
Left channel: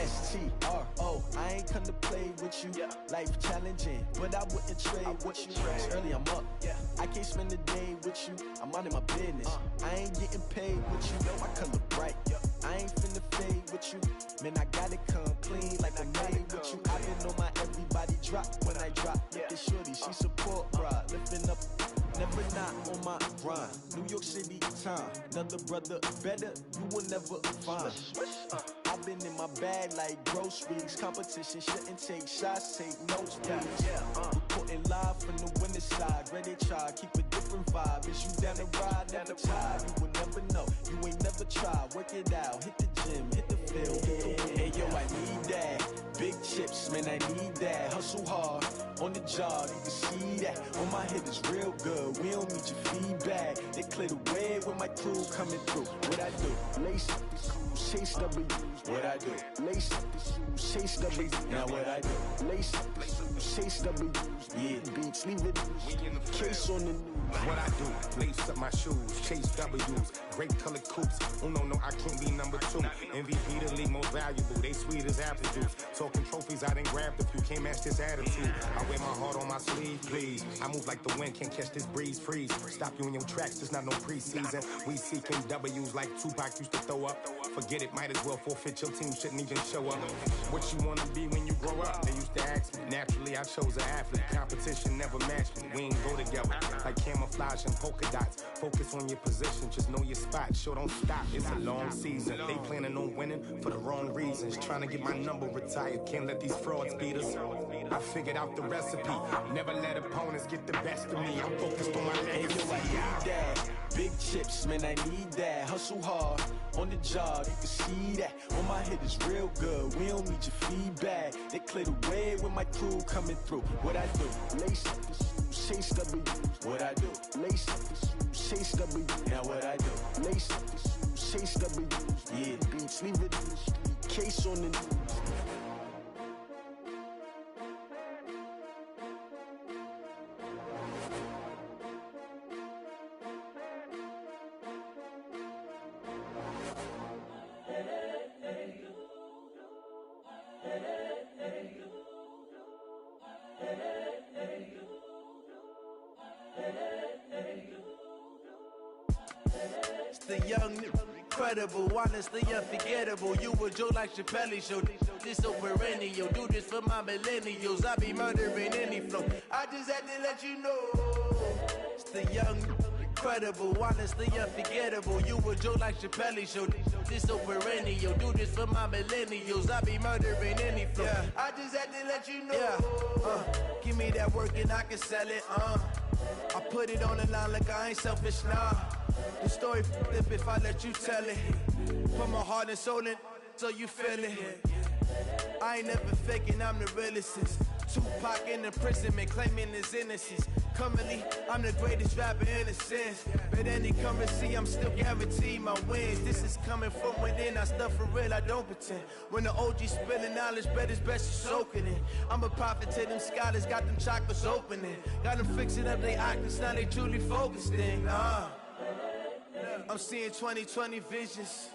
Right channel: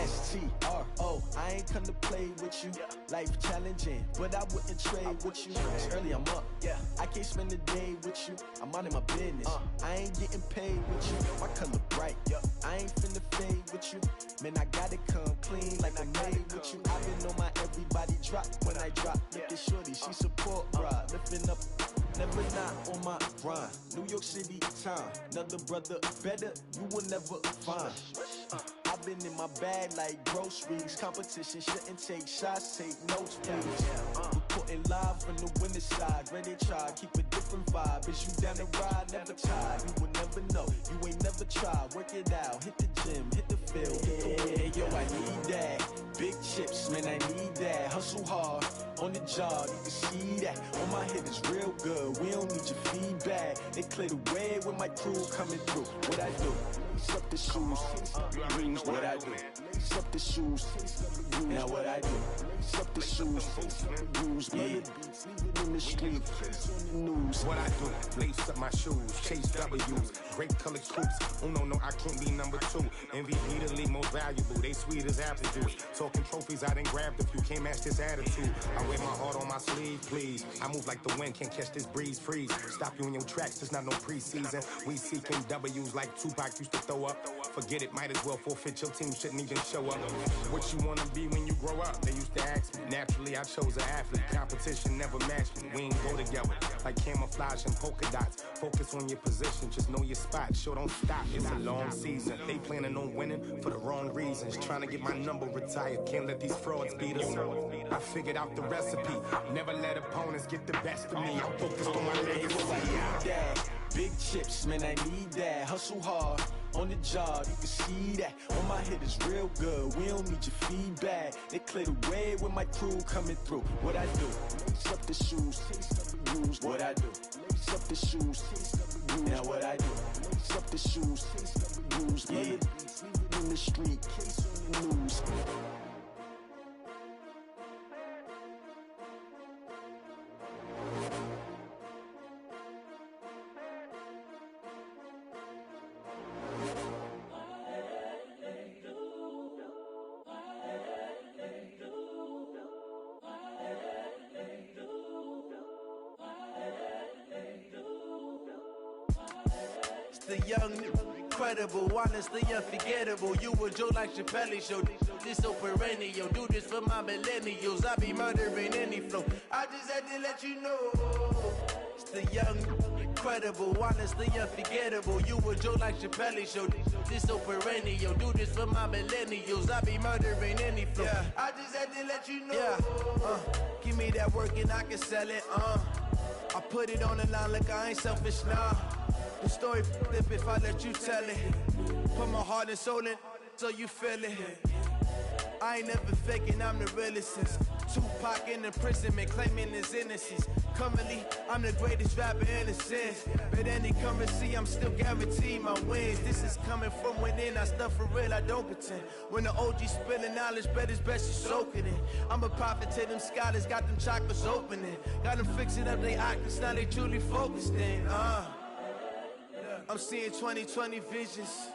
STRO. I ain't come to play with you. Yeah. Life challenging, but I wouldn't trade with you. Early I'm up. Yeah. I can't spend the day with you. I'm out in my business. I ain't getting paid with you. My color bright. Yeah. I ain't finna fade with you. Man, I gotta come clean like I'm made with you. I've been on my everybody drop when I drop. Look at shorty, she support bra. Lifting up. Never not on my grind. New York City time. Another brother better, you will never find. I've been in my bag like groceries. Competition shouldn't take shots, take notes, please. Reporting live from the winning side. Ready to try, keep a different vibe. Is you down the ride, never tired. You will never know, you ain't never tried. Work it out, hit the gym, hit the field. Hey yo, I need that. Big chips, man, I need that. Hustle hard, on the job, you can see that. On my head is real good, we don't need your feedback. They clear the way with my crew coming through. What I do? Lace up the shoes, chase W's. What I do? Lace up the shoes, chase W's. Now what I do? Lace up the shoes, chase W's. Yeah. Beats, leave it in the street, case on the news. What I do? Lace up my shoes, chase W's. Great colored coops. Oh no, I can't be number 2. MVP the league most valuable. They sweet as apple juice. Talking trophies, I done grabbed a few. Can't match this attitude. I wear my heart on my sleeve, please. I move move like the wind, can't catch this breeze, freeze. Stop you in your tracks, there's not no preseason. We seeking W's like Tupac used to throw up. Forget it, might as well forfeit, your team shouldn't even show up. What you wanna be when you grow up? They used to ask me. Naturally, I chose an athlete. Competition never matched me. We ain't go together like camouflage and polka dots. Focus on your position, just know your spot. Sure, don't stop, it's a long season. They planning on winning for the wrong reasons. Trying to get my number retired, can't let these frauds beat us. I figured out the recipe. Never let opponents get the best of me. I'm focused on my legacy. I need that. Big chips, man, I need that. Hustle hard on the job, you can see that. On my head is real good, we don't need your feedback. They clear the way with my crew coming through. What I do? Lace up the shoes, chase W's. What I do? Lace up the shoes, chase W's. Now what I do? Lace up the shoes, chase W's. Yeah. Beats, leave it in the street, case on the news. The young, incredible, honestly unforgettable. You a Joe like Chappelle show. This so perennial. Do this for my millennials. I be murdering any flow. I just had to let you know. It's the young, incredible, honestly unforgettable. You a Joe like Chappelle show. This so perennial. Do this for my millennials. I be murdering any flow. Yeah. I just had to let you know. Yeah. Give me that work and I can sell it. I put it on the line like I ain't selfish, nah. The story flip if I let you tell it. Put my heart and soul in so you feel it. I ain't never faking, I'm the realest since Tupac in imprisonment, claiming his innocence. Currently, I'm the greatest rapper in a sense. But any currency, I'm still guaranteed my wins. This is coming from within, I stuff for real, I don't pretend. When the OG spilling knowledge, bet it's best you soak it in. I'm a prophet to them scholars, got them chakras opening. Got them fixing up they octaves, now they truly focused in. I'm seeing 2020 visions,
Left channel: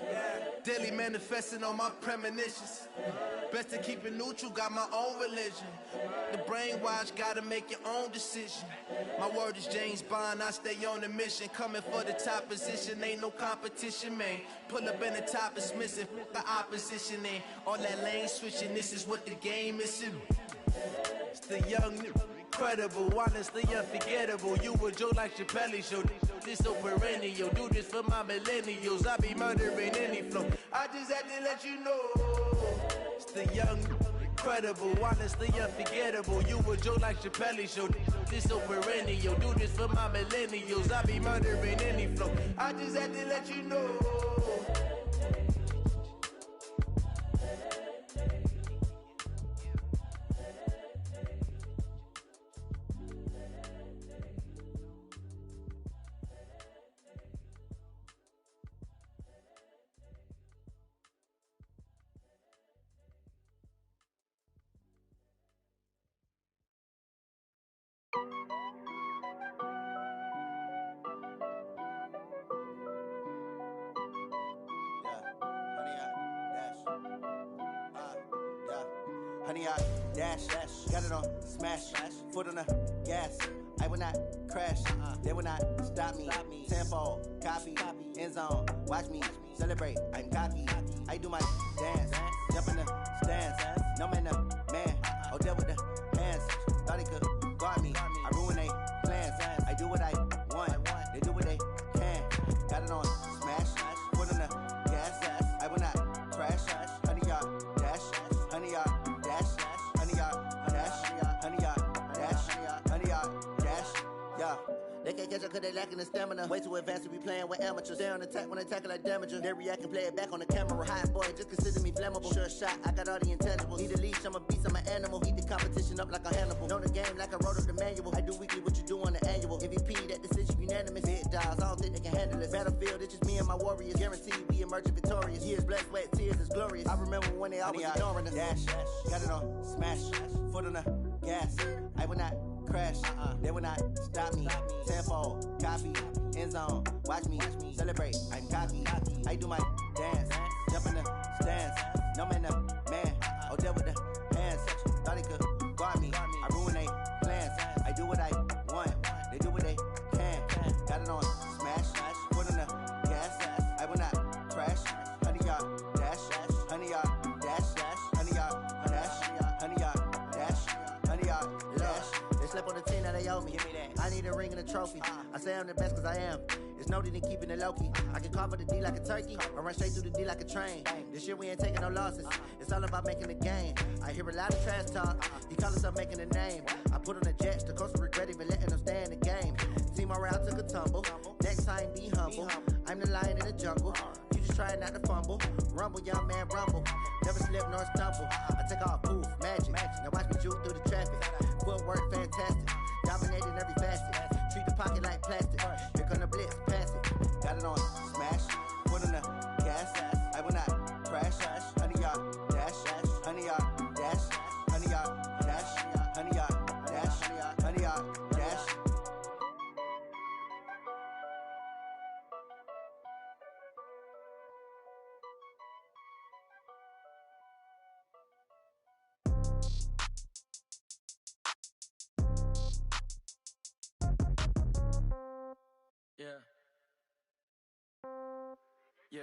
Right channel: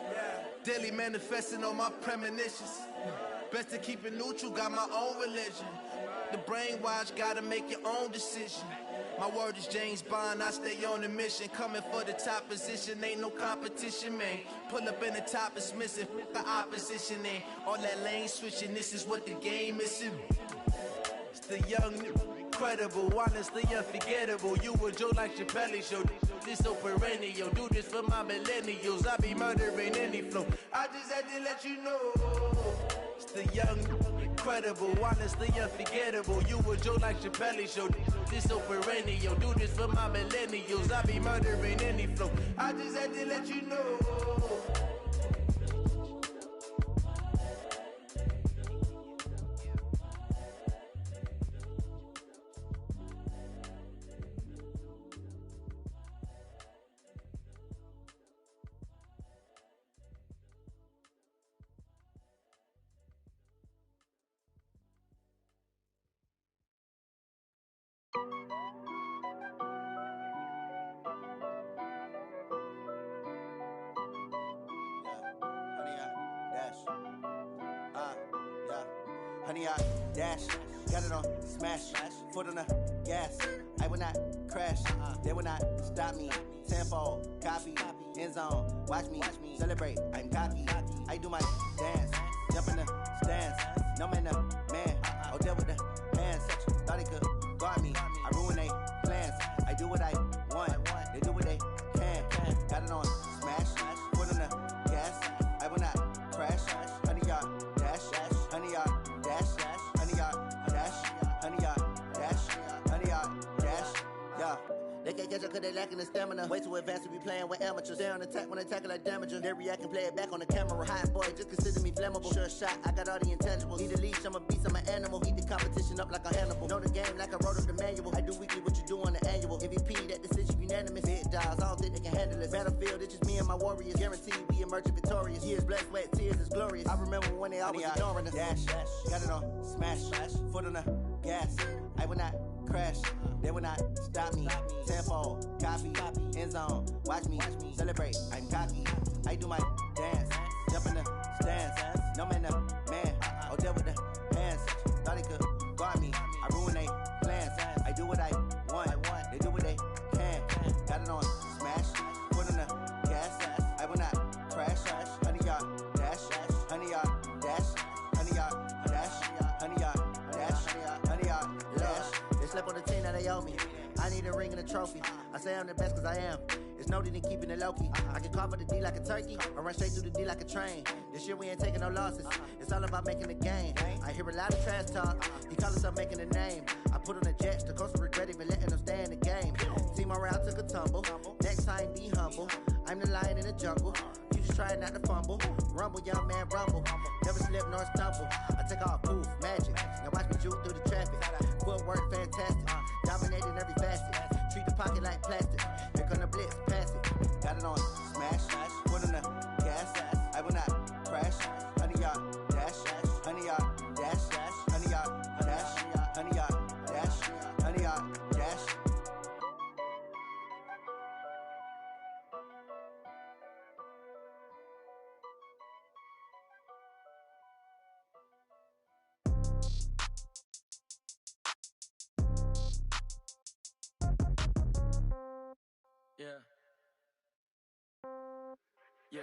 daily manifesting on my premonitions. Best to keep it neutral, got my own religion. The brainwash, gotta make your own decision. My word is James Bond, I stay on the mission. Coming for the top position, ain't no competition, man. Pull up in the top, it's missing, the opposition ain't. All that lane switching, this is what the game is. It's the young, incredible, honestly unforgettable. You a Joe like Chappelle show. This so perennial. Do this for my millennials. I be murdering any flow. I just had to let you know. It's the young, incredible, honestly unforgettable. You a Joe like Chappelle show. This so perennial. Do this for my millennials. I be murdering any flow. I just had to let you know. Honey, I dash, got it on smash, foot on the gas. I will not crash, they will not stop me. Tenfold, copy, end zone, watch me celebrate. I'm cocky, I do my dance, jump in the stands. No man, man, oh there with the hands. Thought he could guard me, I ruin they plans. I do what I want, they do what they can. Got it on smash, foot on the gas. I will not crash, honey, y'all dash, honey, y'all dash, honey, y'all dash, honey, y'all dash, honey, y'all dash, yeah. They can't catch up cause they lacking the stamina. Way too advanced to be playing with amateurs. Stay on attack when attack like damager. They react and play it back on the camera. Hot boy, just consider me flammable. Sure shot, I got all the intangibles. Need a leash, I'm a beast, I'm an animal. Eat the competition up like a Hannibal. Know the game like I wrote up the manual. I do weekly what you do on the annual. MVP, that decision unanimous. Big dials, I don't think they can handle this. Battlefield, it's just me and my warriors. Guaranteed we emerging victorious. Years, blood, sweat, tears, is glorious. I remember when they always ignoring us. Dash, got it on smash, foot on the gas. I will not crash, they will not stop me. Tenfold, copy, end zone, watch me celebrate. I'm cocky, I do my dance, jump in the stands. No man, man, oh there with the hands. Thought he could guard me, I ruin they plans. I do what I want, They do what they can. Got it on smash, foot on the gas. I will not crash. 100 yard dash, 100 yard dash, 100 yard dash, 100 yard dash, 100 yard dash. They slept on the team that they owe me. I need a ring and a trophy. I say I'm the best cause I am. It's no need in keeping it low-key. I can carve up the D like a turkey, or run straight through the D like a train. This year we ain't taking no losses. It's all about making the game. I hear a lot of trash talk. He call himself making a name. I put on the Jets, the coast regret even letting them stay in the game. Team morale took a tumble. Next time be humble. I'm the lion in the jungle. You just try not to fumble. Rumble, young man, rumble. Never slip nor stumble. I take off, poof, magic. Now watch me juke through the traffic. Footwork fantastic. Dominating every facet. Treat the pocket like plastic. Here come the blitz, pass it. Got it on smash. Foot on the gas. I will not crash. 100 yard dash. 100 yard dash. 100 yard dash. 100 yard dash. 100 yard dash. Yeah. Yeah.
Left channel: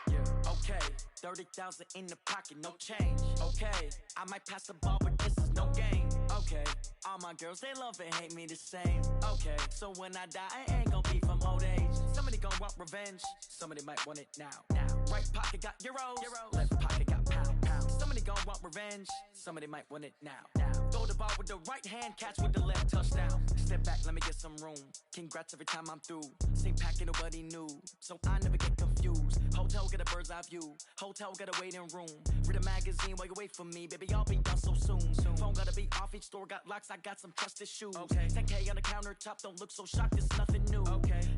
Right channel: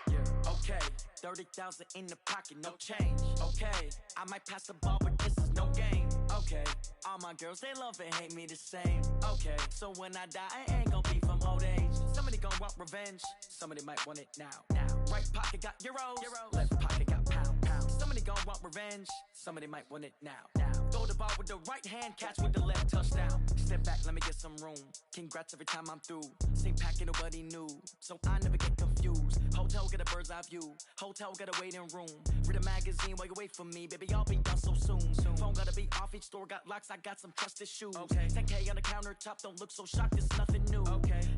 Yeah. Okay. 30,000 in the pocket, no change. Okay. I might pass the ball, but this is no game. Okay. All my girls, they love and hate me the same. Okay. So when I die, I ain't gon' be from old age. Somebody gon' want revenge. Somebody might want it now. Right pocket got euros. Left pocket got pound. Somebody gon' want revenge. Somebody might want it now. Throw the ball with the right hand, catch with the left, touchdown. Step back, let me get some room. Congrats every time I'm through. Same packet, nobody knew, so I never get confused. Hotel get a bird's eye view. Hotel got a waiting room. Read a magazine while you wait for me, baby. I'll be done so soon. Phone gotta be off. Each store got locks. I got some trusted shoes. 10K on the countertop. Don't look so shocked. It's nothing new.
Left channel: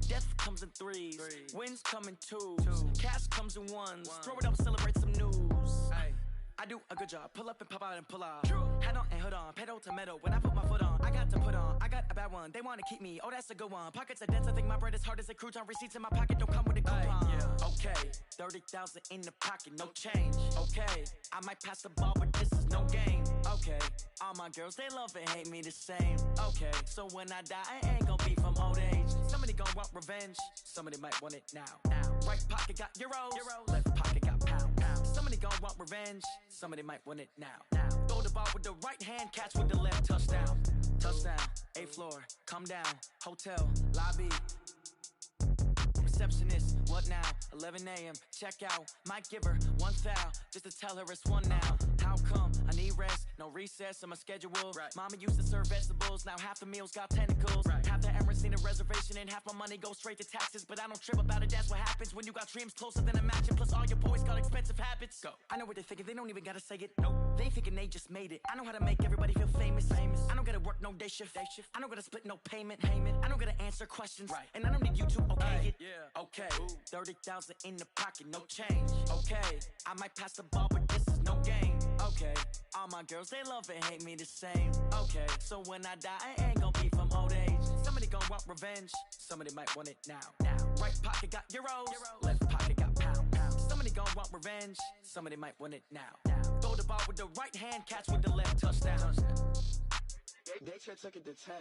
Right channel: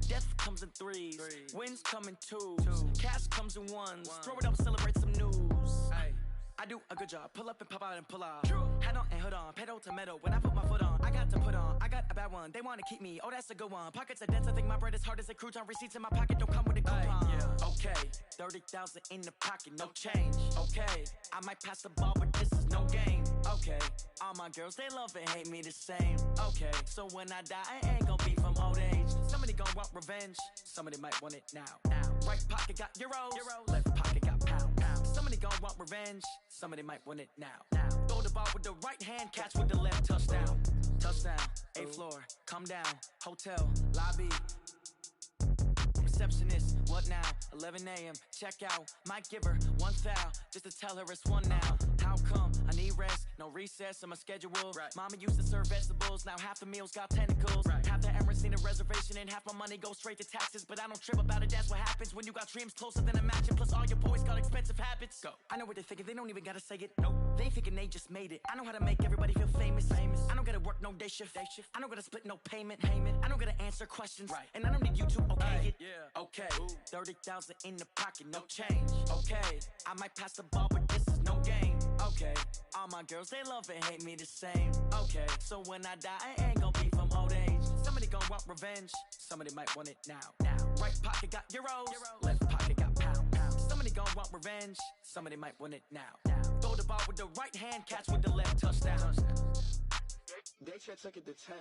Death comes in threes. Wins come in twos. Cash comes in ones. Throw it up, celebrate some news. I do a good job. Pull up and pop out and pull out. Head on and hood on. Pedal to metal. When I put my foot on, I got to put on. I got a bad one. They want to keep me. Oh, that's a good one. Pockets are dense. I think my bread is hard as a crouton. Receipts in my pocket don't come with a coupon. Okay. 30,000 in the pocket. No change. Okay. I might pass the ball, but this is no game. Okay. All my girls, they love and hate me the same. Okay. So when I die, I ain't gon' be from old age. Somebody gon' want revenge. Somebody might want it now. Right pocket got euros. Left pocket got pound. Somebody gon' want revenge. Somebody might want it now. Throw the ball with the right hand, catch with the left, touchdown. Touchdown, 8th floor, come down, hotel, lobby. Receptionist, what now? 11 a.m., check out. Might give her one foul, just to tell her it's one now. How come? I need rest, no recess on my schedule. Mama used to serve vegetables, now half the meals got tentacles. Half the Emirates need a reservation and half my money goes straight to taxes. But I don't trip about it, that's what happens when you got dreams closer than a match. Plus all your boys got expensive habits. Go. I know what they're thinking, they don't even gotta say it. Nope. They thinking they just made it. I know how to make everybody feel famous. I don't gotta work no day shift. I don't gotta split no payment. I don't gotta answer questions. And I don't need you to okay it. Okay. 30,000 in the pocket, no change. Okay. I might pass the ball, but this is no game. Okay. All my girls, they love and hate me the same. Okay. So when I die, I ain't gon' be from old age. Somebody gon' want revenge. Somebody might want it now. Right pocket got euros. Left pocket got pound. Somebody gon' want revenge. Somebody might want it now. Throw the ball with the right hand, catch with the left, touchdown. They can't take it to 10.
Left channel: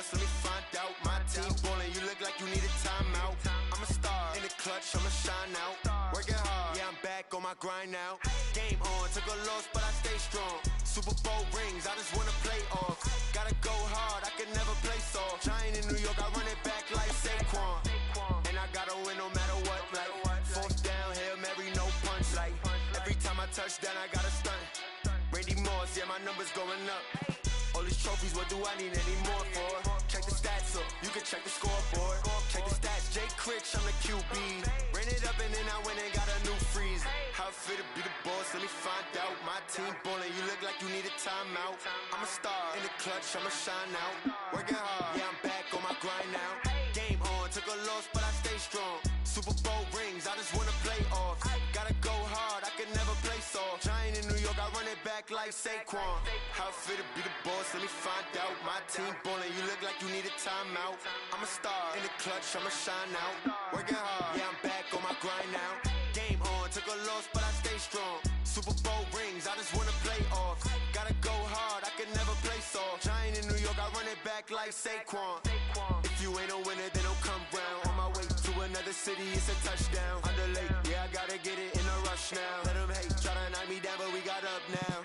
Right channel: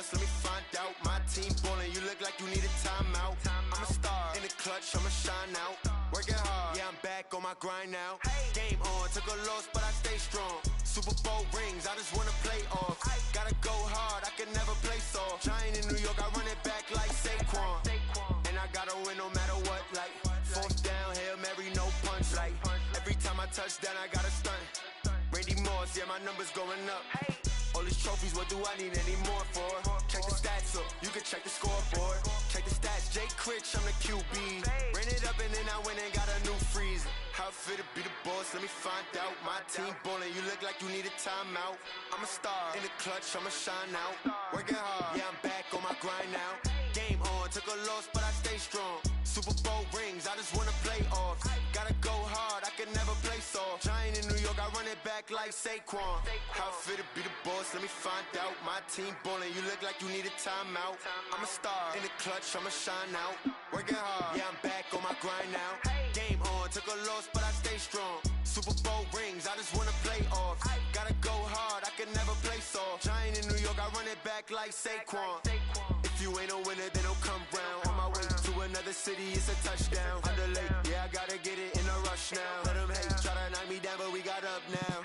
boss, let me find out. My team ballin', you look like you need a timeout. I'm a star in the clutch, I'ma shine out. Working hard, yeah, I'm back on my grind now. Game on, took a loss, but I stay strong. Super Bowl rings, I just wanna play off. Gotta go hard, I can never play soft. Giant in New York, I run it back like Saquon. And I gotta win no matter what, like fourth down, Hail Mary, no punch. Like every time I touch down, I gotta stunt. Randy Moss, yeah, my numbers going up. All these trophies, what do I need any more for? Check the stats up, you can check the scoreboard. Check the stats, Jay Critch, I'm the QB. Ran it up and then I went and got a new freezer. How it feel to be the boss, let me find out. My team ballin', you look like you need a timeout. I'm a star in the clutch, I'ma shine out. Working hard, yeah, I'm back on my grind now. Game on, took a loss, but I stay strong. Super Bowl rings, I just wanna play off. Gotta go hard, I can never play soft. Giant in New York, I run it back like Saquon. How it feel to be the boss, let me find out. My team ballin', you look like you need a timeout. I'm a star in the clutch, I'ma shine out. Working hard, yeah, I'm back on my grind now. Game on, took a loss, but I stay strong. Super Bowl rings, I just wanna play off. Gotta go hard, I can never play soft. Giant in New York, I run it back like Saquon. If you ain't a winner, then don't come round. On my way to another city, it's a touchdown. Underlay, yeah, I gotta get it in a rush now. Let them hate, try to knock me down, but we got up now.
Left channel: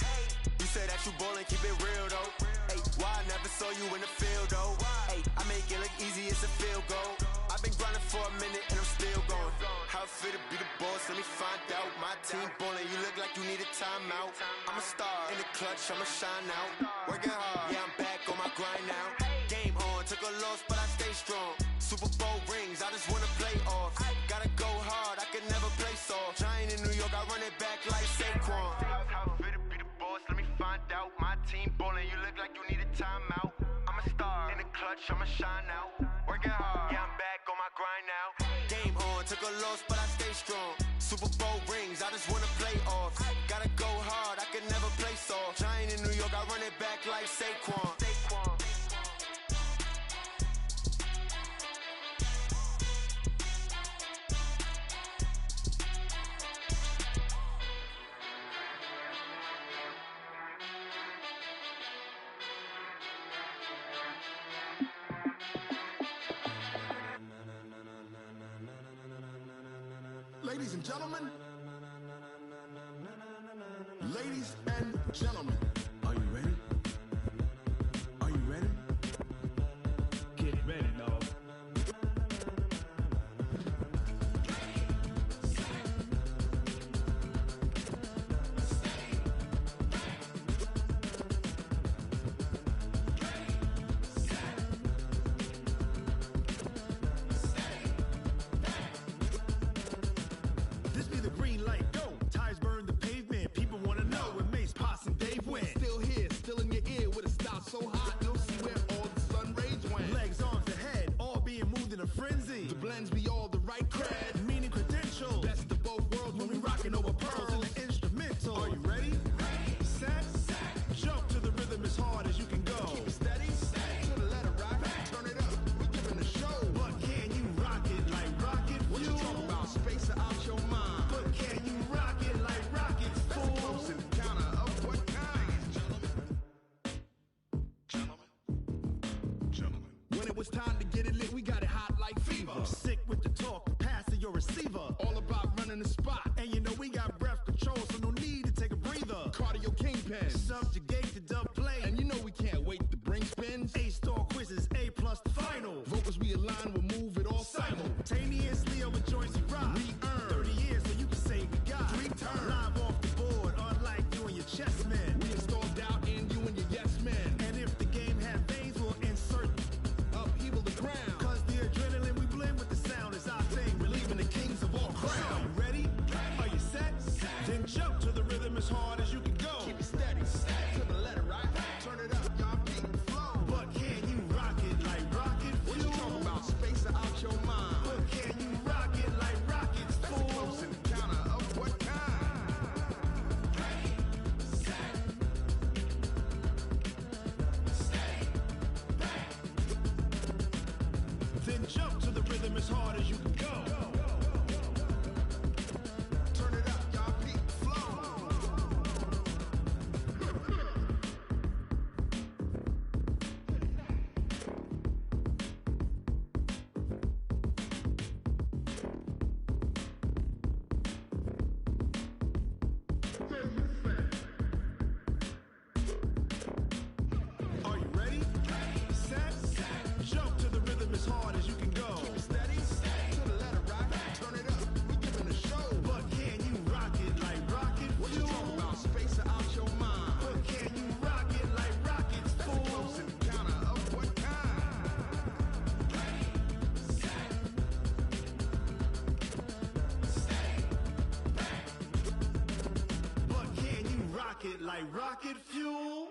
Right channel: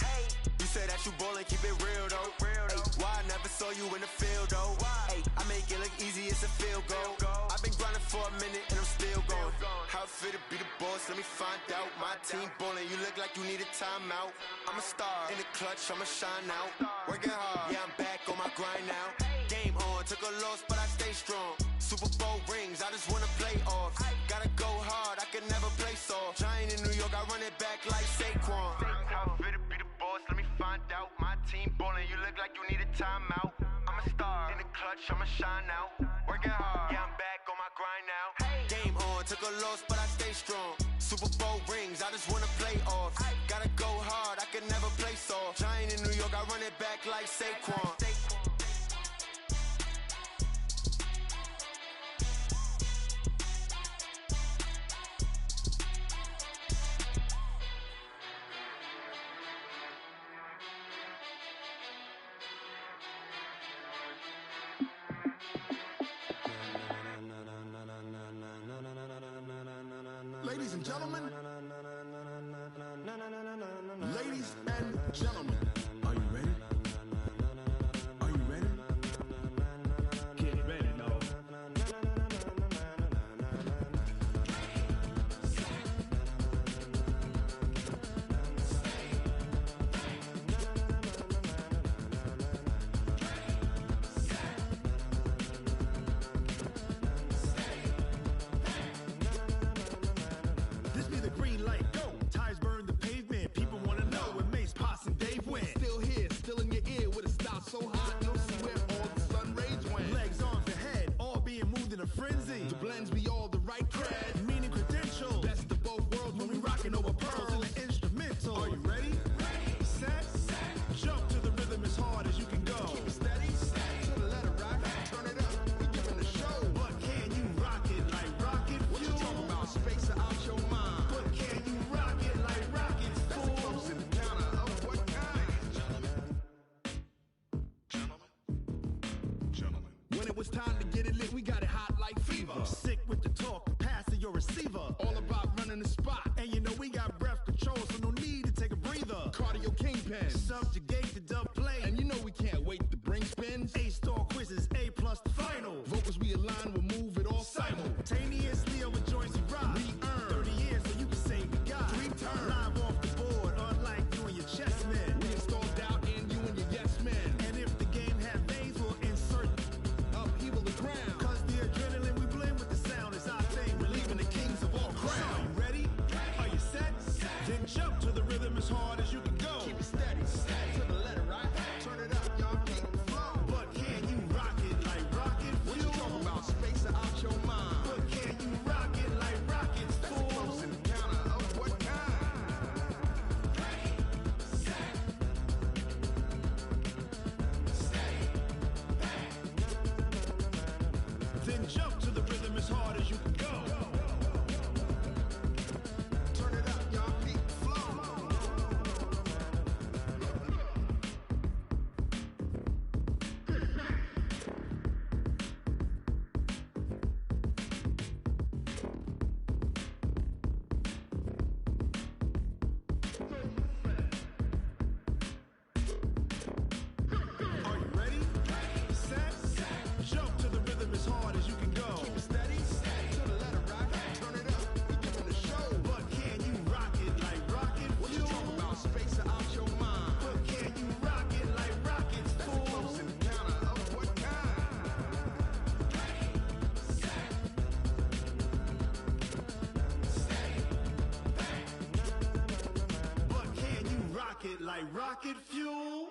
You say that you ballin', keep it real though. Ay, why I never saw you in the field though? Ay, I make it look easy, it's a field goal. I've been grinding for a minute and I'm still going. How it feel to be the boss, let me find out. My team ballin', you look like you need a timeout. I'm a star in the clutch, I'ma shine out. Working hard, yeah, I'm back on my grind now. Game on, took a loss, but I stay strong. Super Bowl rings, I just wanna play off. Gotta go hard, I can never play soft. Giant in New York, I run it back like Saquon. How it feel to be the boss, let me find out. My team ballin', you look like you need a timeout. I'm a star in the clutch, I'ma shine out. Working hard, yeah, I'm back on my grind now. Game on, took a loss, but I stay strong. Super Bowl rings, I just wanna play off. Gotta go hard, I can never play soft. Giant in New York, I run it back like Saquon. Ladies and gentlemen, ladies and gentlemen, are you ready? Are you ready? Get ready, y'all. This be the green light, go. Tires burn the pavement. People wanna know where Mace, Pops, and Dave went. Still here, still in your ear with a style so hot, you'll see where all the sun rays went. Legs, arms, and head, all being moved in a frenzy. The blends be all the right cred, meaning credential. Best of both worlds when we rockin' over pearls in the instrumental. Are you ready? Set, jump to the rhythm as hard as you can go. Keep it steady, to the letter rock. Turn it up, we giving a show. But can you rock it like rocket fuel? What you talking about? Space out your mind. But can you rock it like rockets, fool? That's a close encounter of what kind? Gentlemen. When it was time to get it lit, we got it hot like fever. Sick with the talk, pass to your receiver. All about running the spot. And you know we got breath control, so no need to take a breather. Cardio kingpin, subjugate the dub play. And you know we can't wait to bring spins. A-star quizzes, A+ the final. Vocals we align, we'll move it all simultaneously over joints we rock. We earn 30 years so you can say we got 3 turns. Live off the board, unlike you and your chess men. We install doubt in you and your yes men. And if the game had veins, we'll insert upheaval the ground. Cause the adrenaline we blend with the sound is our thing. Relieving the kings of all crowns. So are you ready? Are you set? Then jump to the rhythm as hard as you can go. Keep it steady, to the letter right. Turn it up, y'all keep the flow. But can you rock it like rocket fuel? What you talking about? Space out your mind. But can you rock it like rockets, fool? That's a close encounter of what kind? Then jump to the rhythm as hard as you can go. Turn it up, y'all keep the flow. rocket like rocket fuel.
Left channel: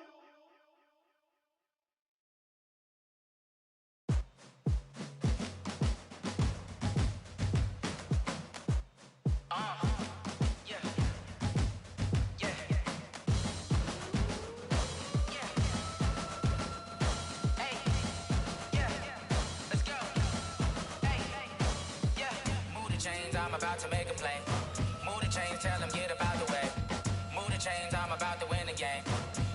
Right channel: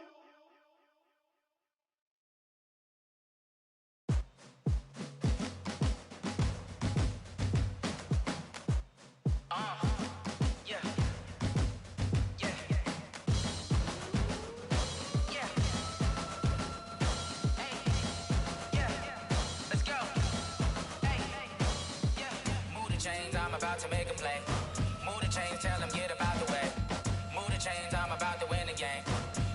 I'm about to make a play. Move the chains, tell them get about the way. Move the chains, I'm about to win the game.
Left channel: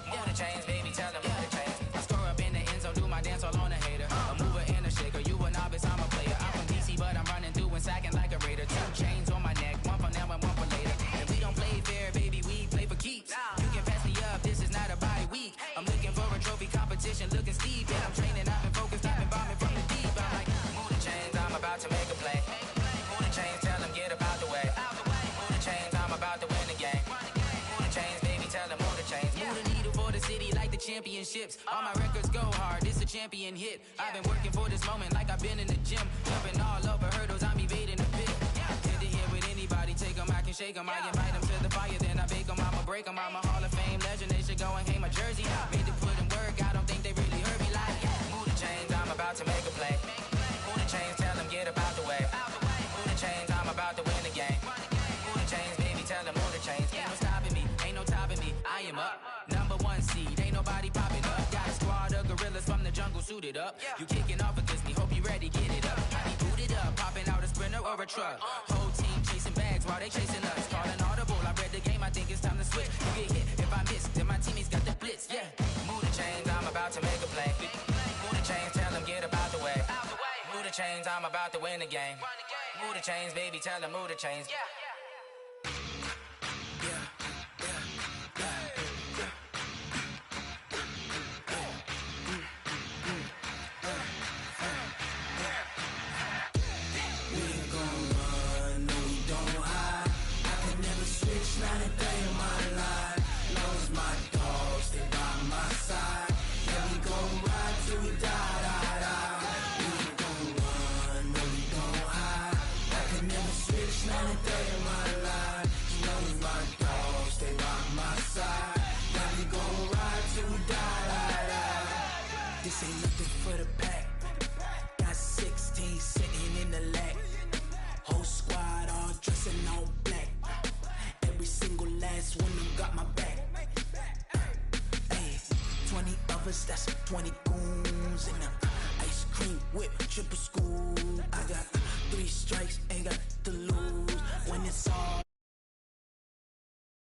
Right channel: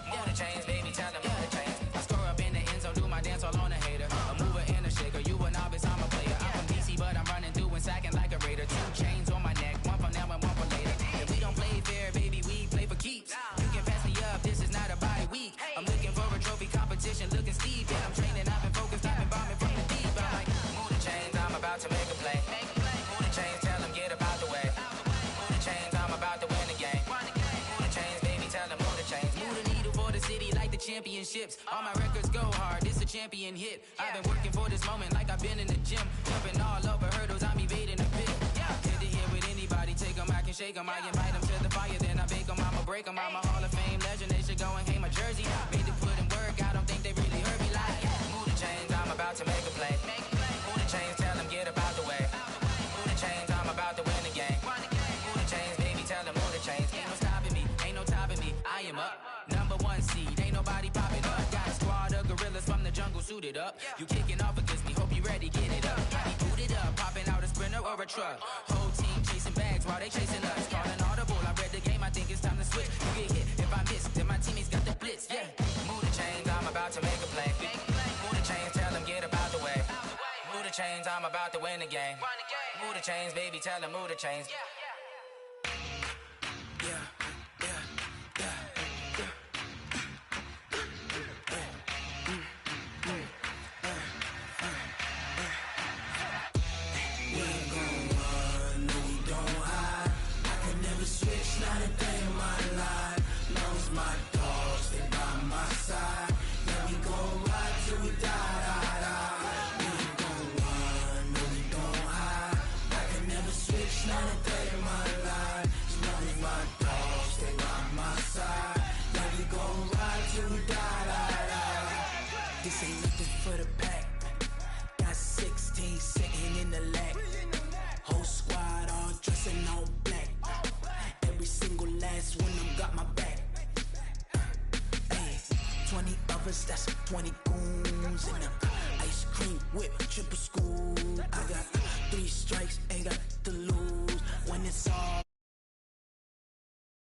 Move the chains, baby, tell them move the chains. I score up in the end zone, do my dance all on a hater. A mover and a shaker, you a novice, I'm a player. I'm from DC, but I'm running through and sacking like a raider. 2 chains on my neck, one for now and one for later. And we don't play fair, baby, we play for keeps. You can pass me up, this is not a bye week. I'm looking for a trophy competition, looking steep. And I'm training, I've been focused, I've been bombing from the deep. I'm like, move the chains, I'm about to make a play. Move the chains, tell them get about the way. Move the chains, I'm about to win the game. Move the chains, baby, tell them move the chains. Move the needle for the city like the championships. All my records go hard, this a champion hit. I've been working for this moment like I've been in the gym. Jumping all over hurdles, I'm evading the pit. Hit to hit with anybody, take them, I can shake them. I invite them to the fire, then I bake them, I'ma break them. I'm a Hall of Fame legend, they should go and hang my jersey. Made to put in work, I don't think they really heard me like. Move the chains, I'm about to make a play. Move the chains, tell them get about the way. Move the chains, I'm about to win the game. Move the chains, baby, tell them move the chains. Ain't no stopping me, ain't no topping me. I am up, #1 seed, ain't nobody popping up. Got a squad of gorillas from the jungle suited up. You kicking off against me, hope you ready, get it up. I be booted up, popping out a sprinter or a truck. Whole team chasing bags while they chasing us. Calling audible, I read the game, I think it's time to switch. You get hit if I miss, then my teammates got the blitz, yeah. Move the chains, I'm about to make a play. Move the chains, tell them get about the way. Move the chains, I'm about to win the game. Move the chains, baby, tell them move the chains. We ain't gon' run, no we don't hide. I can never switch, not a day in my life. Long as my dogs stay by my side. Yeah, we gon' ride till we die. We ain't gon' run, no we don't hide. I can never switch, not a day in my life. As long as my dogs stay by my side. Yeah, we gon' ride till we die. This ain't nothing for the pack. Got 16 sitting in the lag. Whole squad all dressing all black. Every single last one of them got my back. Hey, 20 of us, that's 20 goons in the ice cream whip, triple school. I got 3 strikes, ain't got to lose. When it's all